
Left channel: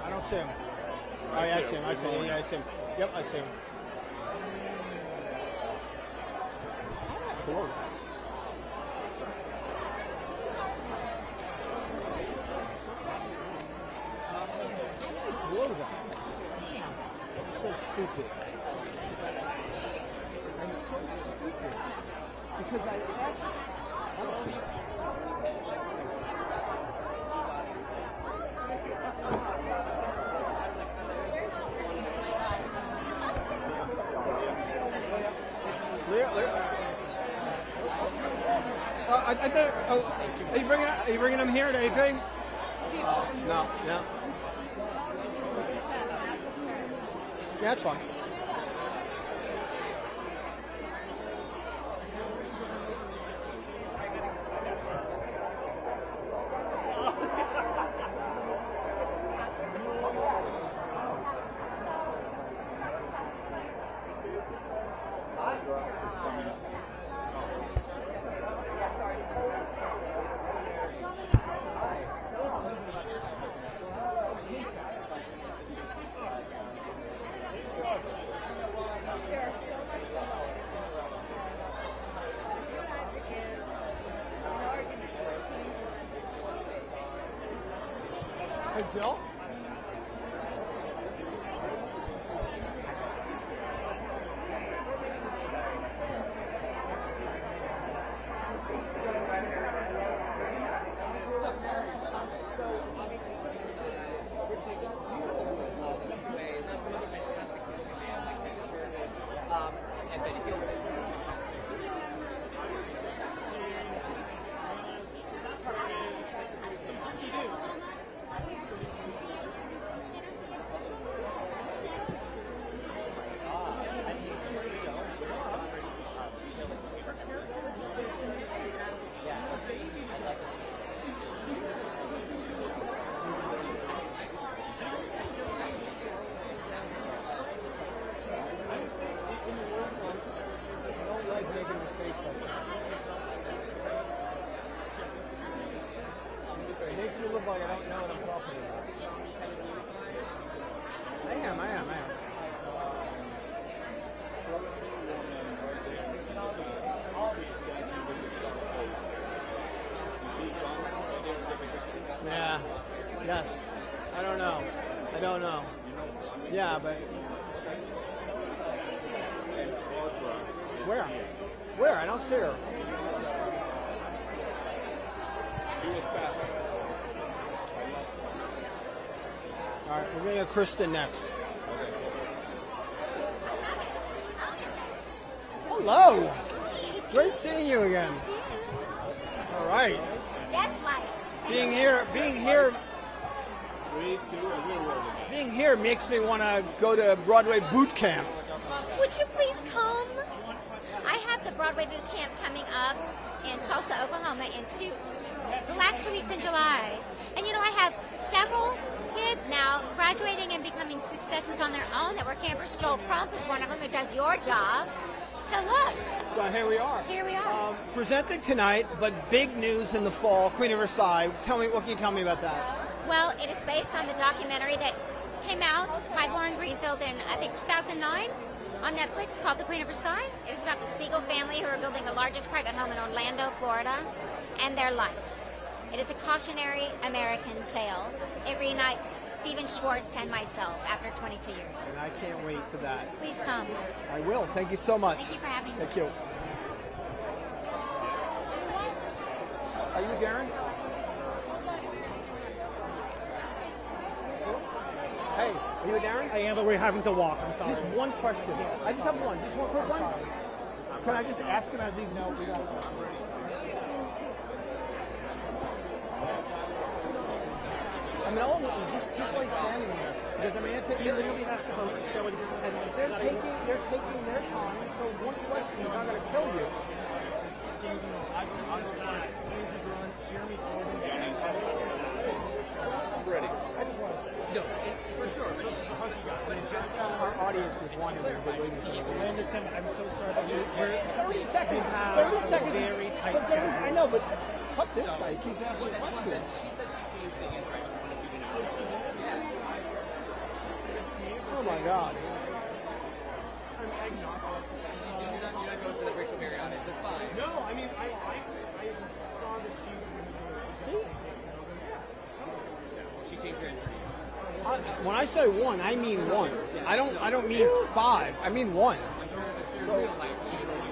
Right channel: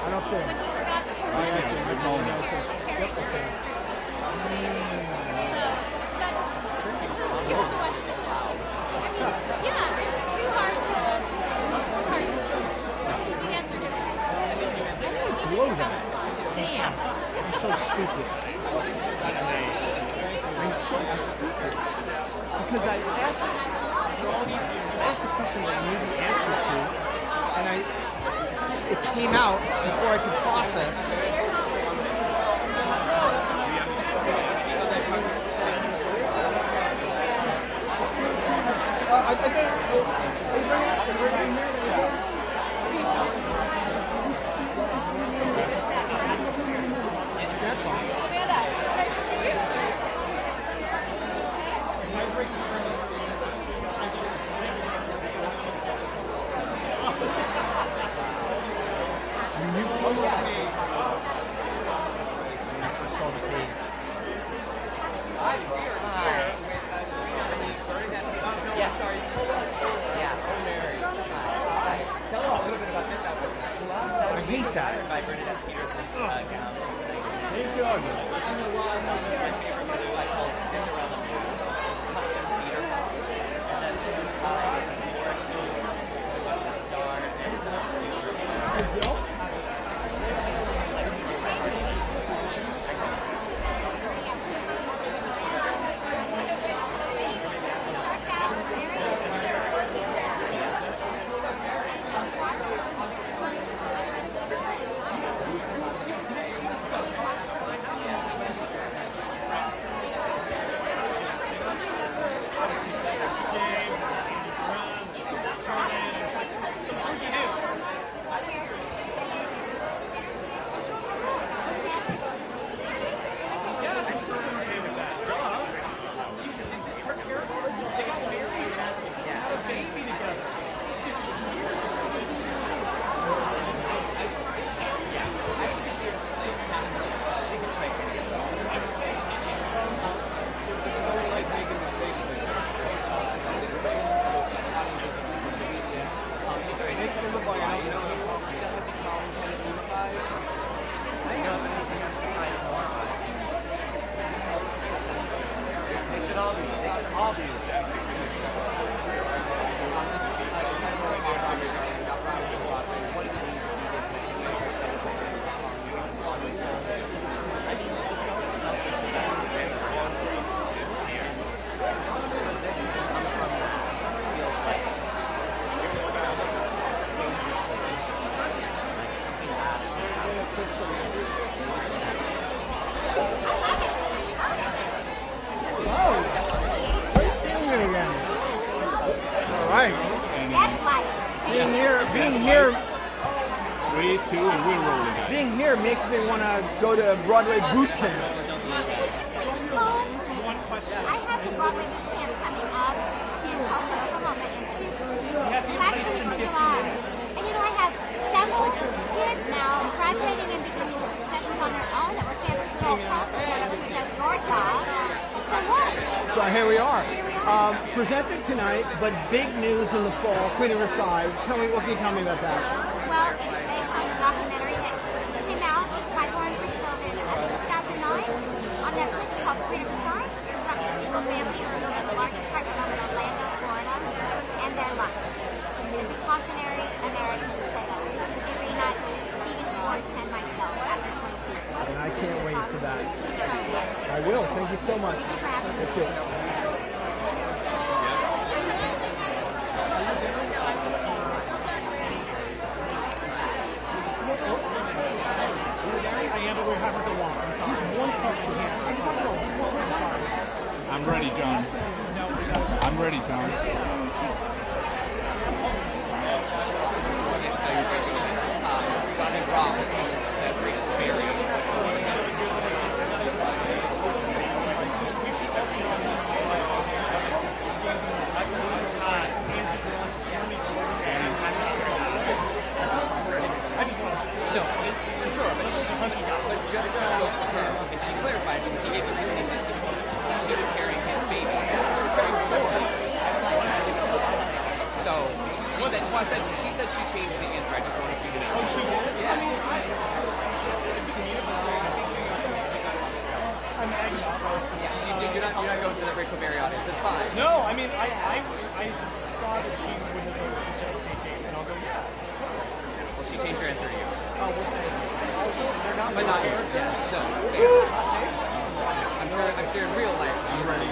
I don't see him. Oh, yeah, I see him. I see him. Blow that. Damn. I'm so stupid. I'm so stupid. Because I asked all these, I asked a question that I knew the answer to, and it came out before I could process. I think, are you bringing it here? Anything? That's fine. I hate that. Kristen next. Hello. Great seeing you again. All right. Being here. 3, 2, and we're rolling. Being here makes me want to go to the Broadway boot camp. Would you please come? I have the Broadway boot camp coming up in Tulsa, Oklahoma in the last 2 weeks of July. And you know, I have several kids now graduating and becoming successes on their own that were campers. Joel Crump is one of them who does your job. So what? So here we are. Here we are. Presented tonight, but big news in the fall, Queen of Versailles. What can you tell me about that? Well, it is based on a documentary that came out by Lauren Greenfield in, I think, 2009 on Netflix called The Queen of Versailles. It's about the Siegel family who are building the largest private home in Orlando, Florida, and their life. It is a cautionary American tale. It reunites Stephen Schwartz and myself after 22 years. And I can't wait for that. Please come. I will. Thank you so much. Thank you. We're having to walk. I'm sorry. One question here. I'm ready, John. I'm ready, John. She said she changed the answer. I just want to figure it out. Oh, she did? Yeah. You're not going to the Rachel Berry audience. It's fine. No, I mean, I saw that she would just say James, and I'll go, yeah. Well, she changed her answer to you. When I say one, I mean not here. I don't mean five. I mean one. I'm sure in real life. I'm ready.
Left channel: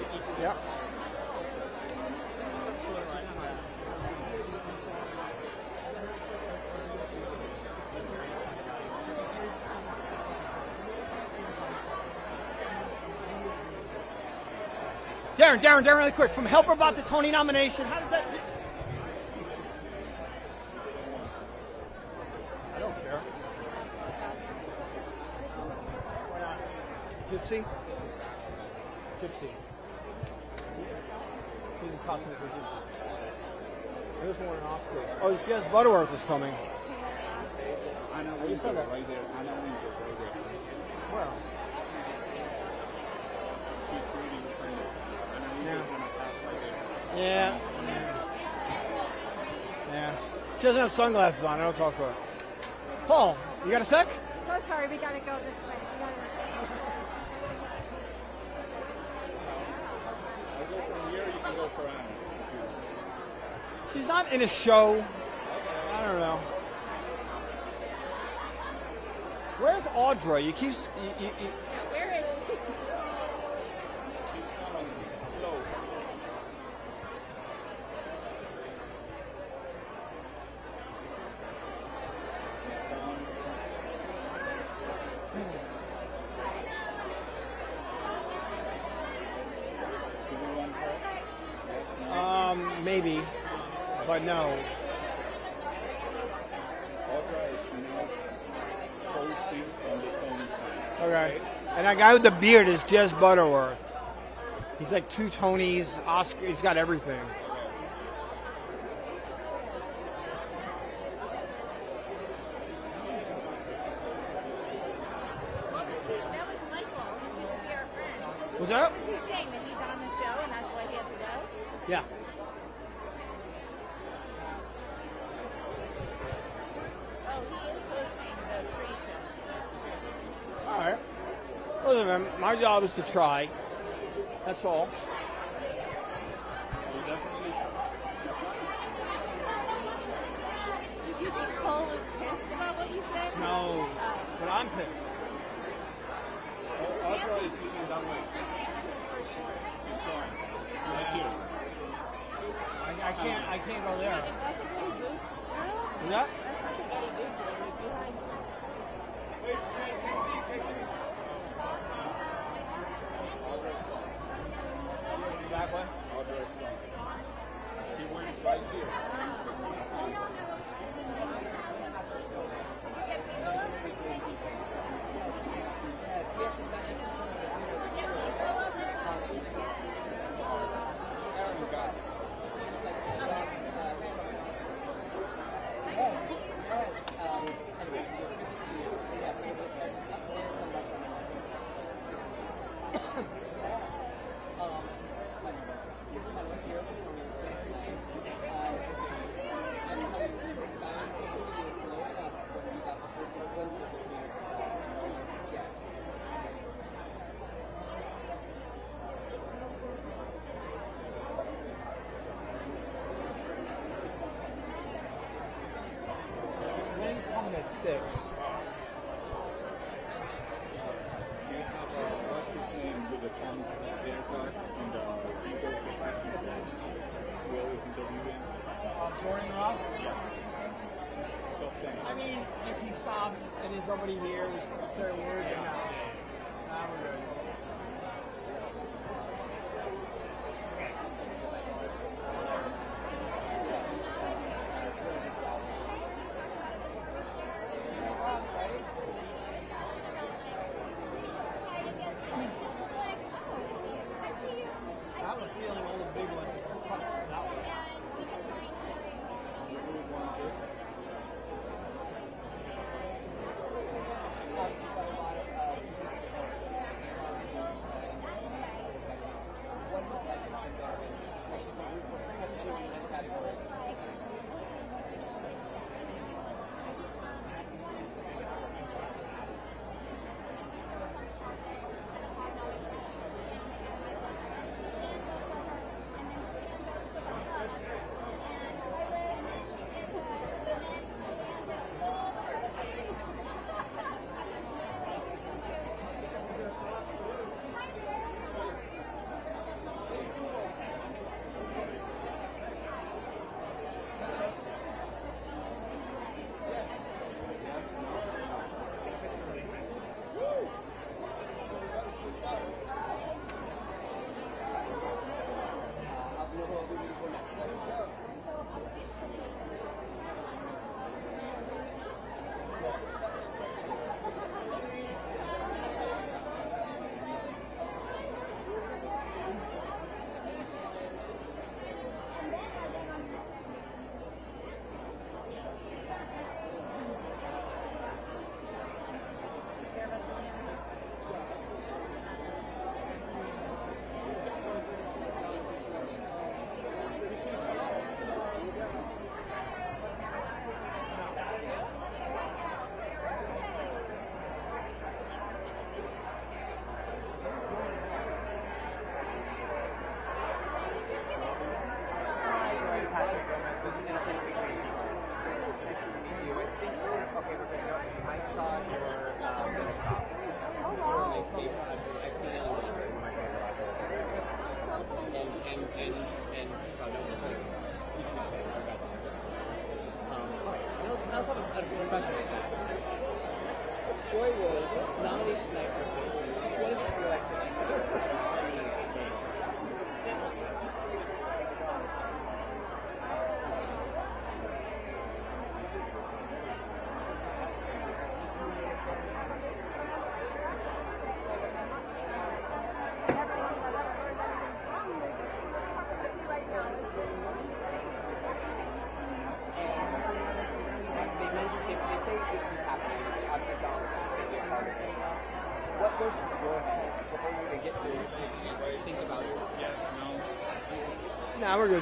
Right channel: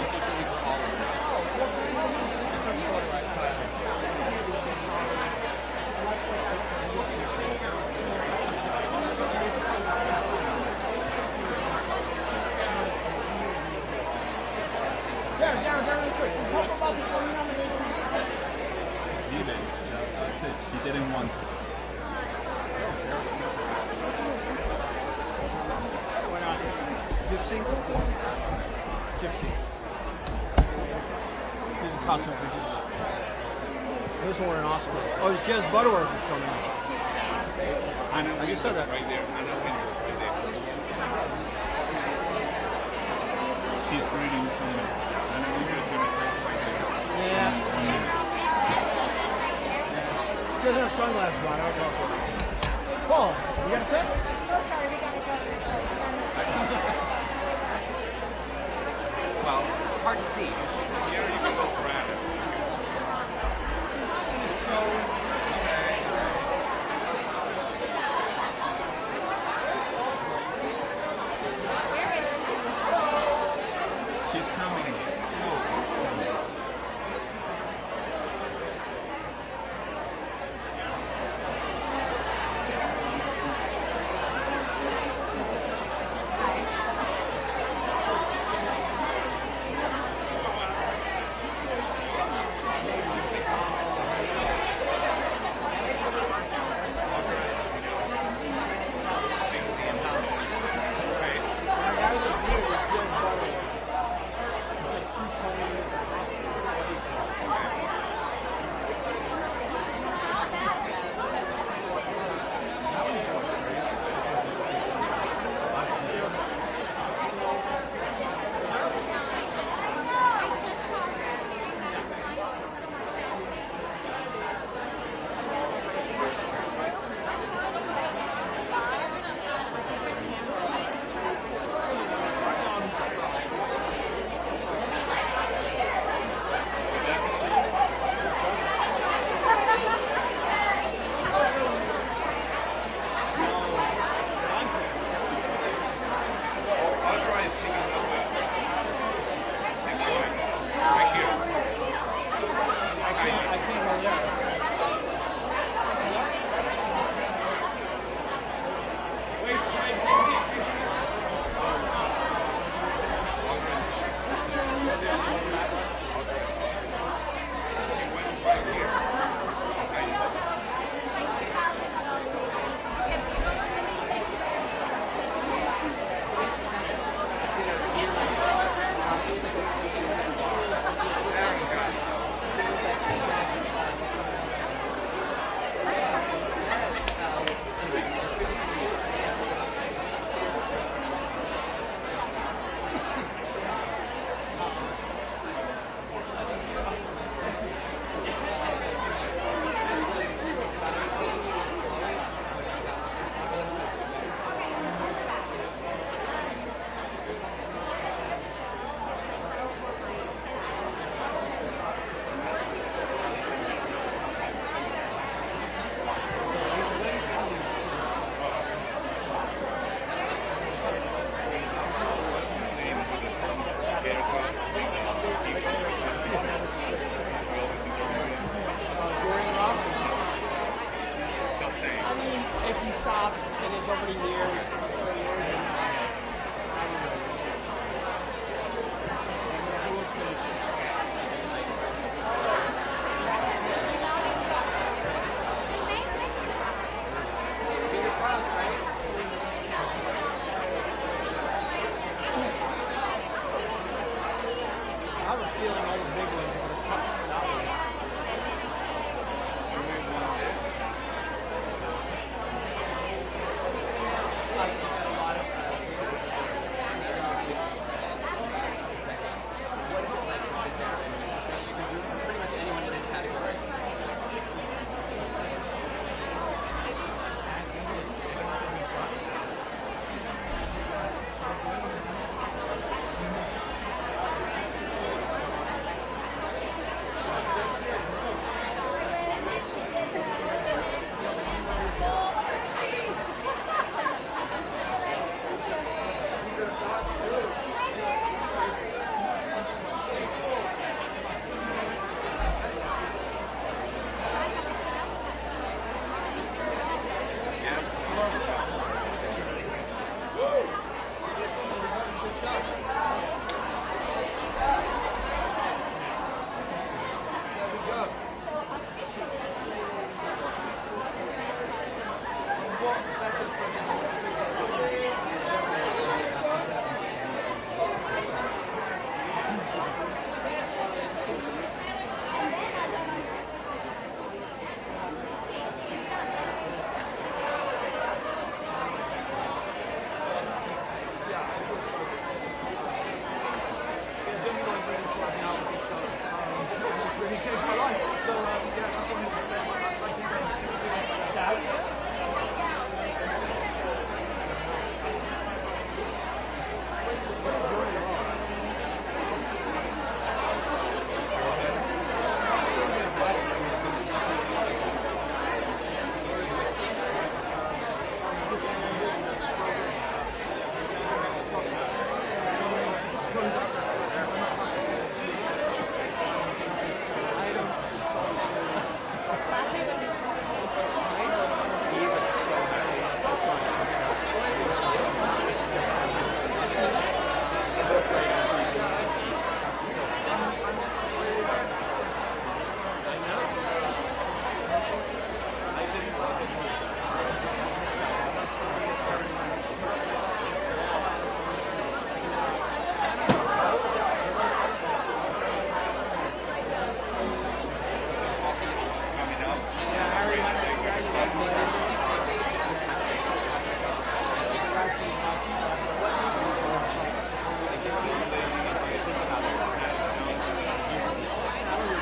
Darren, really quick. Can you help her about the Tony nomination? That's it. He did him once. Why not? Gypsy? Gypsy. Here's the costume for Gypsy. This one an Oscar. Oh, it's Jez Butterworth is coming. I know. You said that right there. She's greeting somebody. Yeah. She doesn't have sunglasses on. I don't talk to her. Paul, you got a sec? Oh, sorry, we gotta go. Well, hard to see. She's not in a show. I don't know. Where's Audra? You keep. She's coming. Maybe. Right now. Alright. And that guy with the beard is Jez Butterworth. He's like 2 Tonys, Oscar, he's got everything. Is that up? Yeah. My job is to try. That's all. I can't go there.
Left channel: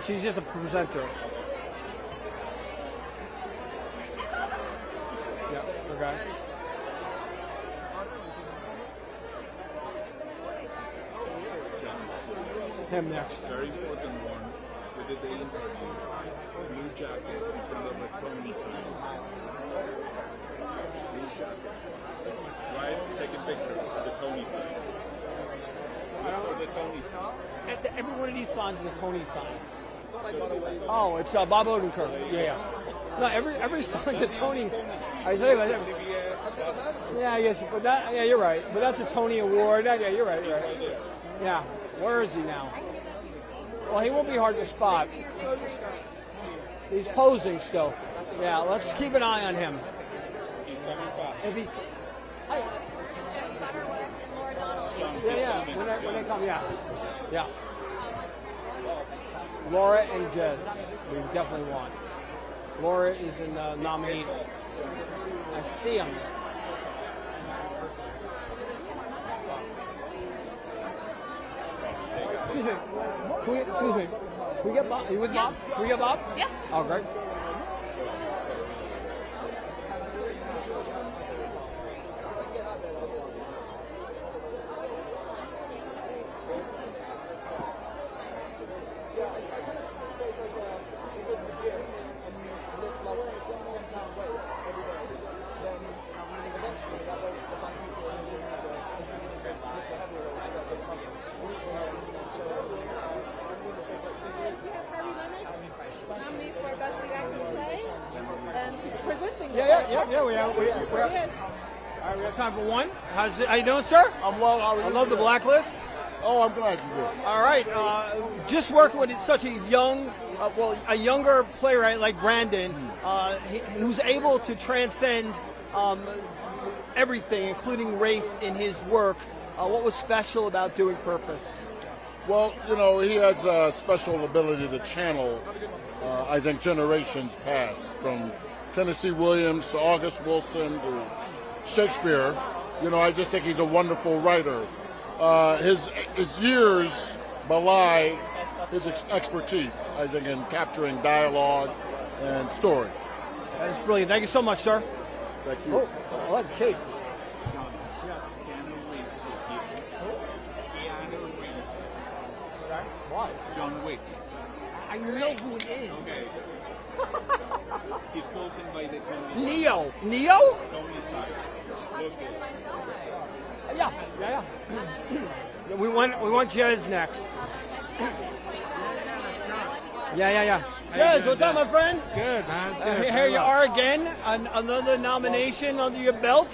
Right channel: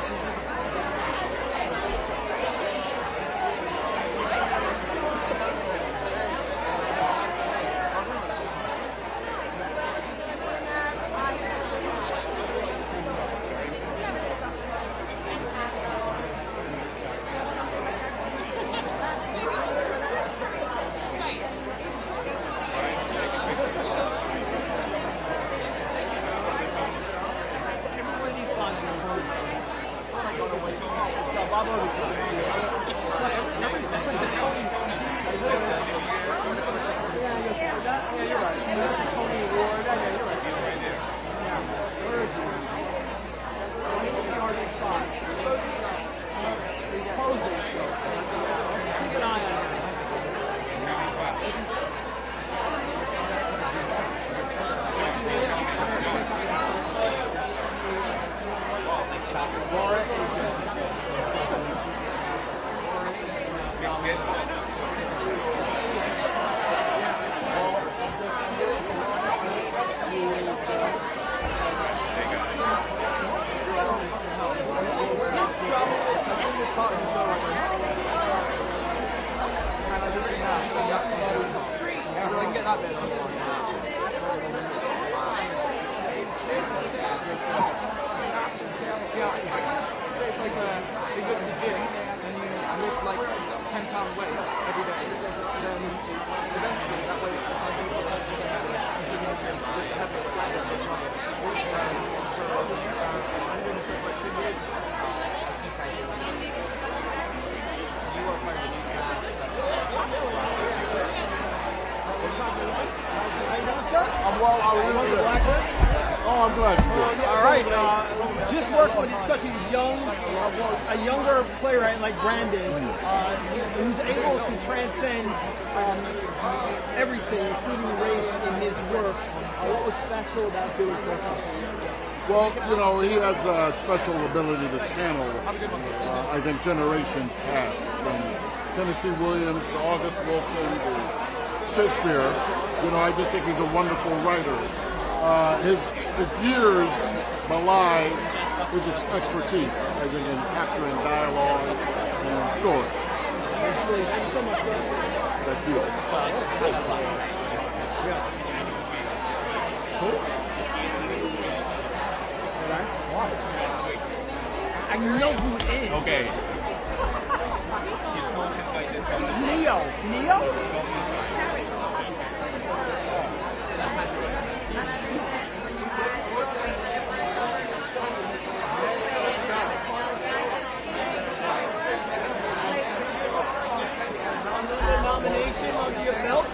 She's just a presenter. Every sequence of Tony's. Yeah, you're right. But that's a Tony Award. Okay, you're right. Yeah. Where is he now? Well, he won't be hard to spot. He's posing still. Yeah, let's keep an eye on him. Laura is definitely. Laura is nominated. See it. Yeah, I kind of say it's like you go to the gym and you lift like 10-pound weight every day. Then eventually that weight becomes something that you can have until you can lift the heavier Time for one. How you doing, sir? I love the blacklist. Oh, I'm glad. All right. Just work with such a younger player like Brandon, who's able to transcend everything, including race, in his work. What was special about doing Purpose? Well, you know, he has a special ability to channel, I think, generations past, from Tennessee Williams to August Wilson to Shakespeare. You know, I just think he's a wonderful writer. His years belie his expertise, I think, in capturing dialogue and story. Brilliant. Thank you so much, sir. I know who it is. Okay. Leo. Leo? We want Jez next. Yeah. Jez, what's up, my friend? Good. Here you are again, another nomination under your belt.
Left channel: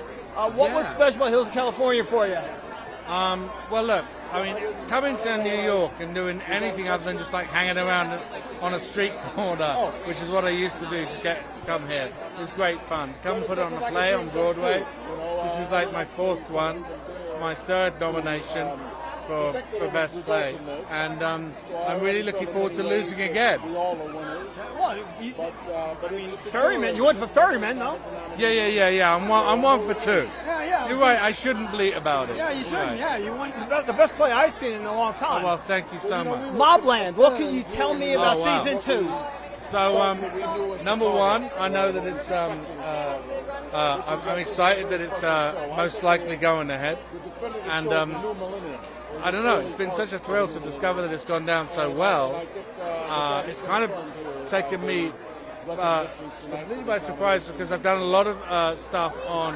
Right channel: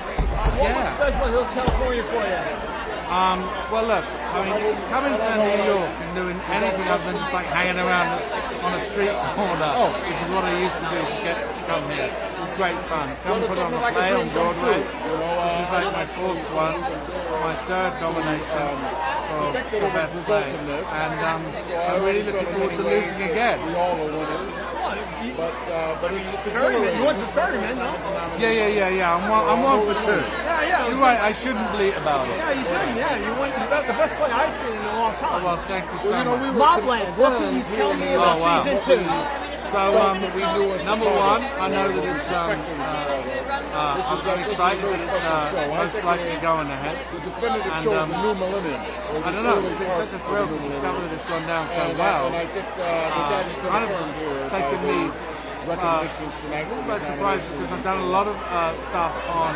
What was special about Hills, California for you? Well, look, I mean, coming to New York and doing anything other than just like hanging around on a street corner, which is what I used to do to get to come here. It's great fun. Come put on a play on Broadway. This is like my fourth one. It's my third nomination. for best play, and I'm really looking forward to losing again. Ferryman, you went for Ferryman, huh? Yeah. I'm one for two. You're right. I shouldn't bleat about it. Yeah, you shouldn't. Yeah, you went. That's the best play I've seen in a long time. Oh, well, thank you so much. Mobland, what can you tell me about season 2? So, number one, I know that it's, I'm excited that it's most likely going ahead. And I don't know, it's been such a thrill to discover that it's gone down so well. It's kind of taken me a little by surprise because I've done a lot of stuff on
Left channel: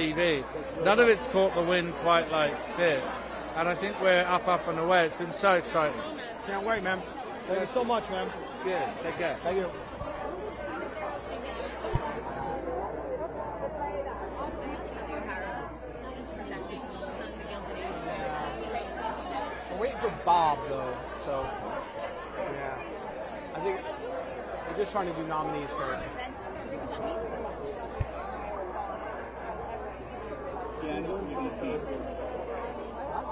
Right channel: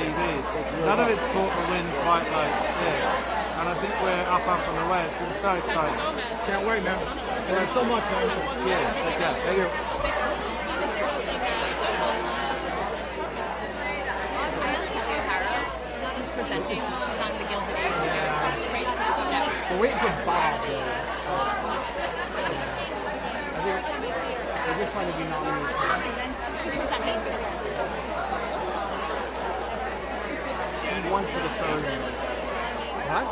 TV. None of it's caught the wind quite like this. And I think we're up and away. It's been so exciting. Can't wait, man. Thank you so much, man. Yeah, okay. Thank you. Harrow is presenting. She's on the Gilded Age. Great stuff. We're waiting for Bob. I just tried to be nominated. She's presenting. And one for the turn. What?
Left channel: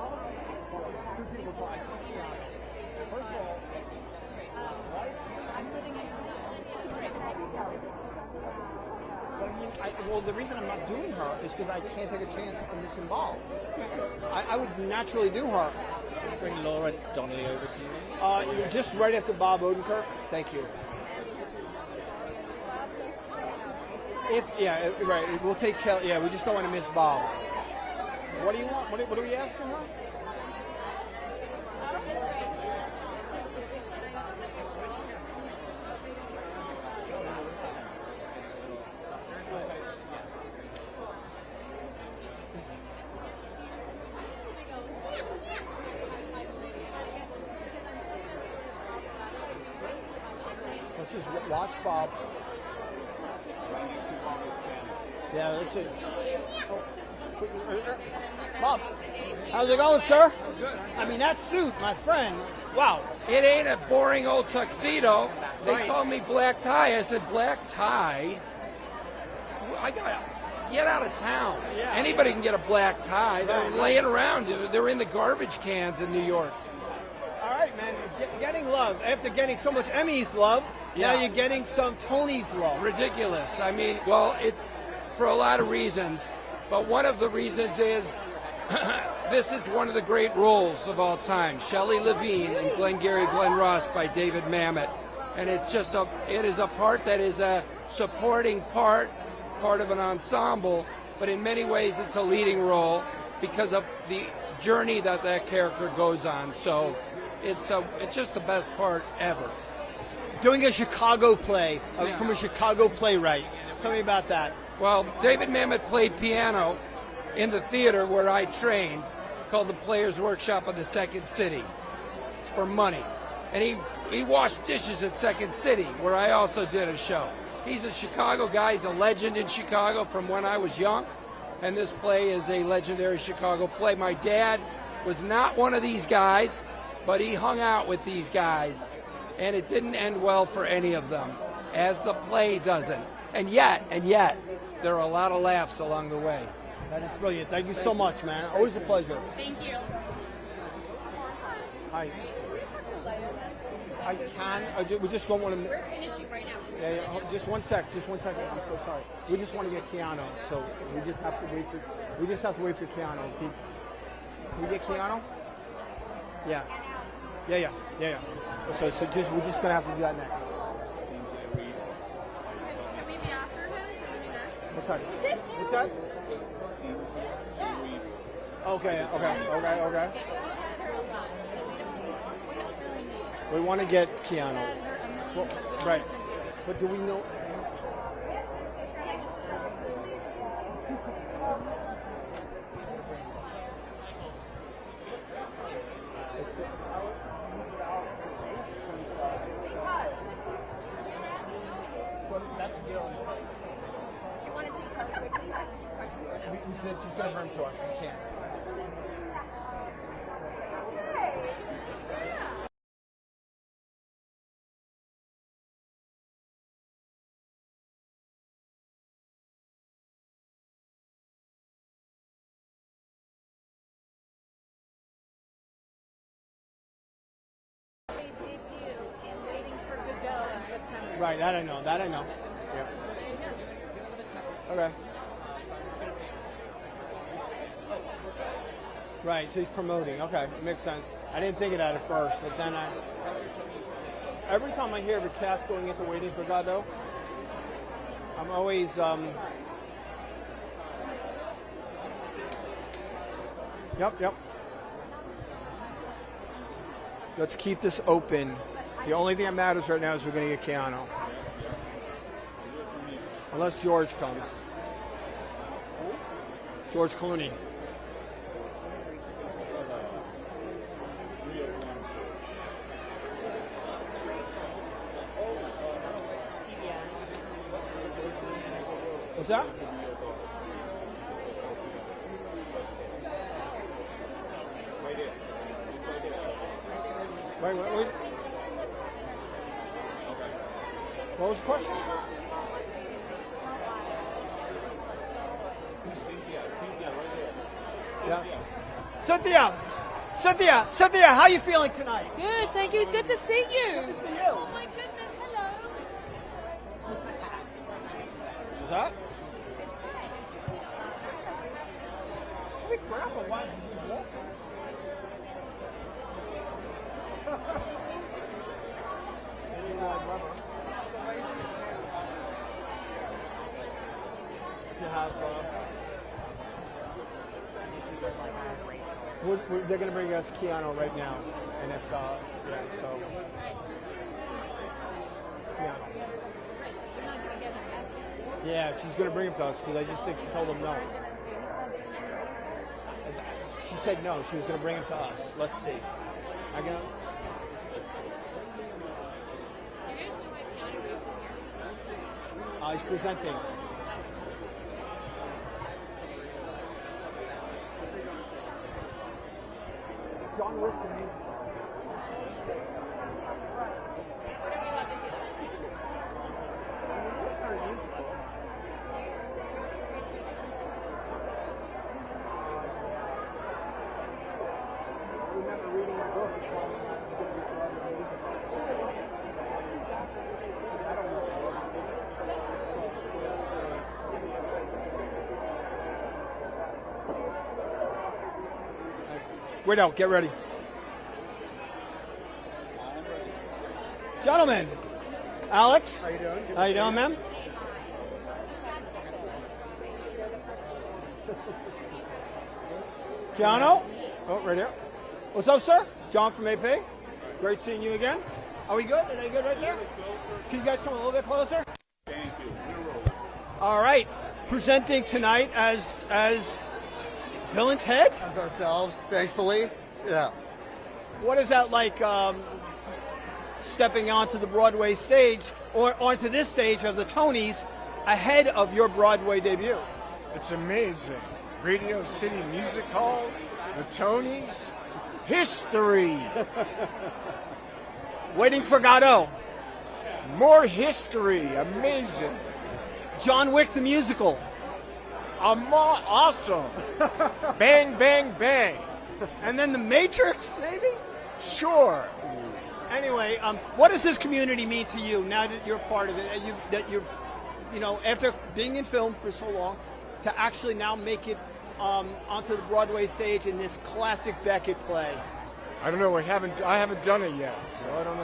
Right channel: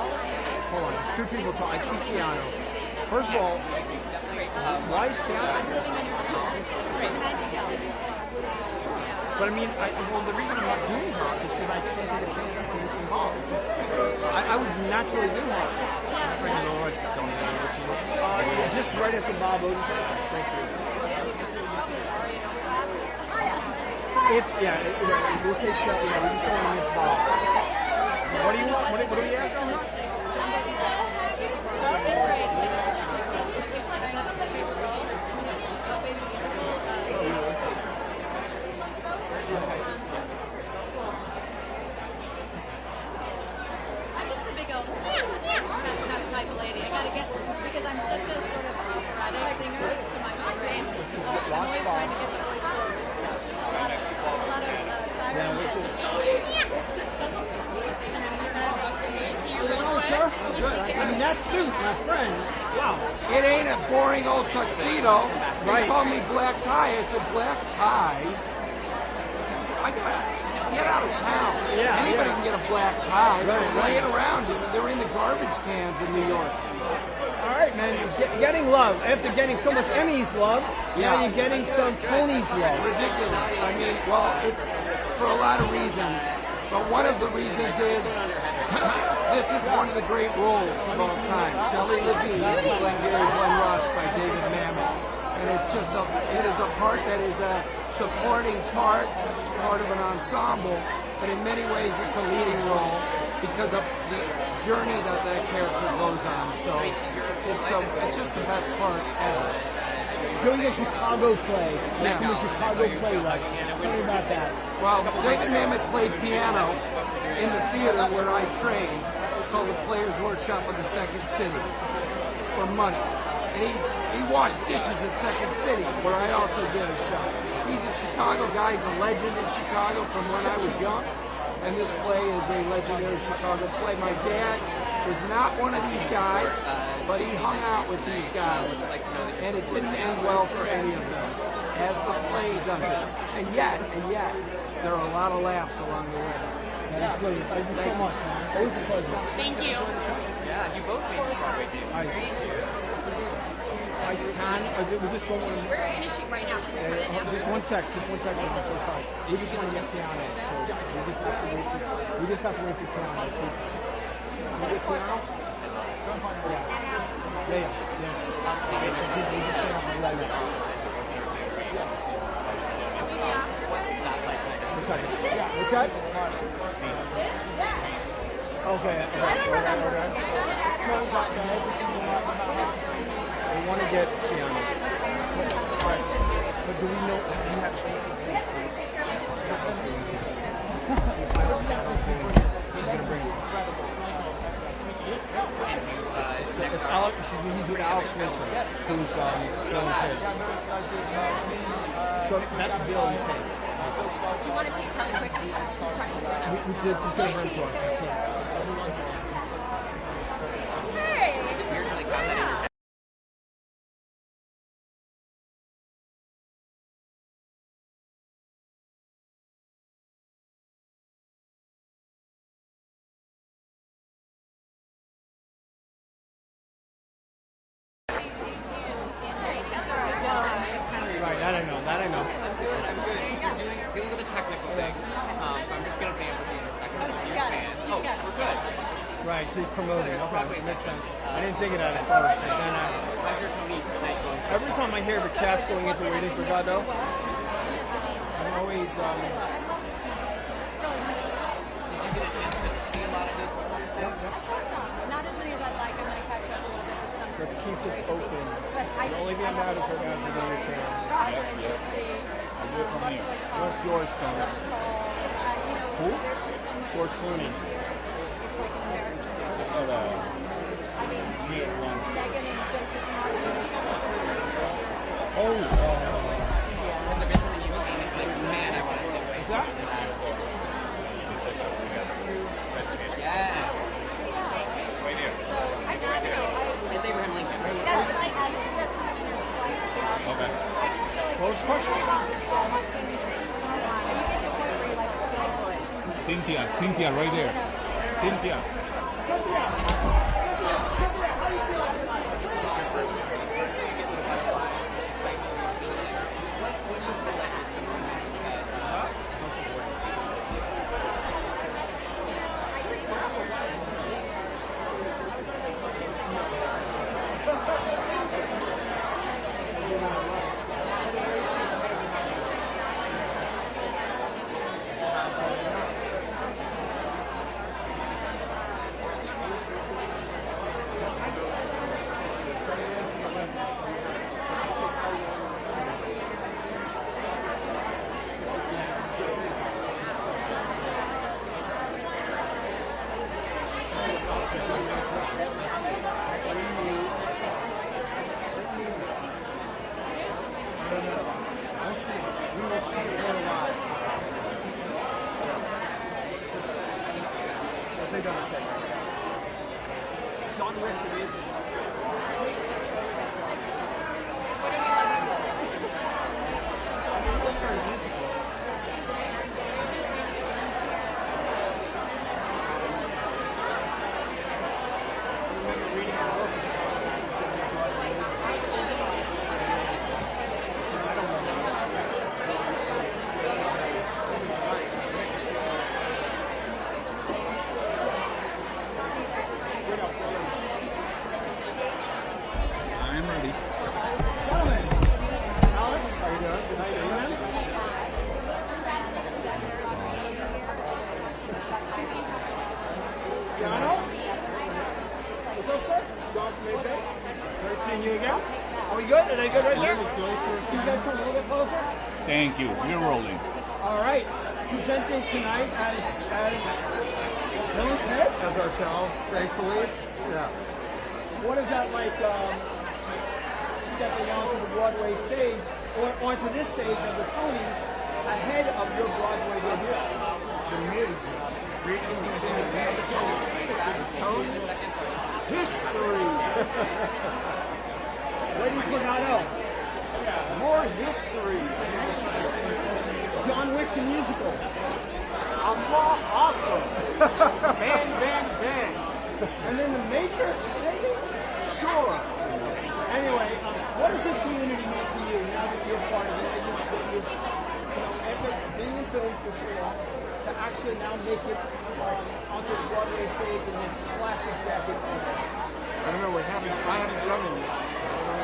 Hold on, there's two people talking. I see Keanu. First of all, why is Keanu? I'm living in your town. But I mean, well, the reason I'm not doing her is because I can't take a chance of missing Bob. I would naturally do her. Just right after Bob Odenkirk. Thank you. Right. We'll take that. Yeah, we're just going to miss Bob. What do you want? What do you ask her? Type of lady. I gotta get, because I'm such a sort of operatic singer to my chagrin. I'm always trying to get the voice forward. So it's a lot of sirens. How's it going, sir? Good. I mean, that suit, my friend. Wow. It ain't a boring old tuxedo. They Right. called me black tie. I said black tie. I gotta get out of town. Yeah, Anybody yeah. can get a black tie. They're Right, laying around. They're in the garbage cans in New York. All right, man. You're getting love. After getting so much Emmys love, now you're getting some Tony's love. Ridiculous. I mean, well, it's for a lot of reasons. But one of the reasons is this is one of the great roles of all time. Shelley Levine and Glengarry Glen Ross by David Mamet. And it's just it is a part that is a supporting part of an ensemble, but in many ways it's a leading role because of the journey that character goes on. So it's just the best part ever. Doing a Chicago play, from a Chicago playwright. Tell me about that. Well, David Mamet played piano in the theater where I trained. It's called the Players Workshop of the Second City. It's for money. And he washed dishes at Second City, where I also did a show. He's a Chicago guy. He's a legend in Chicago from when I was young. And this play is a legendary Chicago play. My dad was not one of these guys, but he hung out with these guys. And it didn't end well for any of them, as the play does it. And yet, there are a lot of laughs along the way. Thank you so much, man. Always a pleasure. Thank you. Yeah, you both made Broadway debuts. I just want to. We're going to shoot right now. Just one sec. Sorry. We just want to get Keanu. So we just have to wait for Keanu. Yeah. Okay, so we're just gonna have to do that next. What's that? Okay. We want to get Keanu. Right. But do we know do you have she's gonna bring it. It's Alex. He's with Alex Winter, who's Bill's head. So that's Bill's head. Do you want to take Charlie quickly? We're just going to bring him to us. I can't. Okay. So I'm just going to pan for you for a second. I'm a huge fan. Oh, we're good. Right, so he's promoting. Okay, makes sense. I didn't think of that at first. How's your Tony night going so Every time I hear the cast going into waiting for Godot, I'm always Did you get a chance to see a lot of his performances? Yep. Not as many as I'd like. I'm going to catch up a little bit with some. Let's keep this open. The only thing that matters right now is you're going to count. Unless George comes. Who? George Clooney. What's that? Yeah. It's Abraham Lincoln. Okay. What was the question? Cynthia, right there. Cynthia, how you feeling tonight? Good, thank you. Good to see you. They're going to bring us piano. Yeah, she's going to bring us, but they just didn't hold it up. She said no, she's going to bring us. Let's see. I don't know. We'll see. We will see. We'll see. I think I'm going to check. Wait out, get ready. I'm ready. Gentlemen, Alex, How you doing? how you doing, man? Jono? Oh, right here. What's up, sir? John from AP. Great seeing you again. Are we good? Are they good right there? You guys come a little bit closer? Thank you. We're rolling. All right. Presenting tonight as Bill and Ted. As ourselves, thankfully. Yeah. What is that like stepping onto the Broadway stage or onto this stage of the Tonys ahead of your Broadway debut? It's amazing. Radio City Musical, the Tonys, history. Waiting for Godot. More history. Amazing. John Wick the musical. Awesome. Bang, bang, bang. And then the Matrix, maybe? Sure. Anyway, what does this community mean to you now that you're part of it? That you're, you know, after being in film for so long, to actually now make it onto the Broadway stage in this classic Beckett play? I don't know. I haven't done it yet. So I don't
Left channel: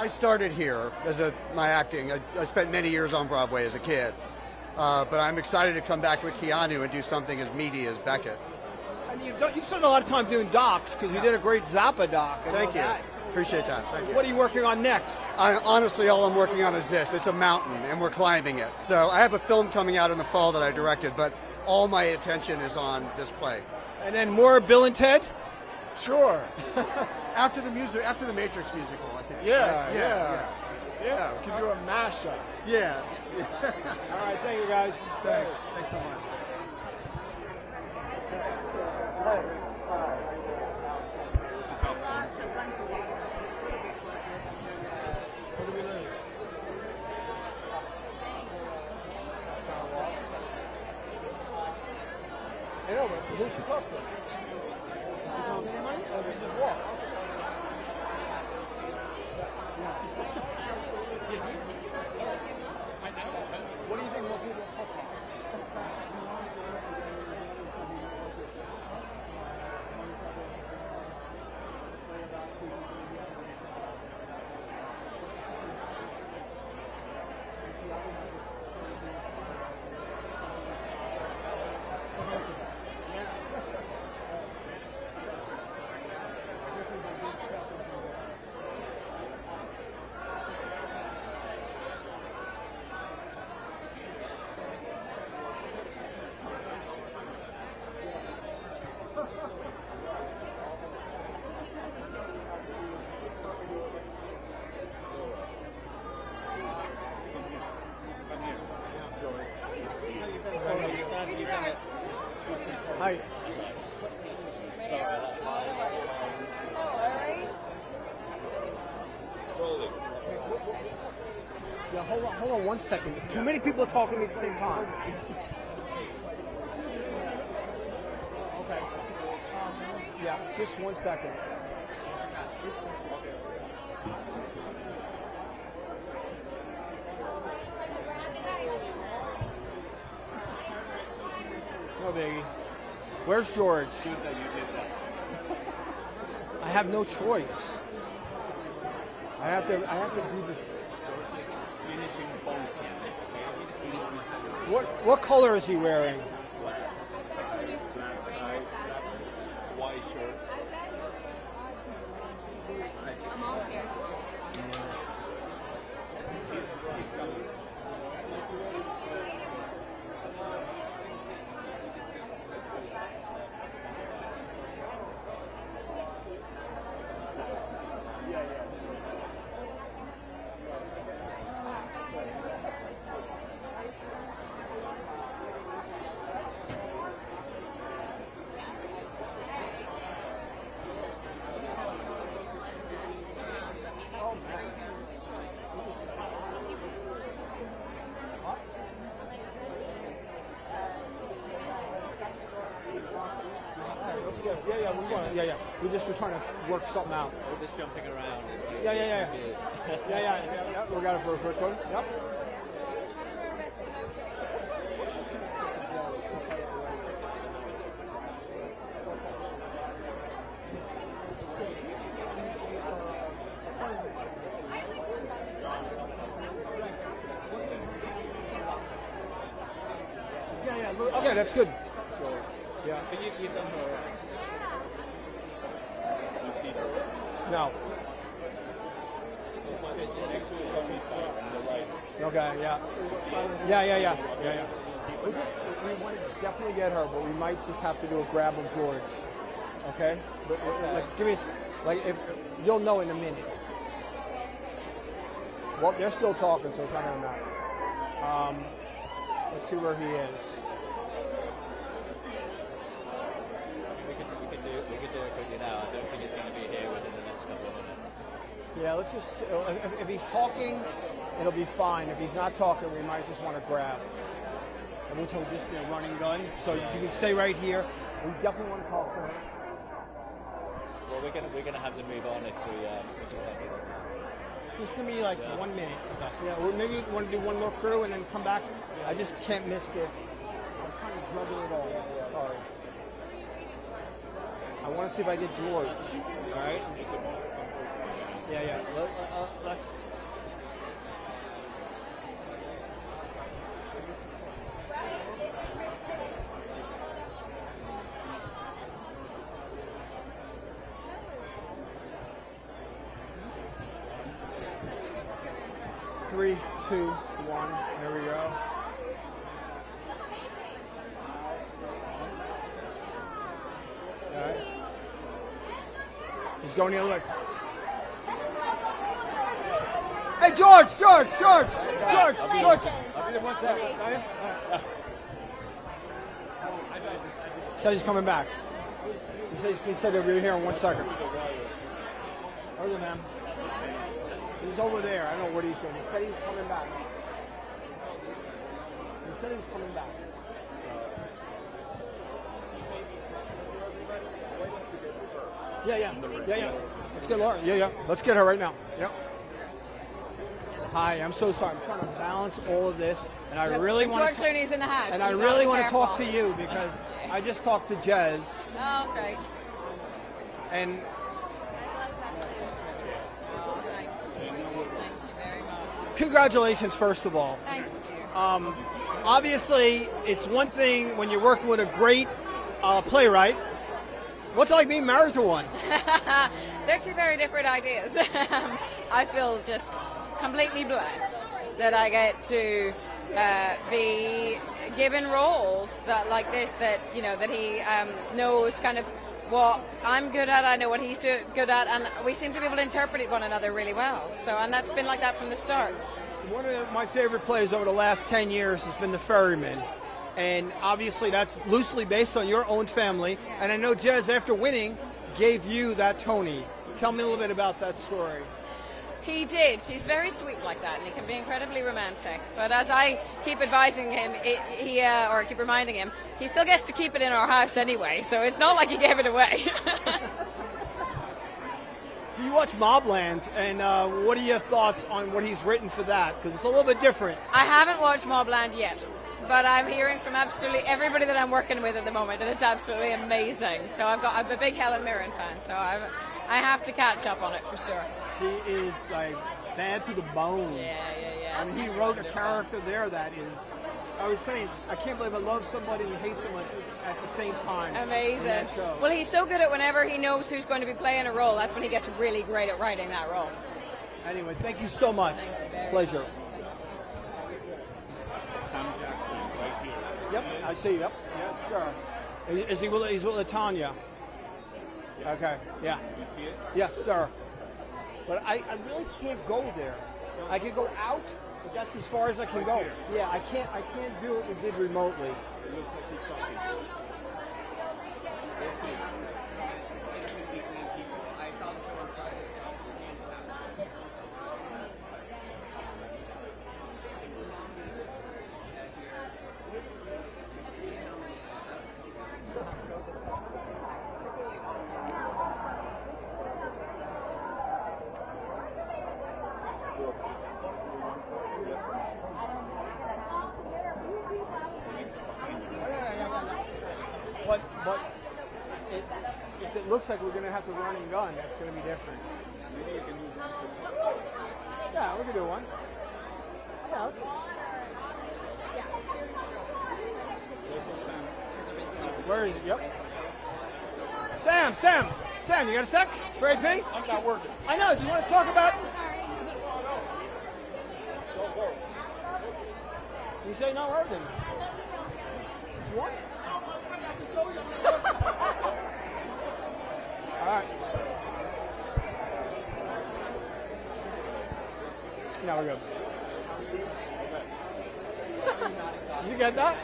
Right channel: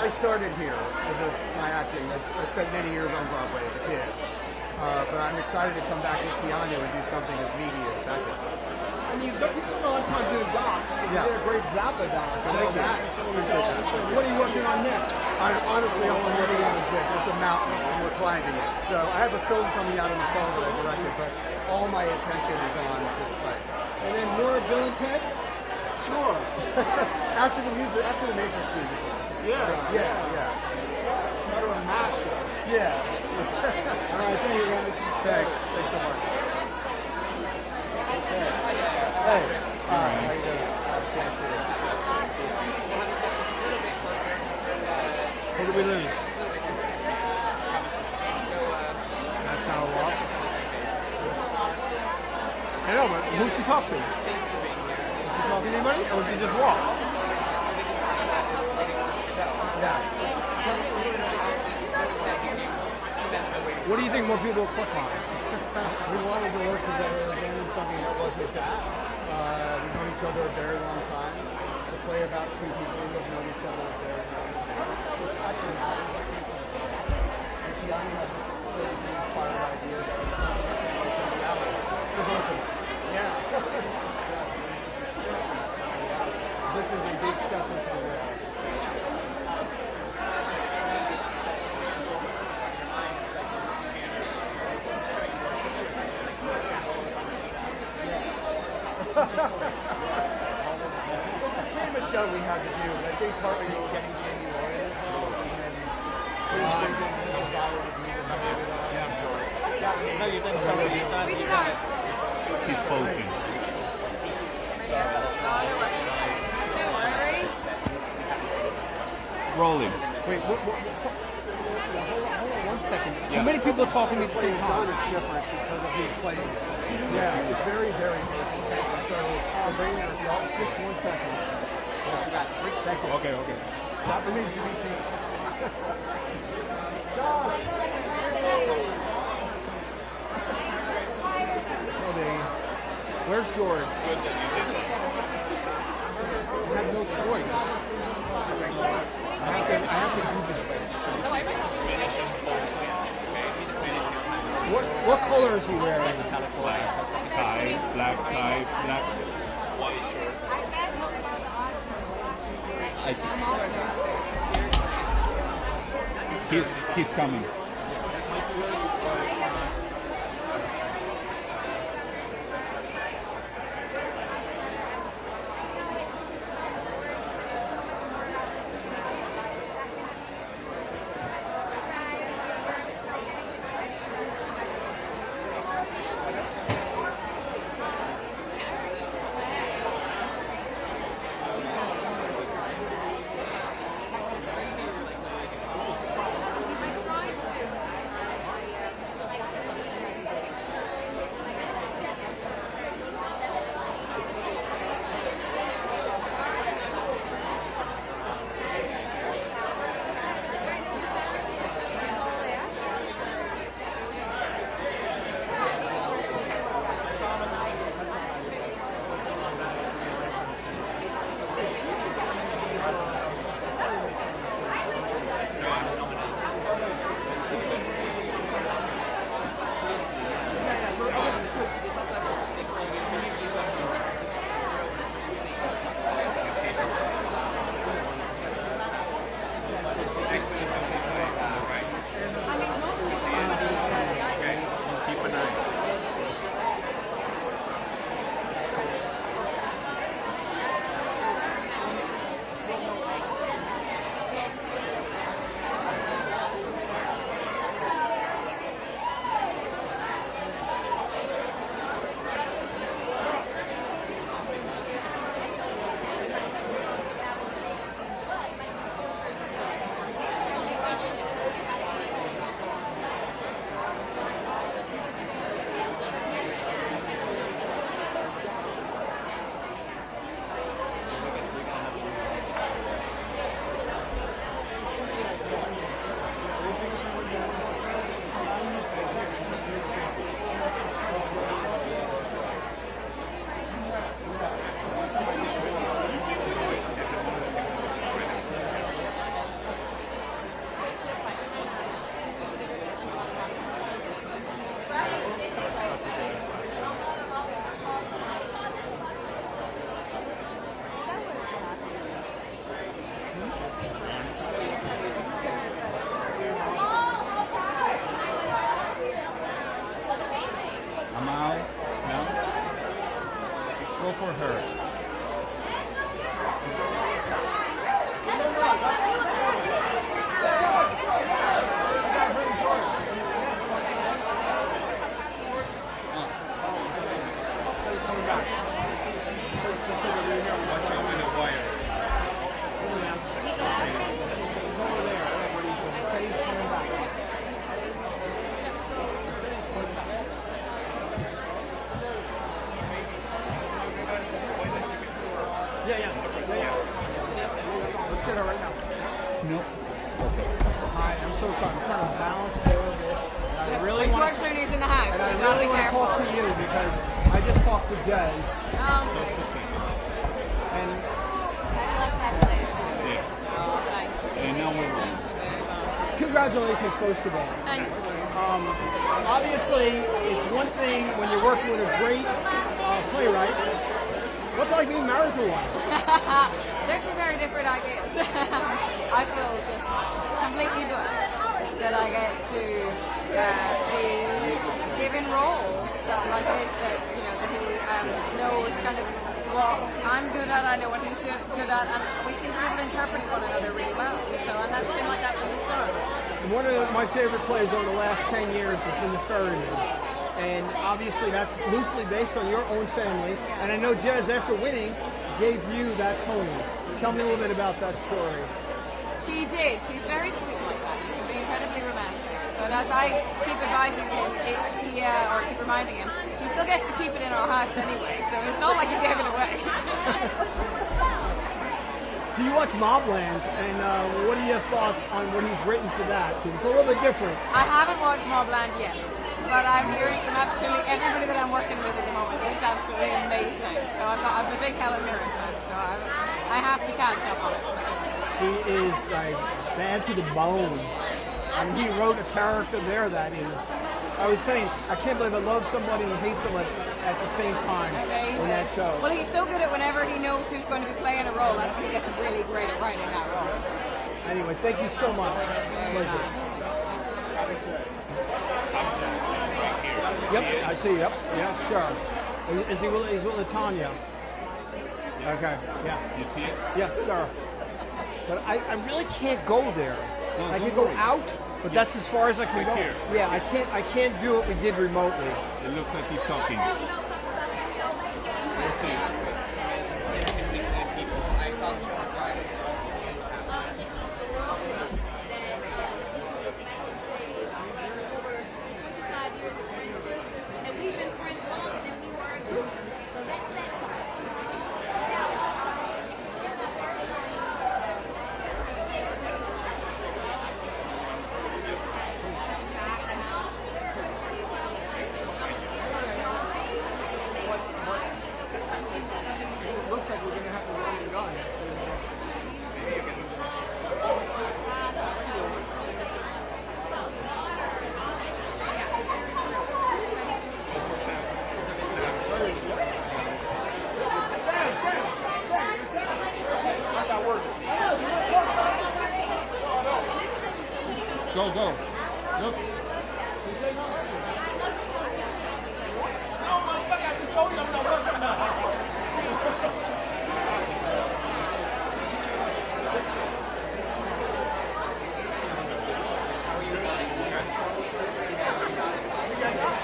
know. I started here as my acting. I spent many years on Broadway as a kid. But I'm excited to come back with piano and do something as meaty as Beckett. And you spent a lot of time doing docs because you did a great Zappa doc. Thank you. Appreciate that. What are you working on next? Honestly, all I'm working on is this. It's a mountain, and we're climbing it. So I have a film coming out in the fall that I directed, but all my attention is on this play. And then more Bill and Ted? Sure. after the Matrix musical. Yeah. Kind of a mashup. Yeah. All right, thank you guys. Thanks. Thanks so much. Who did we lose? That's not a loss. I know, but who'd she talk to? Did she talk to anybody, or did she just walk? Yeah. What do you think more people will click on? We wanted to work together again in something that wasn't that. We've known each other a very long time. To play about two people who have known each other a very long time. I think matters. It's young, I just say the inspired idea that it's reality. Yeah. This is a big step into the way. Show we had to do, and I think partly getting Amy involved and then his vision, his desire to be the player with us. No, you did so much inside. Keep coaching. Rolling. Wait, now hold on 1 second. Too many people are talking at the same time. It's different because of his plays. Yeah, it's very, very different. So, bringing yourself, just 1 second. Quick second. Okay. Not the reason we see. Where's George? I have no choice. I have to do this way. What color is he wearing? Tie, black tie, black. He's coming. You'll know in a minute. Well, they're still talking to him. See where he is. Yeah, let's just, if he's talking, it'll be fine. If he's not talking, we might just want to grab. So you can stay right here. We definitely talk. We'll maybe you want to do one more crew and then come back. I guess 10 minutes. I want to see if I get more. George! So he's coming back. Just say we'll be here in 1 second. He's over there. I don't know what he said. He said he's coming back. Yeah. Let's get her right now. Yep. No. Okay. Hi, I'm so sorry. I'm trying to balance all of this, and I really want George to. Clooney's in the house. And I You really gotta want be to talk careful. to you because I just talked to Jez, Okay. and And now we're congratulations, first of all. Thank you. Obviously, it's one thing when you work with a great playwright. What's it like being married to one? They're two very different ideas. I feel just completely blessed that I get to be given roles that like this, that that he knows kind of what I'm good at, I know what he's good at, and we seem to be able to interpret one another really well. So, and that's been like that from the start. One of my favorite plays over the last 10 years has been The Ferryman. And obviously that's loosely based on your own family. And I know Jez, after winning, gave you that Tony. Tell me a little bit about that story. He did. He's very sweet like that. He can be incredibly romantic. But as I keep advising him, or keep reminding him, he still gets to keep it in our house anyway. So it's not like he gave it away. Do you watch Mobland? And what are your thoughts on what he's written for that? Because it's a little bit different. I haven't watched Mobland yet, but I'm hearing from absolutely everybody that I'm working with at the moment that it's absolutely amazing. So I'm a big Helen Mirren fan, so I have to catch up on it for sure. He is like bad to the bone. I mean, he wrote a character there that is. I was saying, I can't believe I love somebody and hate someone at the same time Amazing. in that show. Well, he's so good at whenever he knows who's going to be playing a role. That's when he gets really great at writing that role. Anyway, thank you so much. Pleasure. Yep, I see. Yep, yeah, sure. Is he with Tanya? Okay. Yeah. You see it? Yes, sir. But I really can't go there. I can go out, but that's as far as I can go. Here. Yeah, I can't do what we did remotely. It looks like he's talking. Let's see. Sam, you got a sec? Very big? I know, do you want to talk about it? Go. Look. You get that?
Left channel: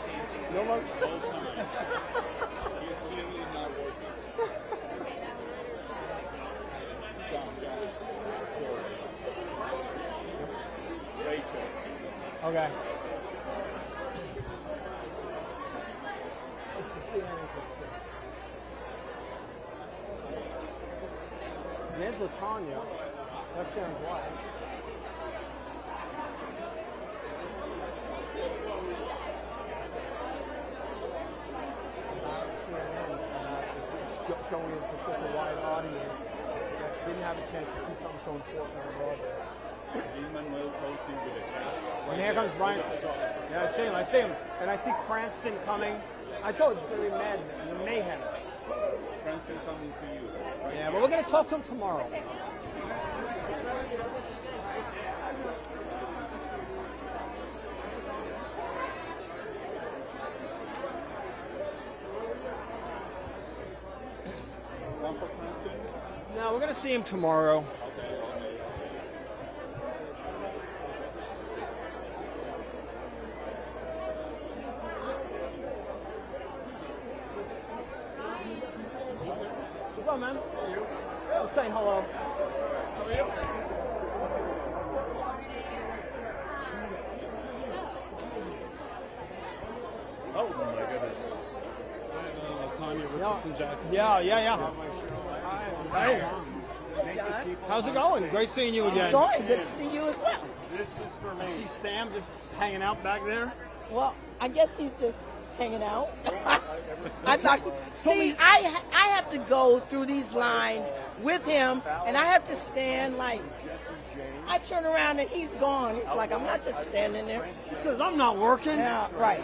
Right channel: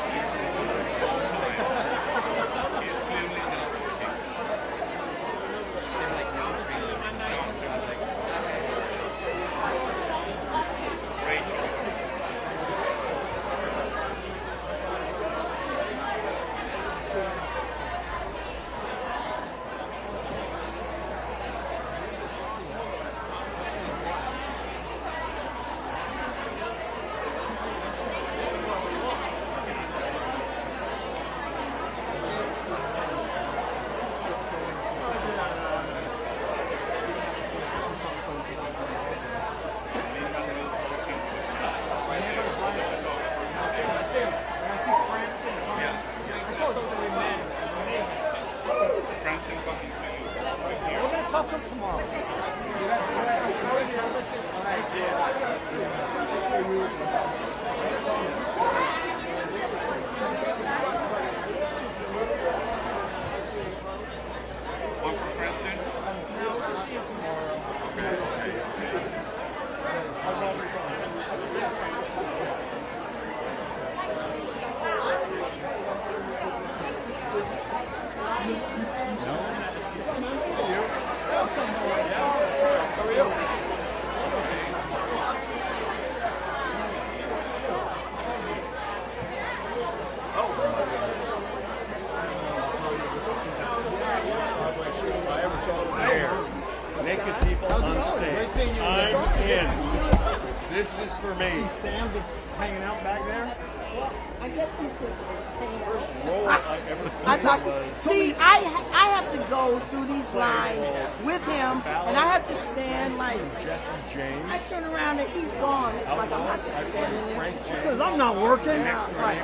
Talk to him tomorrow. One for Princeton? No, we're going to see him tomorrow. Naked people How's it on going? stage. Great seeing you again. I'm in. This is for me. See Sam just hanging out back there? Well, I guess he's just hanging out. Role I ever I thought, see, I have to go through these lines with him, and I have to stand like, I turn around and he's gone. It's like I'm not just standing there. Because I'm not working. Yeah, right.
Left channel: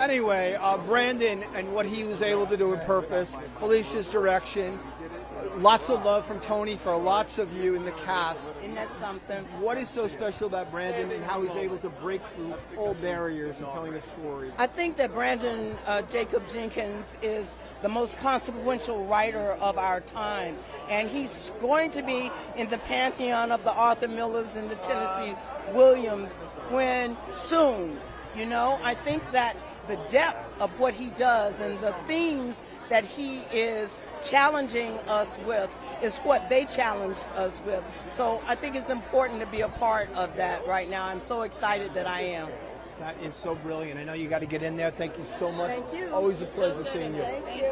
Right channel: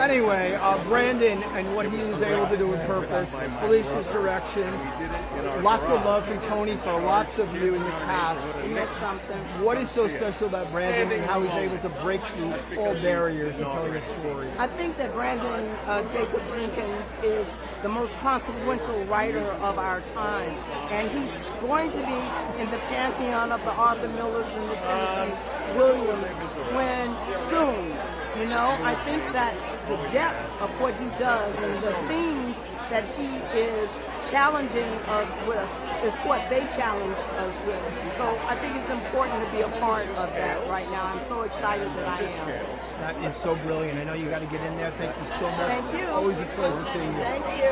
Anyway, Brandon and what he was able to do with Purpose, Felicia's direction, lots of love from Tony for lots of you in the cast. And that's something. What is so special about Brandon and how he's able to break through all barriers to telling a story? I think that Brandon Jacob Jenkins is the most consequential writer of our time. And he's going to be in the pantheon of the Arthur Millers and the Tennessee Williams when soon. You know, I think that the depth of what he does and the things that he is challenging us with is what they challenge us with. So I think it's important to be a part of that right now. I'm so excited that I am. That is so brilliant. I know you got to get in there. Thank you so much. Thank you. Always a pleasure seeing you. Thank you.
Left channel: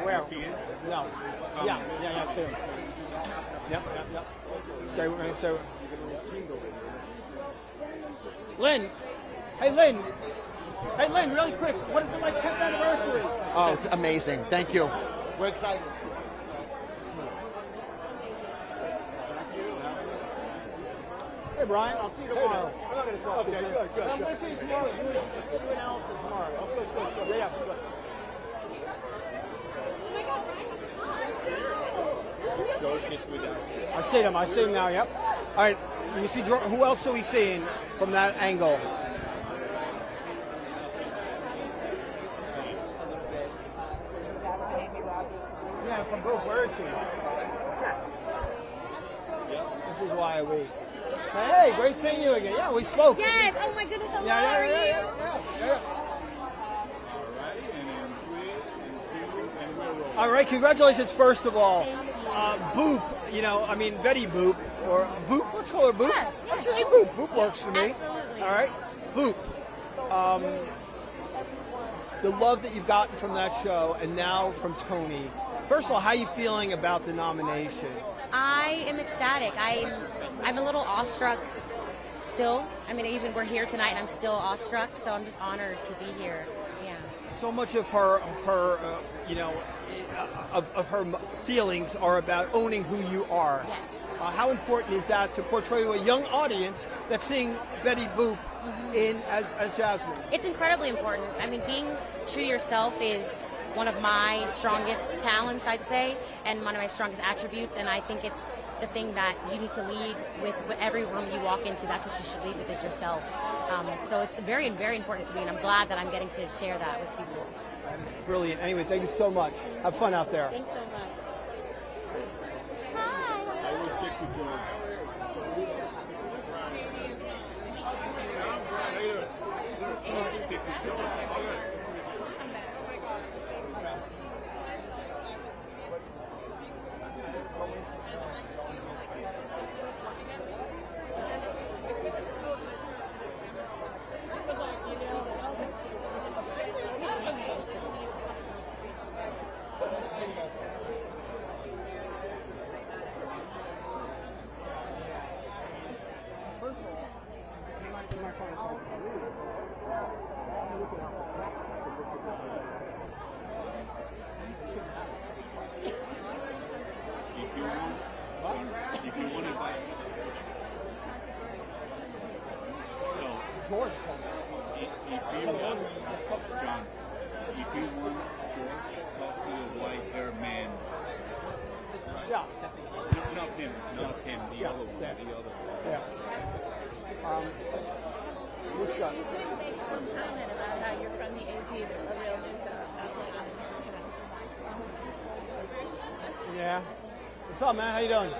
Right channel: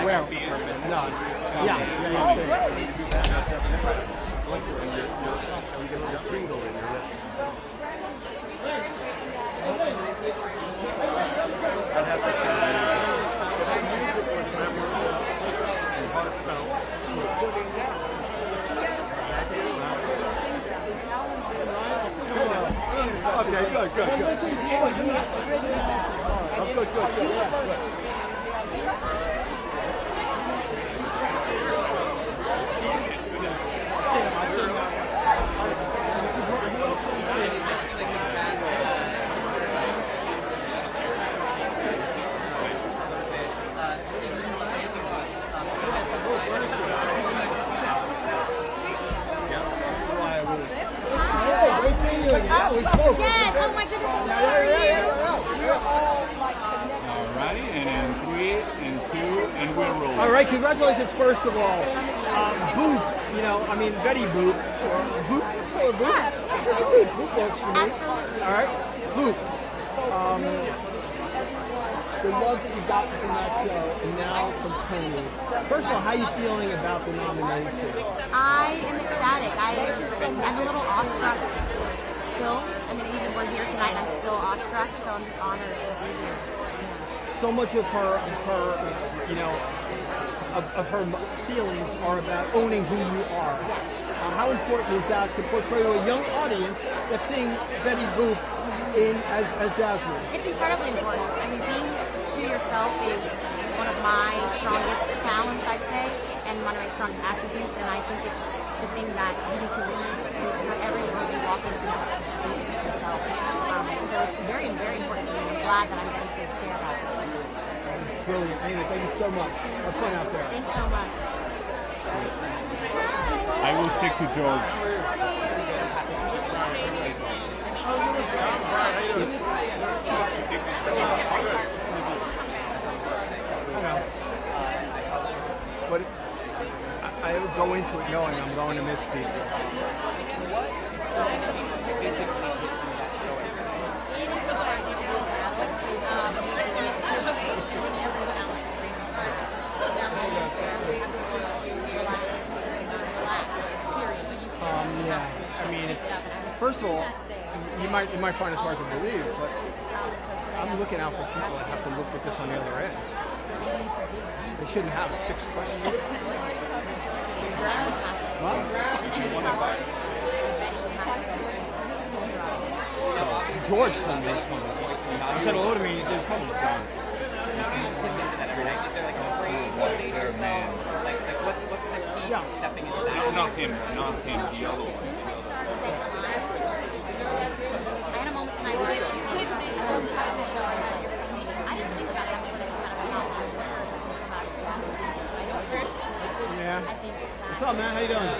Where? No. Yeah. Oh, great. Lynn. Hey, Lynn. Hey, Lynn, real quick. Oh, it's amazing. Thank you. Okay, good. I see him now, yep. All right, who else do we see from that angle? Hey, great seeing you. We spoke. Yes, oh my goodness, I'm sorry. Alright, and in 3, and 2, and we're rolling. All right, congratulations, first of all. Boop, you know, I mean, Betty Boop, or Boop, let's call her Boop. Boop works for me. All right, Boop. The love that you've gotten from that show, and now from Tony. First of all, how are you feeling about the nomination? I am ecstatic. I'm a little awestruck still. I mean, even we're here tonight, and I'm still awestruck, so I'm just honored to be here. Yeah. So much of her, you know, of her feelings are about owning who you are. Yes. How important is that to portray to a young audience that's seeing Betty Boop as Jasmine? It's incredibly important. I mean, being true to yourself is one of my strongest talents, I'd say, and one of my strongest attributes, and I think it's the thing that you need to lead with every room you walk into. That's what you should lead with yourself. So it's very, very important to me, and I'm glad that I'm getting to share that with people. Brilliant. Anyway, thank you so much. Have fun out there. Thanks so much. I will stick to George. But I go into it knowing I'm going to miss people. Yeah. I mean, it's first of all, you might find it hard to believe, but I'm looking out for people that have to look at this on the other end. They shouldn't have 6 questions. George told me what's going on. He said hello to me. He said, "Come on." What's the key to stepping into that? Not him, the other one. I had a moment tonight where I was thinking, Michelle, I know you're from me. I didn't think about it. Yeah. What's up, man? How you doing?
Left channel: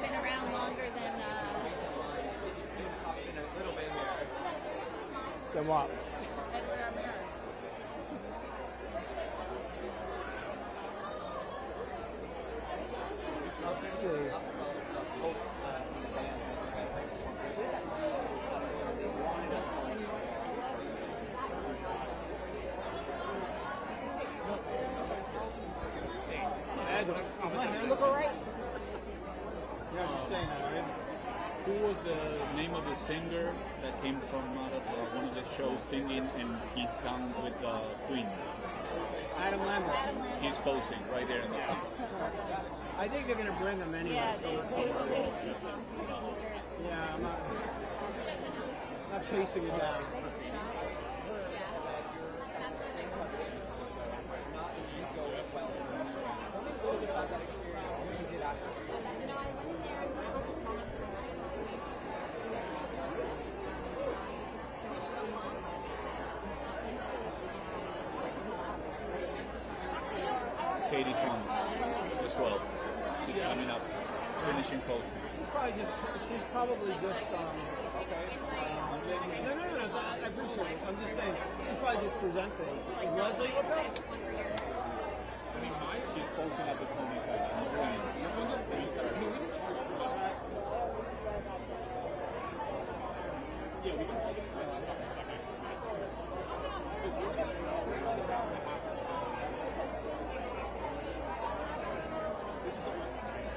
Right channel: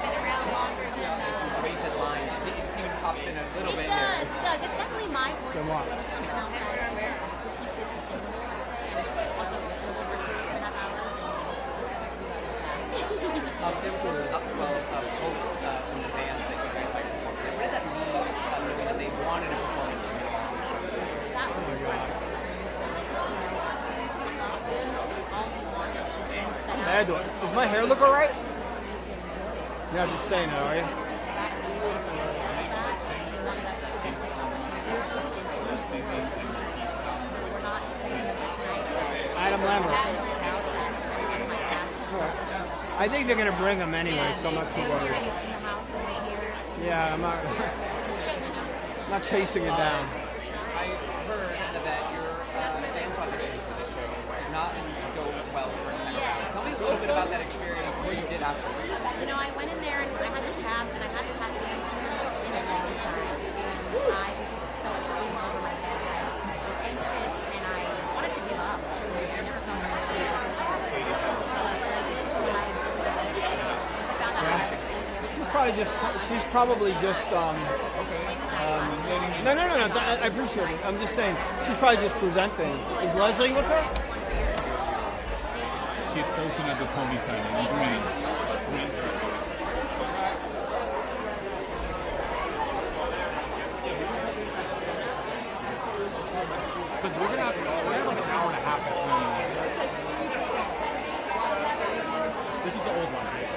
Been around longer than. You said line. It even pops in a little bit here. It does. It's definitely my voice. And what? Something else which keeps it sustainable, I'd say, and also listens over 2.5 hours. There was an upswell of hope from the bands that you guys had performed today. What did that mean, knowing that they wanted a performance from you all? That was hair do? Does my hair look alright? Yeah, I'm just saying that, are you? Who was the name of the singer that came from one of the shows singing and he sung with Clooney? Adam Lambert. He's closing. Alright. I think they're gonna bring him anyway, so I'm not too worried. Yeah, I'm not not chasing it down. I heard that your dance audition for the show did not go well for the second round. Tell me a little bit about that experience, what you did afterwards. You know, I went in there and I had to tap, and I hadn't tap danced in a long time. And I was just so in over my head. I was anxious and I wanted to give up. Truly, I never felt like that. Katie She's probably just no, I appreciate it. I'm just saying she's probably just presenting. Is Leslie with her? She's closing at the Tony signing. Green. Because we're gonna have like an hour and a half between. This is the old one, right?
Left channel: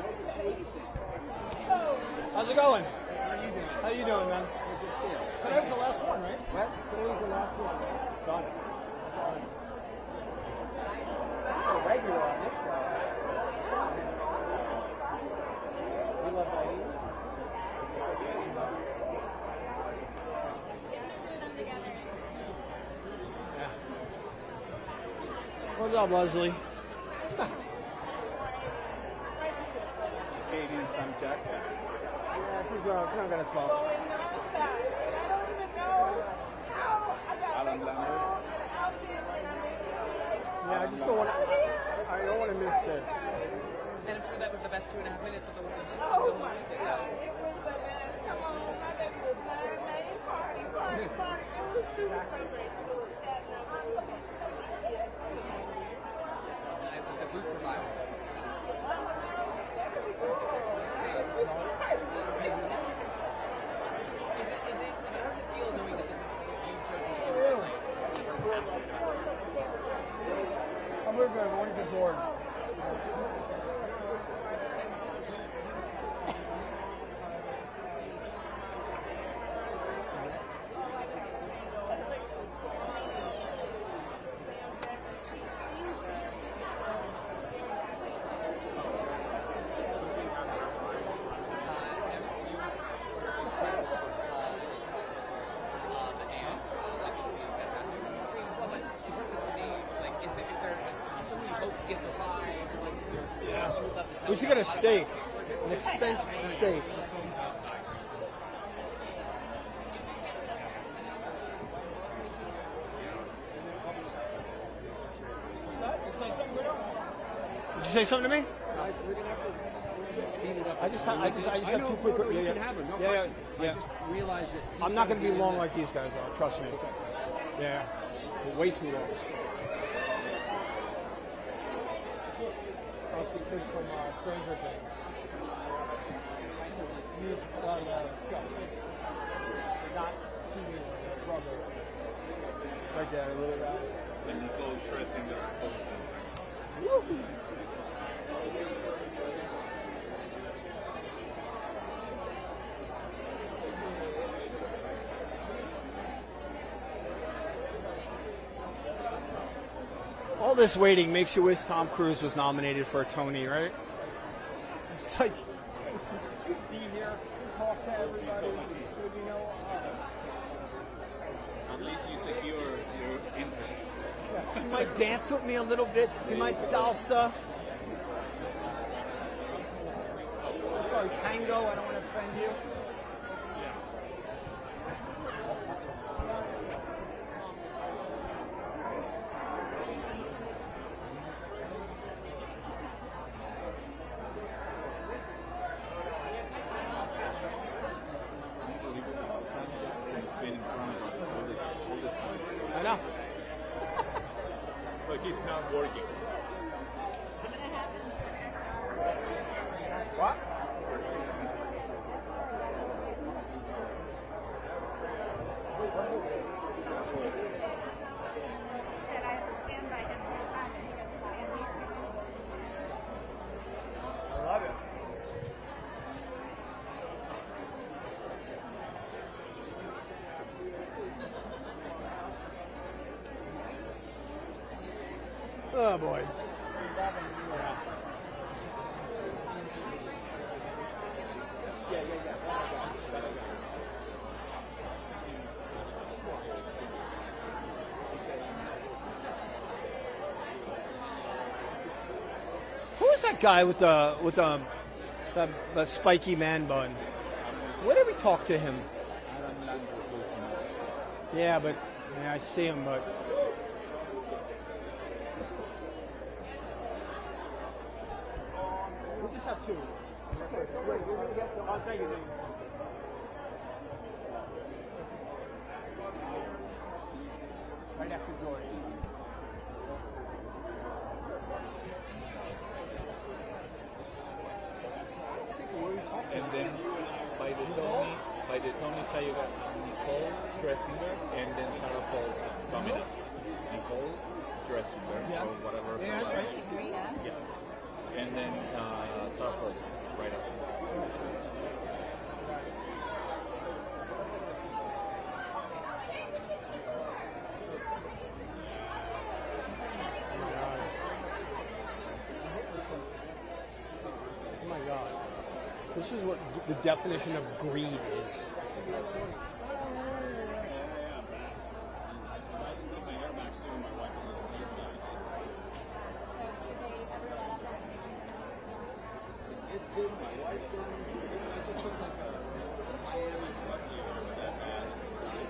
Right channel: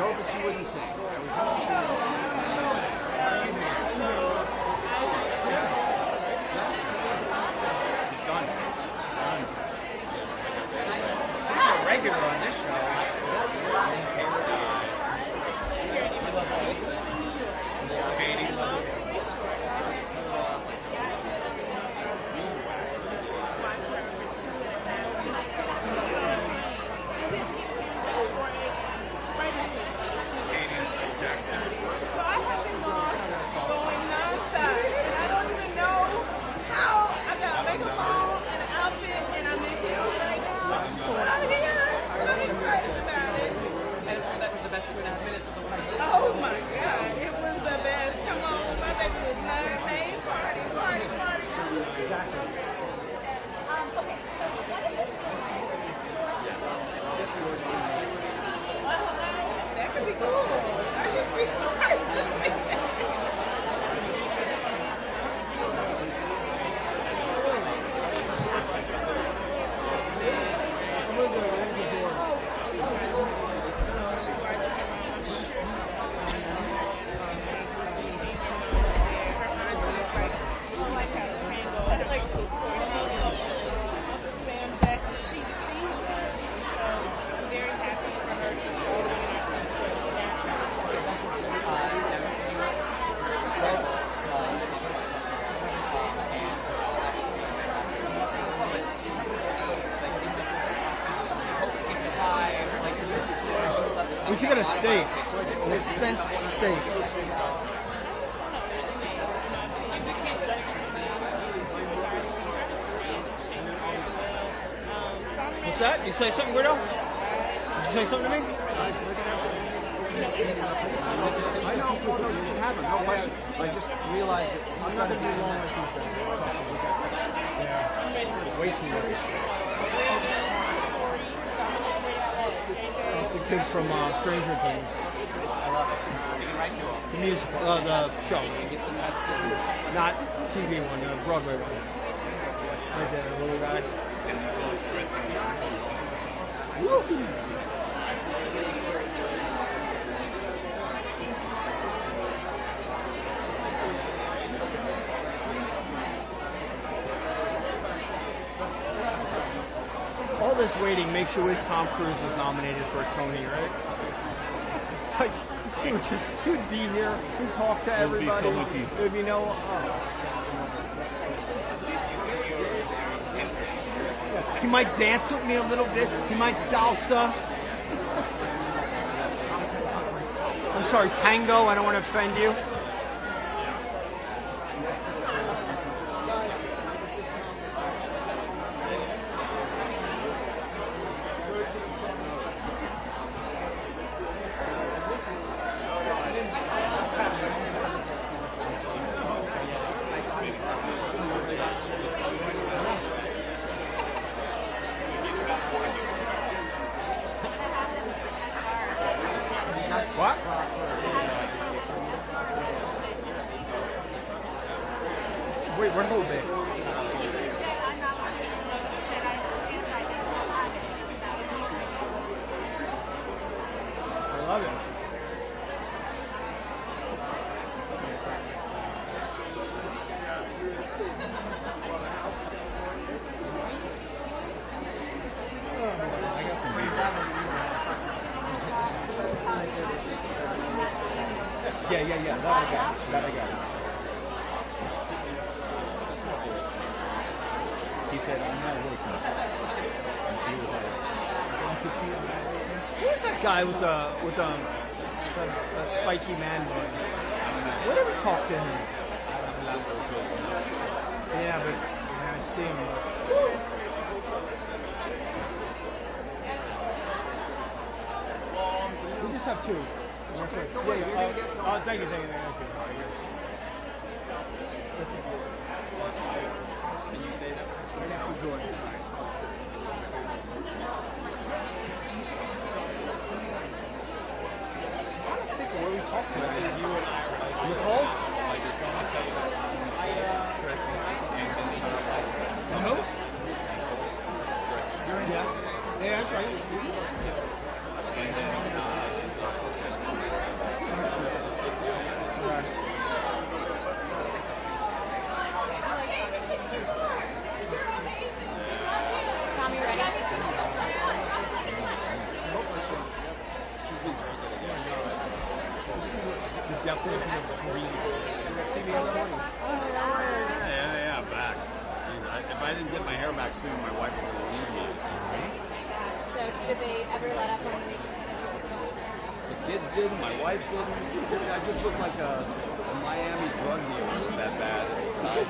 hoping she wouldn't sing. How's it going? She's a regular on this show. We love Sadie. Katie. What's up, Leslie? So I have been going nonstop, and I don't even know how I got makeup on and an outfit, and I'm in here right now. I'm here. I'm excited about it. And I'm sure that was the best 2.5 minutes of the week. Oh my God, it was the best. Come on, my baby was not main party. It was super good. That could be cool. I can see We should get a steak. An expensive steak. What's that? You say something, Guido? Did you say something to me? I just realized I'm not going to be long like these guys. Trust me. Yeah. Way too much. It's the kids from Stranger Things. The musical, the show. Not TV one, the Broadway one. Little guy. Woo-hoo. All this waiting makes you wish Tom Cruise was nominated for a Tony, right? It's like he would be here, he'd talk to everybody. There would be no. Yeah, he might dance with me a little bit. He might salsa. I'm sorry, tango. I don't want to offend you. What? Wait, what a little bit. I love it. Oh boy. Yeah. That I got. He said, I'm not working. Who's that guy with the spiky man bun? Let him talk to him. Yeah, but I see him, but. We just have two. Okay. Yeah, thank you. Can you say that? Yeah, George. I don't think where we talked to him. Nicole? Like you're trying to say Nicole, Scherzinger, and then who? Yeah, that's right. And then Tommy, ready? The definition of green. CBS Mornings. Yeah, I'm back. If I didn't get my hair back soon, my wife was going to leave me. So, did they ever let up on making The kids didn't, my wife didn't. I just looked like a Miami drug dealer that bad. Did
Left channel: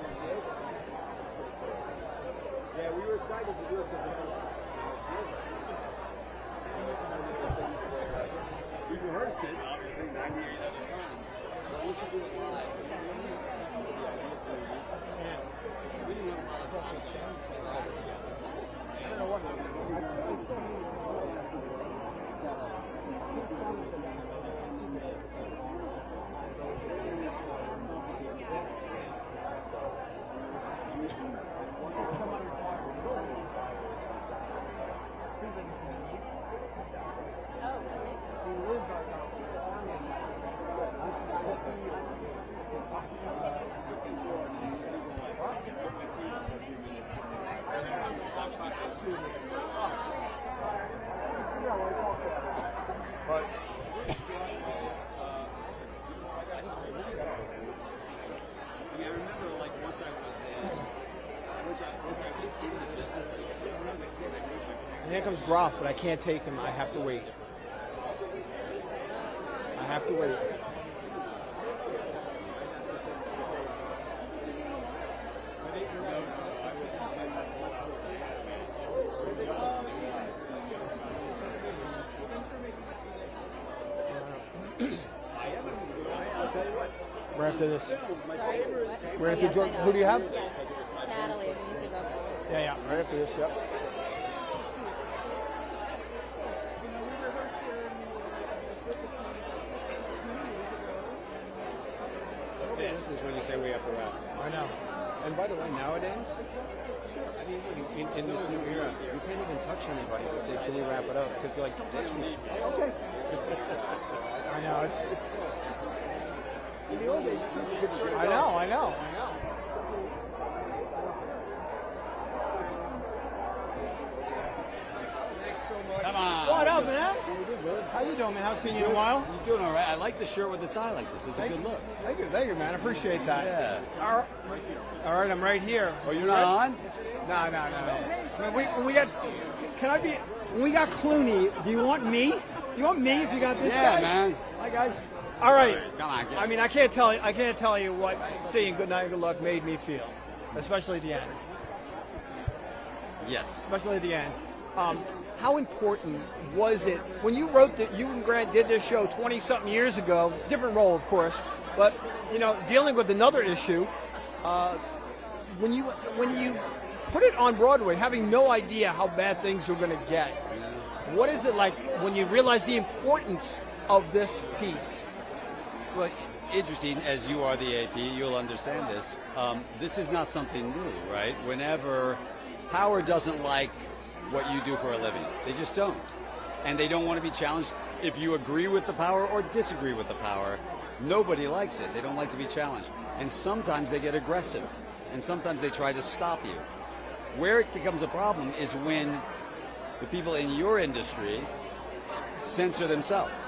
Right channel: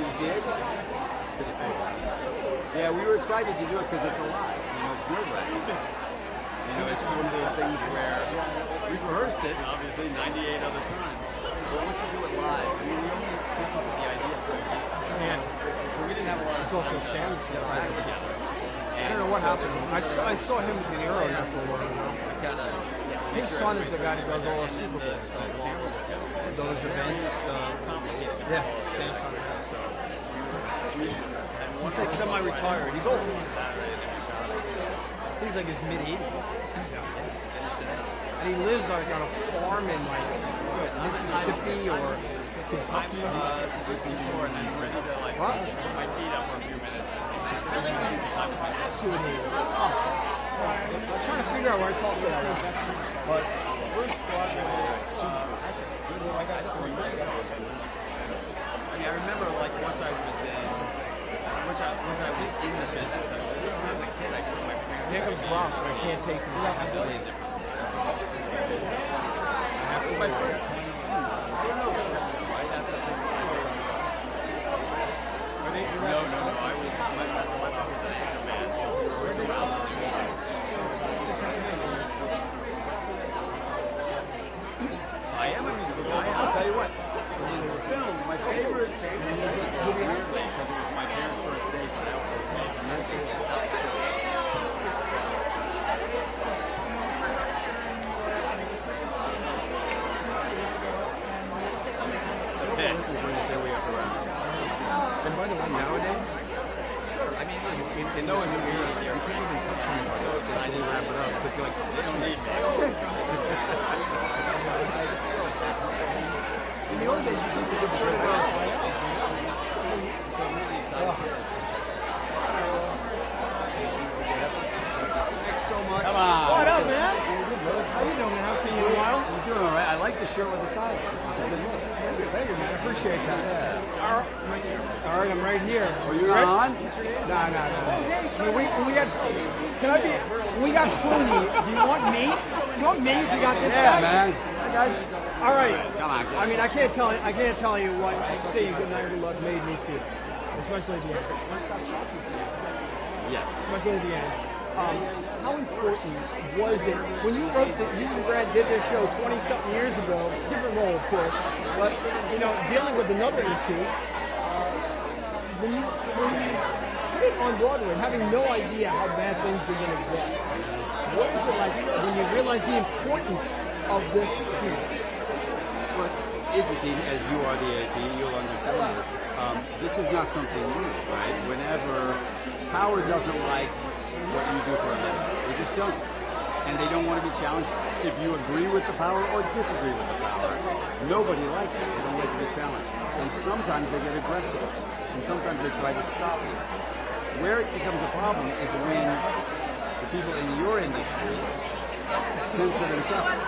you see it? Pretty cool. Yeah, we were excited to do it because it's alive. It's nerve-wracking. It's one of those things where we rehearsed it, obviously, 98 other times. But we should do it live. We really came up with the idea of doing it. So we didn't have a lot of time to act together. I don't know what happened. I saw him at the Euro before. His son is the guy who does all the Super Bowls. Those events. Yeah. He's like semi-retired. He's old. He's like his mid-80s. And he lives like on a farm in like Mississippi or Kentucky. 64 and then ready to like put my feet up for a few minutes. That's who it is. Oh. I'm trying to figure out where I talked to that one. But Bruce Broadway, that's a good one. I got it for you. I remember like once I was in the business, when I was a kid, I put my parents. Here comes Rob, but I can't take him. I have to wait. My first time. I don't know. Right after the No. I was my mom was an anchor man, so we were always around. I am a musical guy. I'll tell you what. In film, my favorite Who do you have? because it was my parents' first date, but I also loved music. by the way, nowadays, I mean, listen, in no one's weird here. I can't even touch anybody. So excited to wrap it up. I feel like they don't need me. Okay. In the old days, people would so well. So I'm really excited for this. Thanks so much. Come on. What up, man? How you doing, man? Haven't seen you in a while. I'm doing all right. I like the shirt with the tie. Thank you, man. I appreciate that. Yeah. All right, I'm right here. Oh, you're on? No. We got. Can I be? We got Clooney. Do you want me? You want me? You got this guy. Man. Hi, guys. All right. I mean, I can't tell you what saying goodnight with love made me feel, especially at the end. Yes. Especially at the end. How important was it when you wrote that you and Grant did this show 20-something years ago? Different role, of course, but dealing with another issue. When you put it on Broadway, having no idea how bad things are going to get, what is it like when you realize the importance of this piece? Well, interesting, as you are the AP, you'll understand this. This is not something new, right? Whenever Howard doesn't like what you do for a living, they just don't. And they don't want to be challenged. If you agree with the power or disagree with the power, nobody likes it. They don't like to be challenged. And sometimes they get aggressive. And sometimes they try to stop you. Where it becomes a problem is when the people in your industry censor themselves.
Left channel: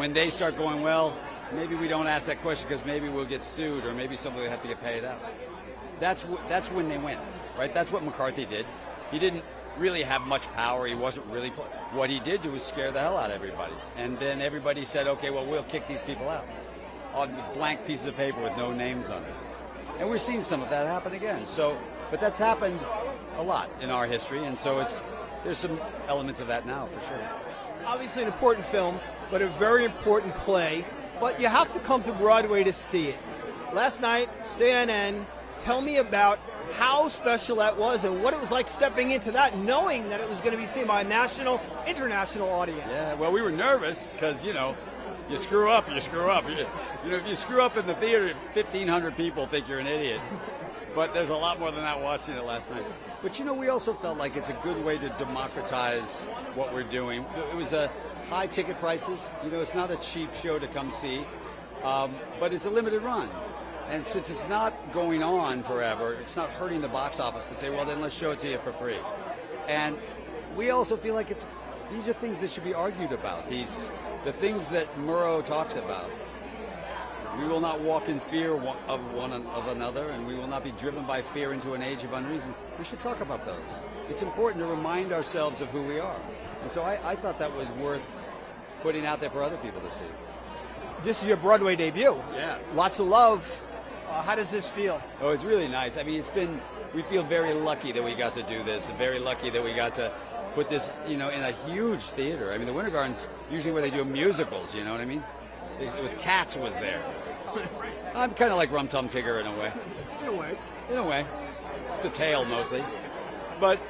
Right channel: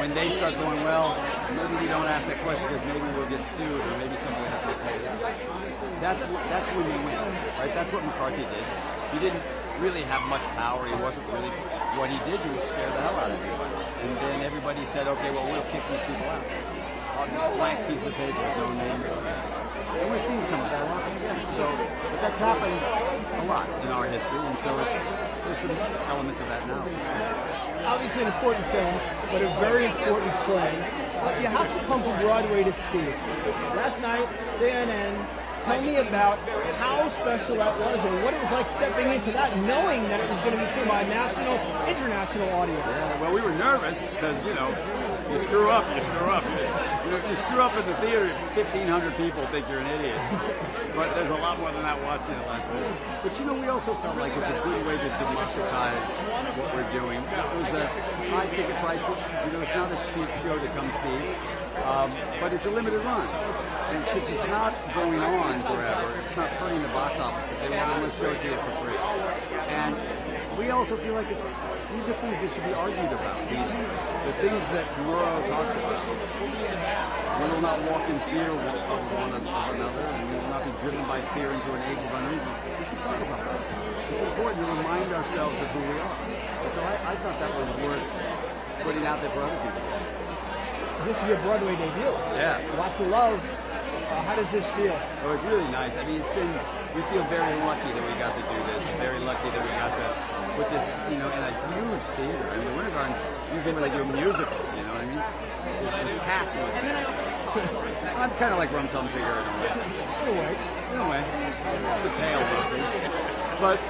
When they start going, well, maybe we don't ask that question because maybe we'll get sued or maybe somebody will have to get paid out. That's when we win, right? That's what McCarthy did. He didn't really have much power. He wasn't really. What he did was scare the hell out of everybody. And then everybody said, okay, well, we'll kick these people out on blank pieces of paper with no names on it. And we're seeing some of that happen again. So, but that's happened a lot in our history, and so there's some elements of that now. Obviously, an important film, but a very important play. But you have to come to Broadway to see it. Last night, CNN. Tell me about how special that was and what it was like stepping into that, knowing that it was going to be seen by a national, international audience. Yeah, well, we were nervous because, you screw up, you screw up. If you screw up in the theater, 1,500 people think you're an idiot. But there's a lot more than that watching it last night. But, we also felt like it's a good way to democratize what we're doing. It was high ticket prices. It's not a cheap show to come see. But it's a limited run. And since it's not going on forever, it's not hurting the box office to say, well, then let's show it to you for free. And we also feel like these are things that should be argued about. The things that Murrow talks about. We will not walk in fear of one another, and we will not be driven by fear into an age of unreason. We should talk about those. It's important to remind ourselves of who we are. And so I thought that was worth putting out there for other people to see. This is your Broadway debut. Yeah. Lots of love. How does this feel? Oh, it's really nice. I mean, we feel very lucky that we got to do this, and very lucky that we got to put this, in a huge theater. I mean, the Winter Garden's usually where they do musicals, you know what I mean? So it was Cats was there. I'm kind of like Rum Tum Tigger in a way. In a way. It's the tail mostly. But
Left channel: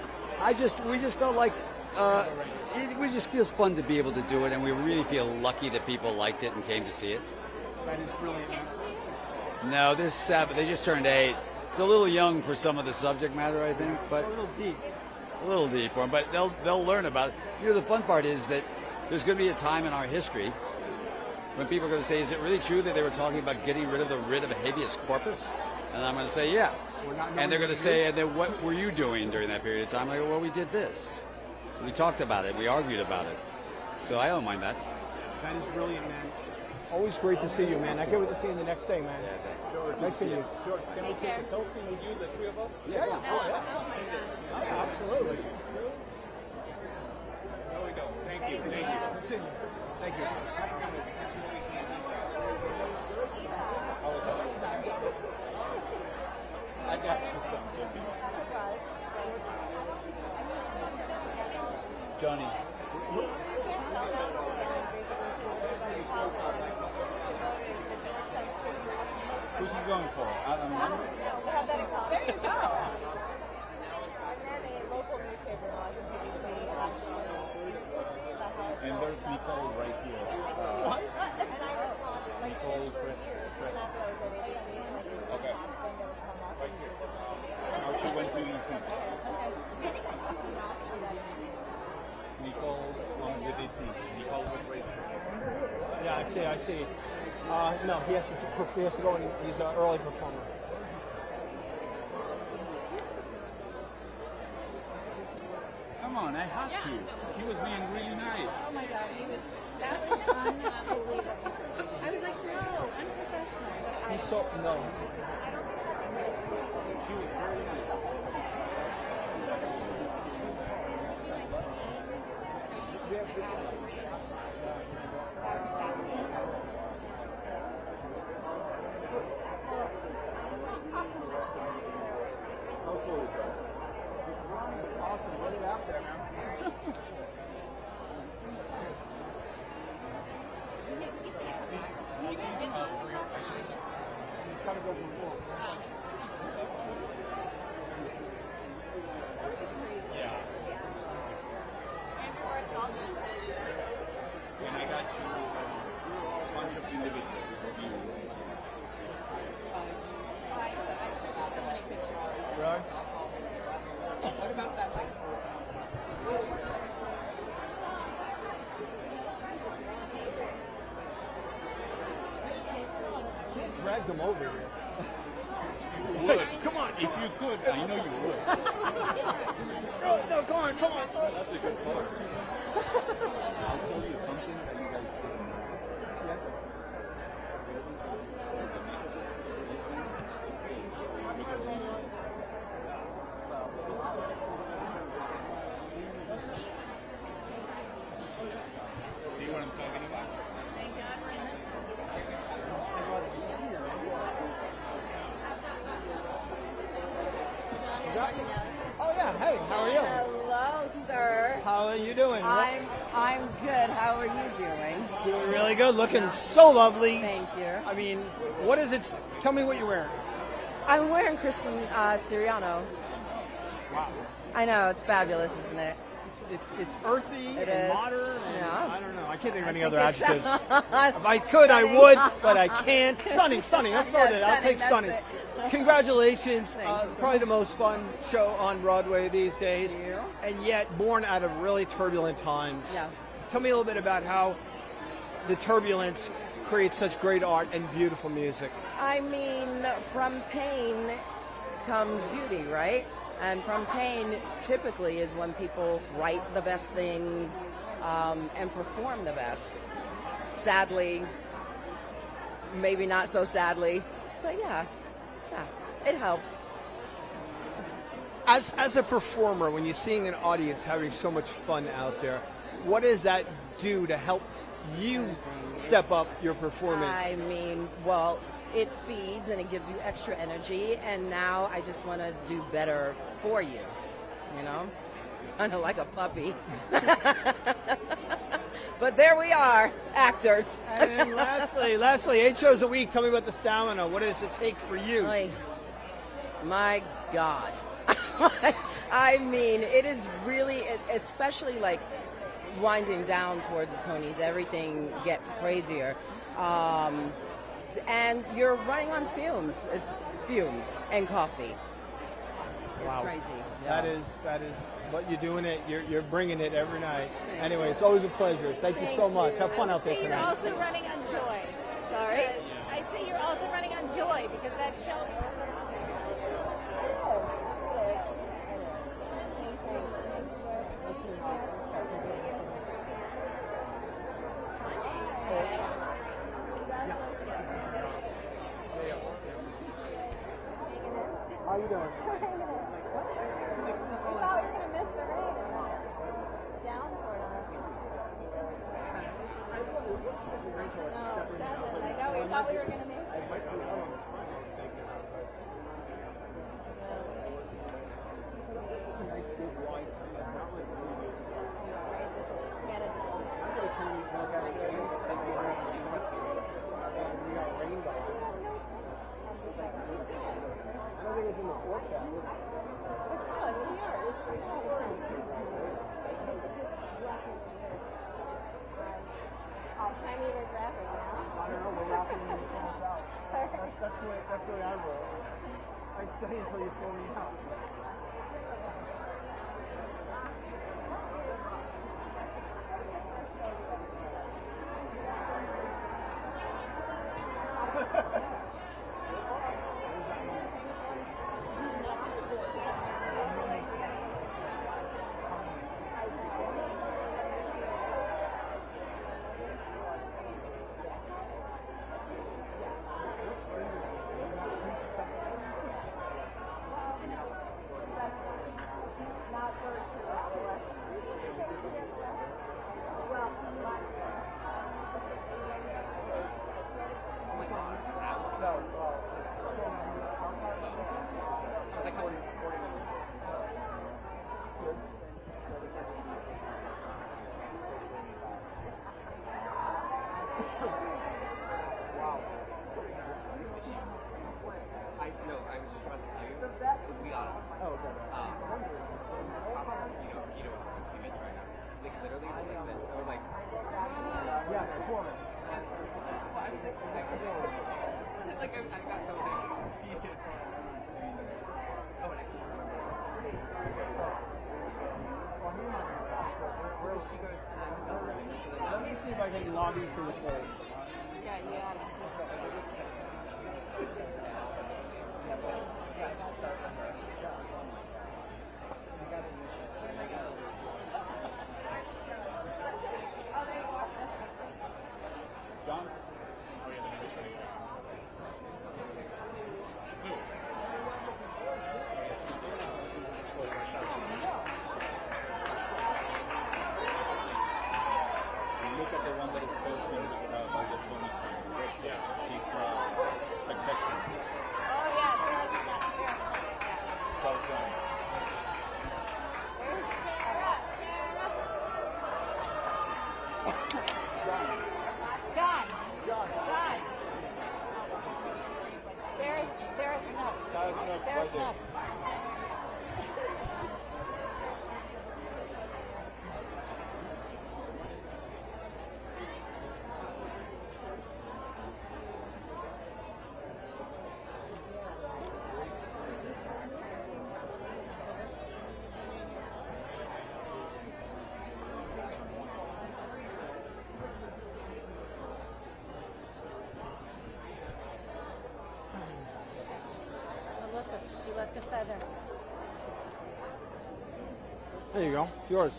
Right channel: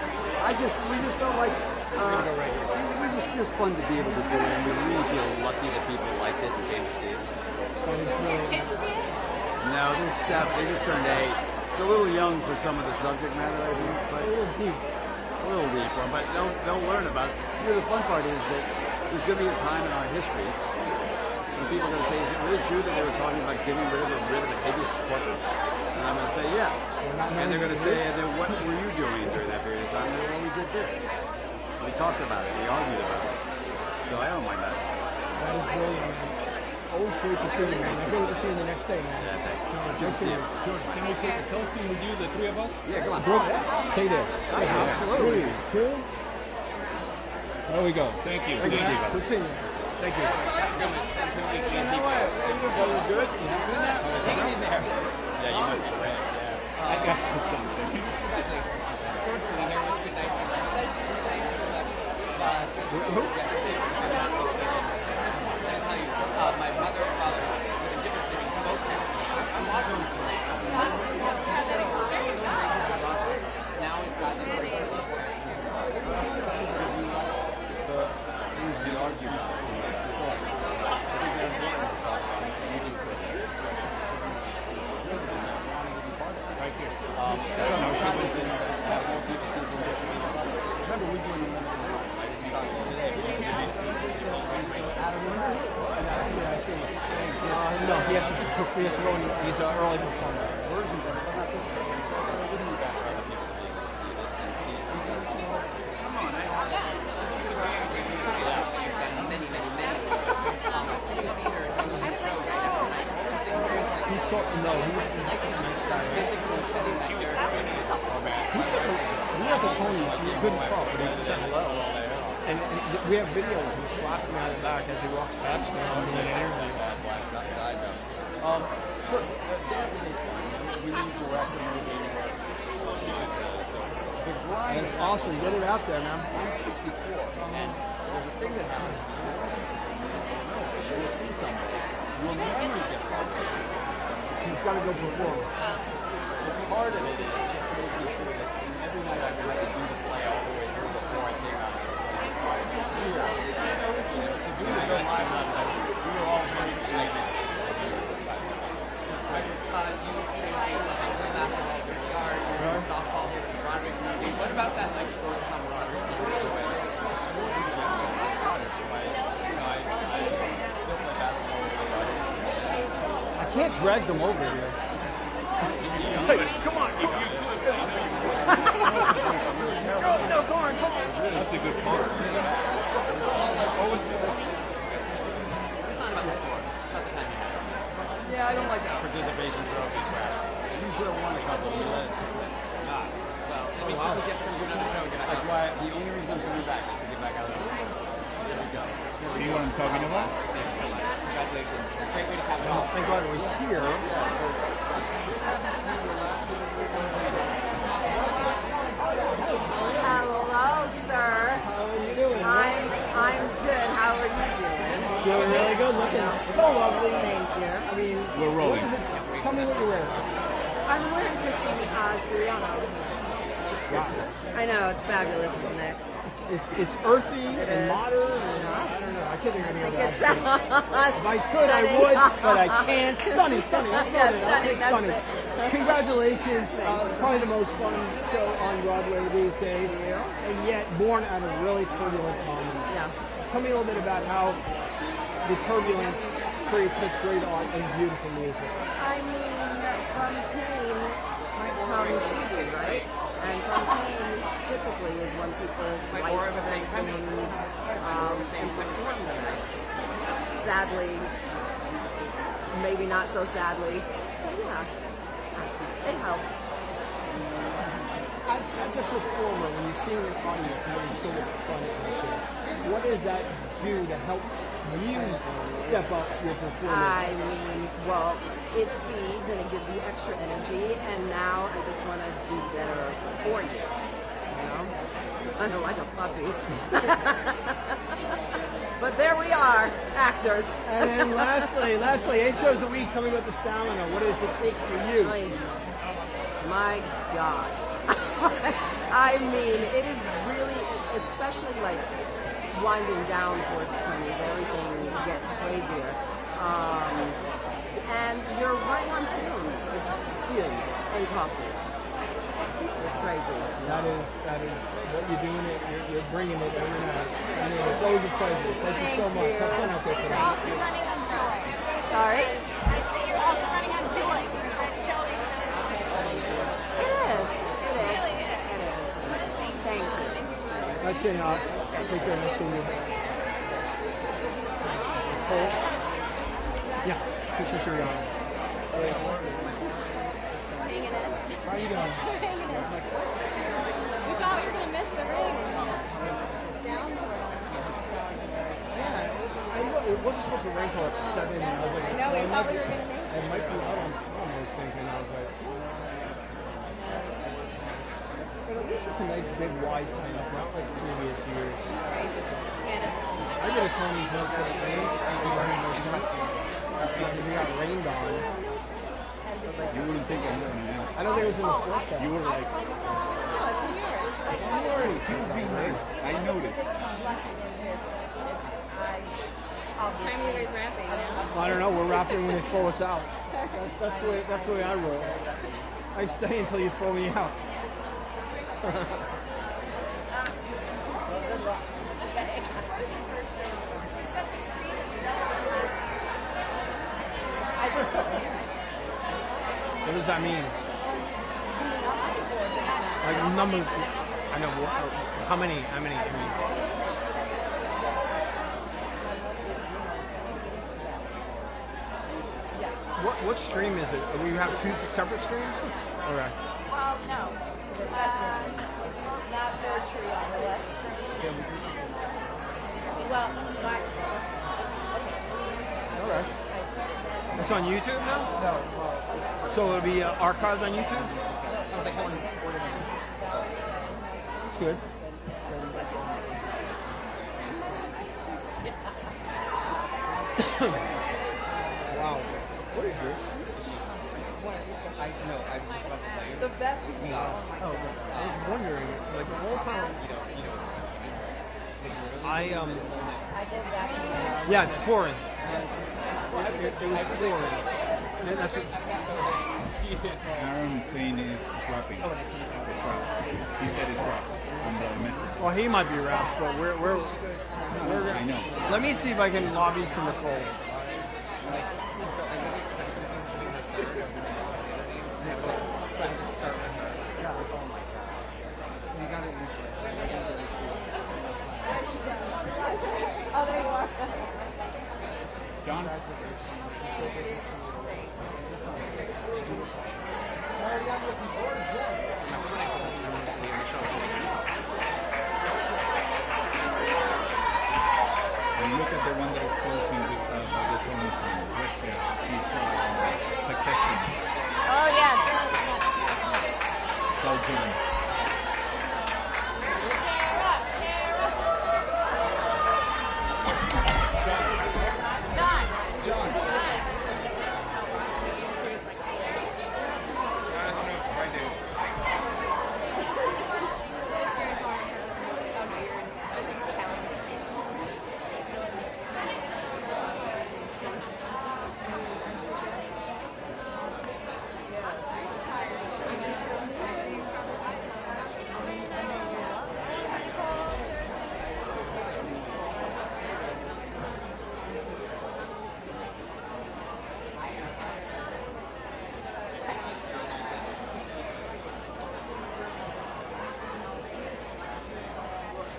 we just felt like it was fun to be able to do it, and we really feel lucky that people liked it and came to see it. No, there's 7. They just turned 8. It's a little young for some of the subject matter, I think, but a little deep for them. But they'll learn about it. The fun part is that there's going to be a time in our history when people are going to say, "Is it really true that they were talking about getting rid of the habeas corpus?" And I'm going to say, "Yeah." And they're going to say, "And then what were you doing during that period of time?" I go, "Well, we did this. We talked about it. We argued about it." So I don't mind that. That is brilliant, man. Always great to see you, man. I can't wait to see you in the next thing, man. George, can I take a selfie with you, the 3 of us? Yeah, come on. George, stay there. Absolutely. 3, 2. There we go. Thank you. Good to see you, brother. Good to see you. Thank you. Good? Yeah, you must be right. I got something. Fierstein, he's an early performer. Versions of it, but not this version. So we can do that. He's so, no, he said, we at the Tony, he couldn't quote, but he said hello. And we have video of him slapping at his back as he walks past me on the interview. Look, we didn't direct the movie That's awesome. Get it out there, man. I'm 64, and there's a thing that happens. You see somebody, you'll never get He's got to go perform. part of it is just making sure that every night I was to do the play all the way through the point there. So if we were so live last night, we were all virtually connected. Basketball, yard, softball, Broadway movie. What about that like sport camaraderie? I can't drag them over here. It's like, come on, come on. Go on. That's a good part. Yeah, I don't like that participation trophy crap. You should have won it. That's what it is. Nah. Well, I mean, people get that's why the only reason I'm coming back is to get back out of the room. There we go. See what I'm talking about? Congratulations. Great way to cap it off. Thank God we're here. Hello, sir. How are you doing? I'm good. How are you doing? Doing really good. Looking so lovely. Thank you. I mean, what is it? Tell me what you're wearing. I'm wearing Christine Siriano. Wow. I know, it's fabulous, isn't it? It's earthy It and is. modern. No. I don't know. I can't think of any other It's adjectives. If I could, I would, but I can't. Stunning. That's what it is. I'll take stunning. Congratulations. Probably the most fun show on Broadway these days, and yet born out of really turbulent times. Yeah. Tell me a little bit about how the turbulence creates such great art and beautiful music. I mean, from pain comes beauty, right? And from pain typically is when people write the best things and perform the best. Sadly, maybe not so sadly, but yeah, it helps. As a performer, when you're seeing an audience having so much fun out there, what does that do to help you step up your performance? I mean, well, it feeds and it gives you extra energy, and now I just want to do better for you. You know, kind of like a puppy. But there we are, actors. And then lastly, 8 shows a week. Tell me about the stamina. What does it take for you? My God. I mean, it is really, especially like winding down towards the Tonys, everything gets crazier. And you're running on fumes. It's fumes and coffee. It's crazy. That is what you're doing it. You're bringing it every night. Anyway, it's always a pleasure. Thank you so much. Have fun out there. You're also running on joy. Sorry? I see you're also running on joy because that show is. It is. Thank you. Nice seeing you. Take care. Nice seeing you. Cole? Yeah. Sure. Yeah. How are you doing? It wasn't supposed to rain until 7, and I was like, I might be out on time, I was thinking. I was like, but at least it's a nice big wide time, not like previous years. I did a Tony's once till it rained, and we had no blessing, and we got rained on. You wouldn't think I'm doing it. I don't think it was in the forecast. You were like, you would be late. I noticed. What time are you guys wrapping now? I don't know. We're wrapping when they throw us out. That's the way I roll. I stay until you throw me out. does that mean? Like number, I know. How many? What stream is it? Do we have two separate streams? Okay. Well, no. It's not virtually on the left. Well, Okay. It's on YouTube now? No. So it'll be archived on YouTube? It's good. Wow. What is this? I know, I was just about to tell you. The best is no. oh my goodness. I was wondering, like the whole time. You know. Yeah, it's pouring. Aaron's saying it's dropping. He said it's dropping. Well, he might be around, but we're I know. Let me see if I can lobby for Nicole. You got it, Oh, there you are. John? And look at the one that is posting with the Tony right there. He's Succession. Oh, yes. So John. There you go. Yours.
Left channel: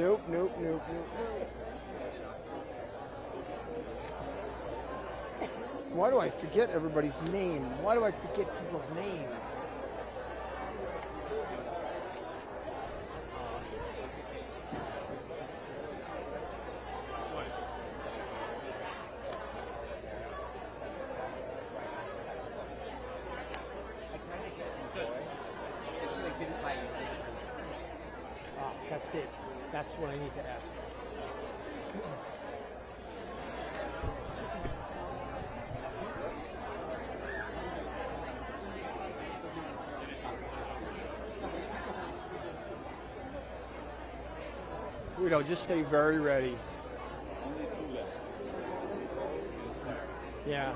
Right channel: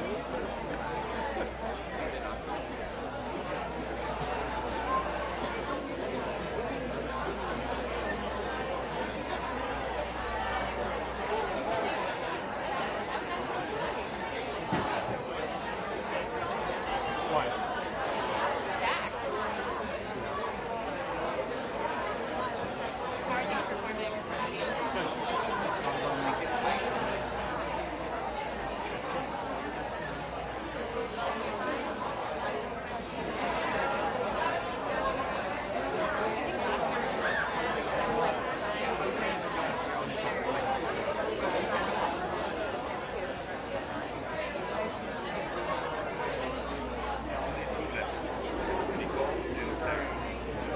Nope. Why do I forget everybody's names? Why do I forget people's names? Just stay very ready. Only two left. Nicole and Sarah. Yeah.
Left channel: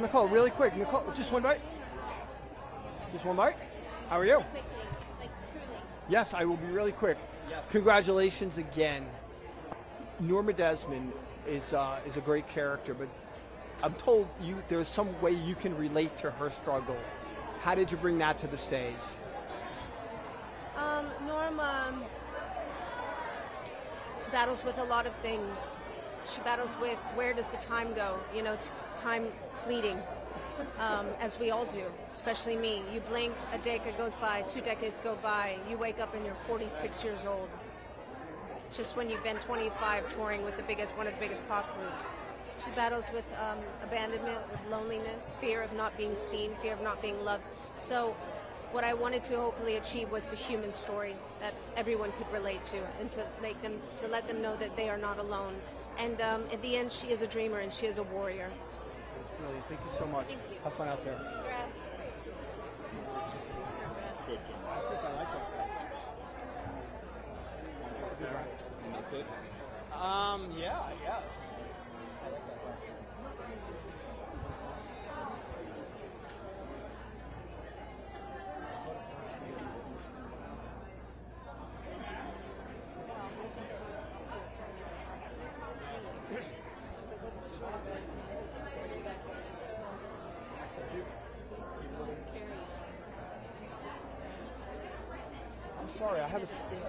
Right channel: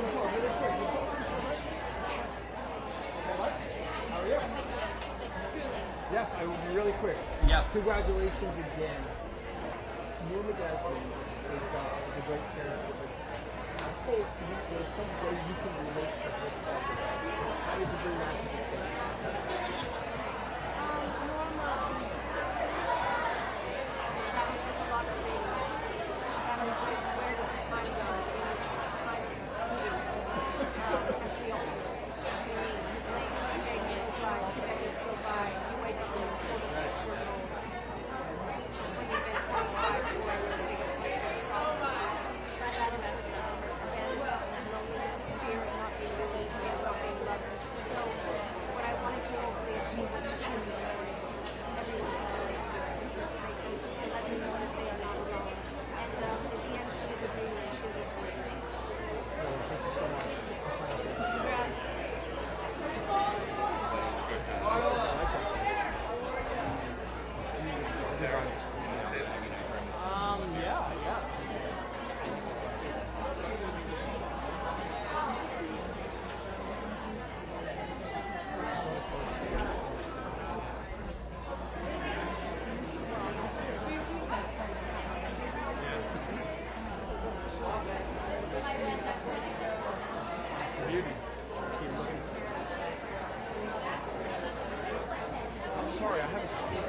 Nicole, really quick. Nicole, just one right. Well, Mark, how are you? Yes, I will be really quick. Yes. Congratulations again. Norma Desmond is a great character, but I'm told there's some way you can relate to her struggle. How did you bring that to the stage? Norma battles with a lot of things. She battles with where does the time go? You know, time fleeting, as we all do, especially me. You blink, a decade goes by, 2 decades go by, you wake up and you're 46 years old. Just when you've been 25 touring with one of the biggest problems. She battles with abandonment, loneliness, fear of not being seen, fear of not being loved. So what I wanted to hopefully achieve was the human story that everyone could relate to, and to make them, to let them know that they are not alone. And at the end, she is a dreamer and she is a warrior. Thank you so much. Yeah. I'm sorry, I have a speaker.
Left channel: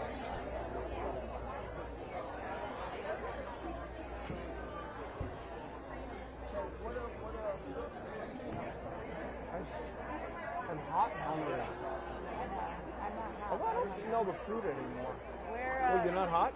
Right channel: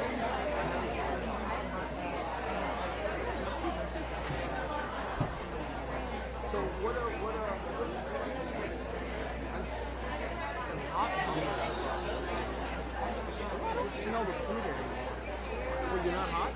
So what are I don't smell the food anymore. You're not hot?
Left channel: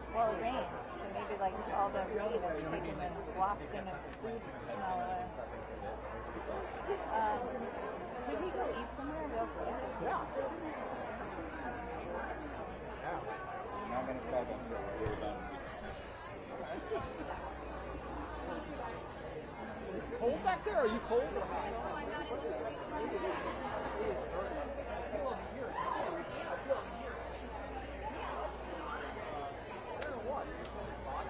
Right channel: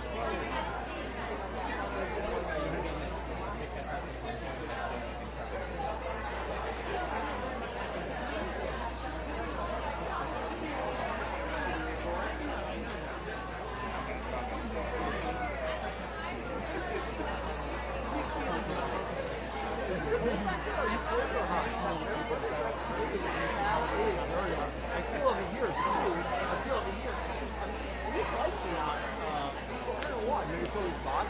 Back there, are you cold or hot? I feel over here is cold. I feel over here. At least I see out. I don't know why. Maybe it's always hot.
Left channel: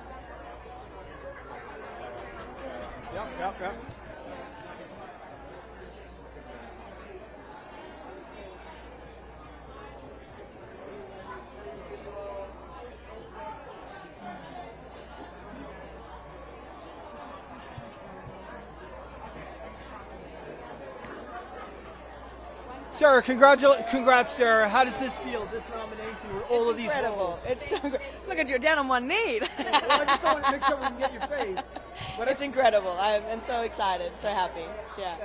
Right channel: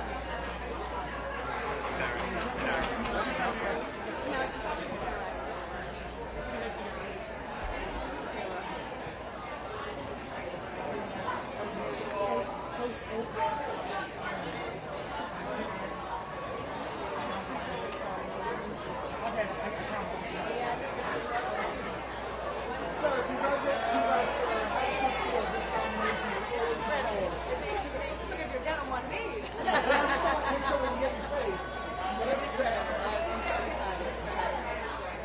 Sarah, congrats, Sarah. How does this feel, this nomination with all of these Incredible. It's so good. Look at you, down on one knee. Make sure we can get your face. It's incredible. I'm so excited, so happy. Yeah.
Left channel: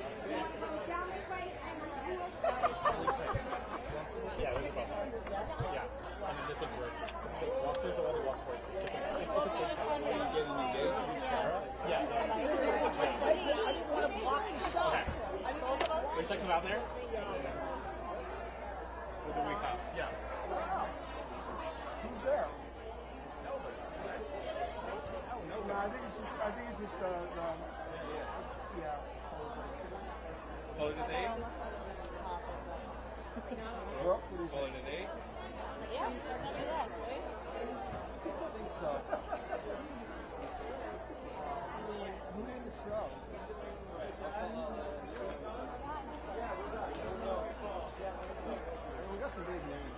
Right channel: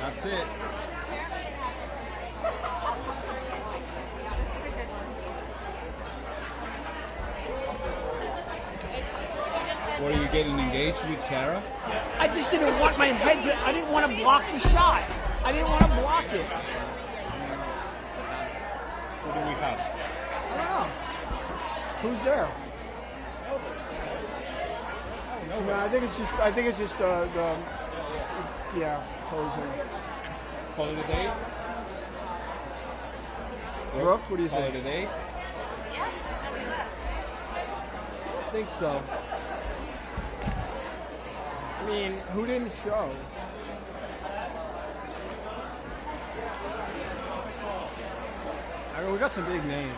That's it. What, are you getting engaged with Sarah? I just didn't want my head to, I didn't want to block the shot. I didn't want to block it. Who do we have? I don't know. Who's there? No, I think it's just closing. Call it a day? Brooke, what do you Call think? it a day? I think so. I mean, who didn't show? I mean, we got some big names.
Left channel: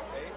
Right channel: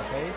Okay?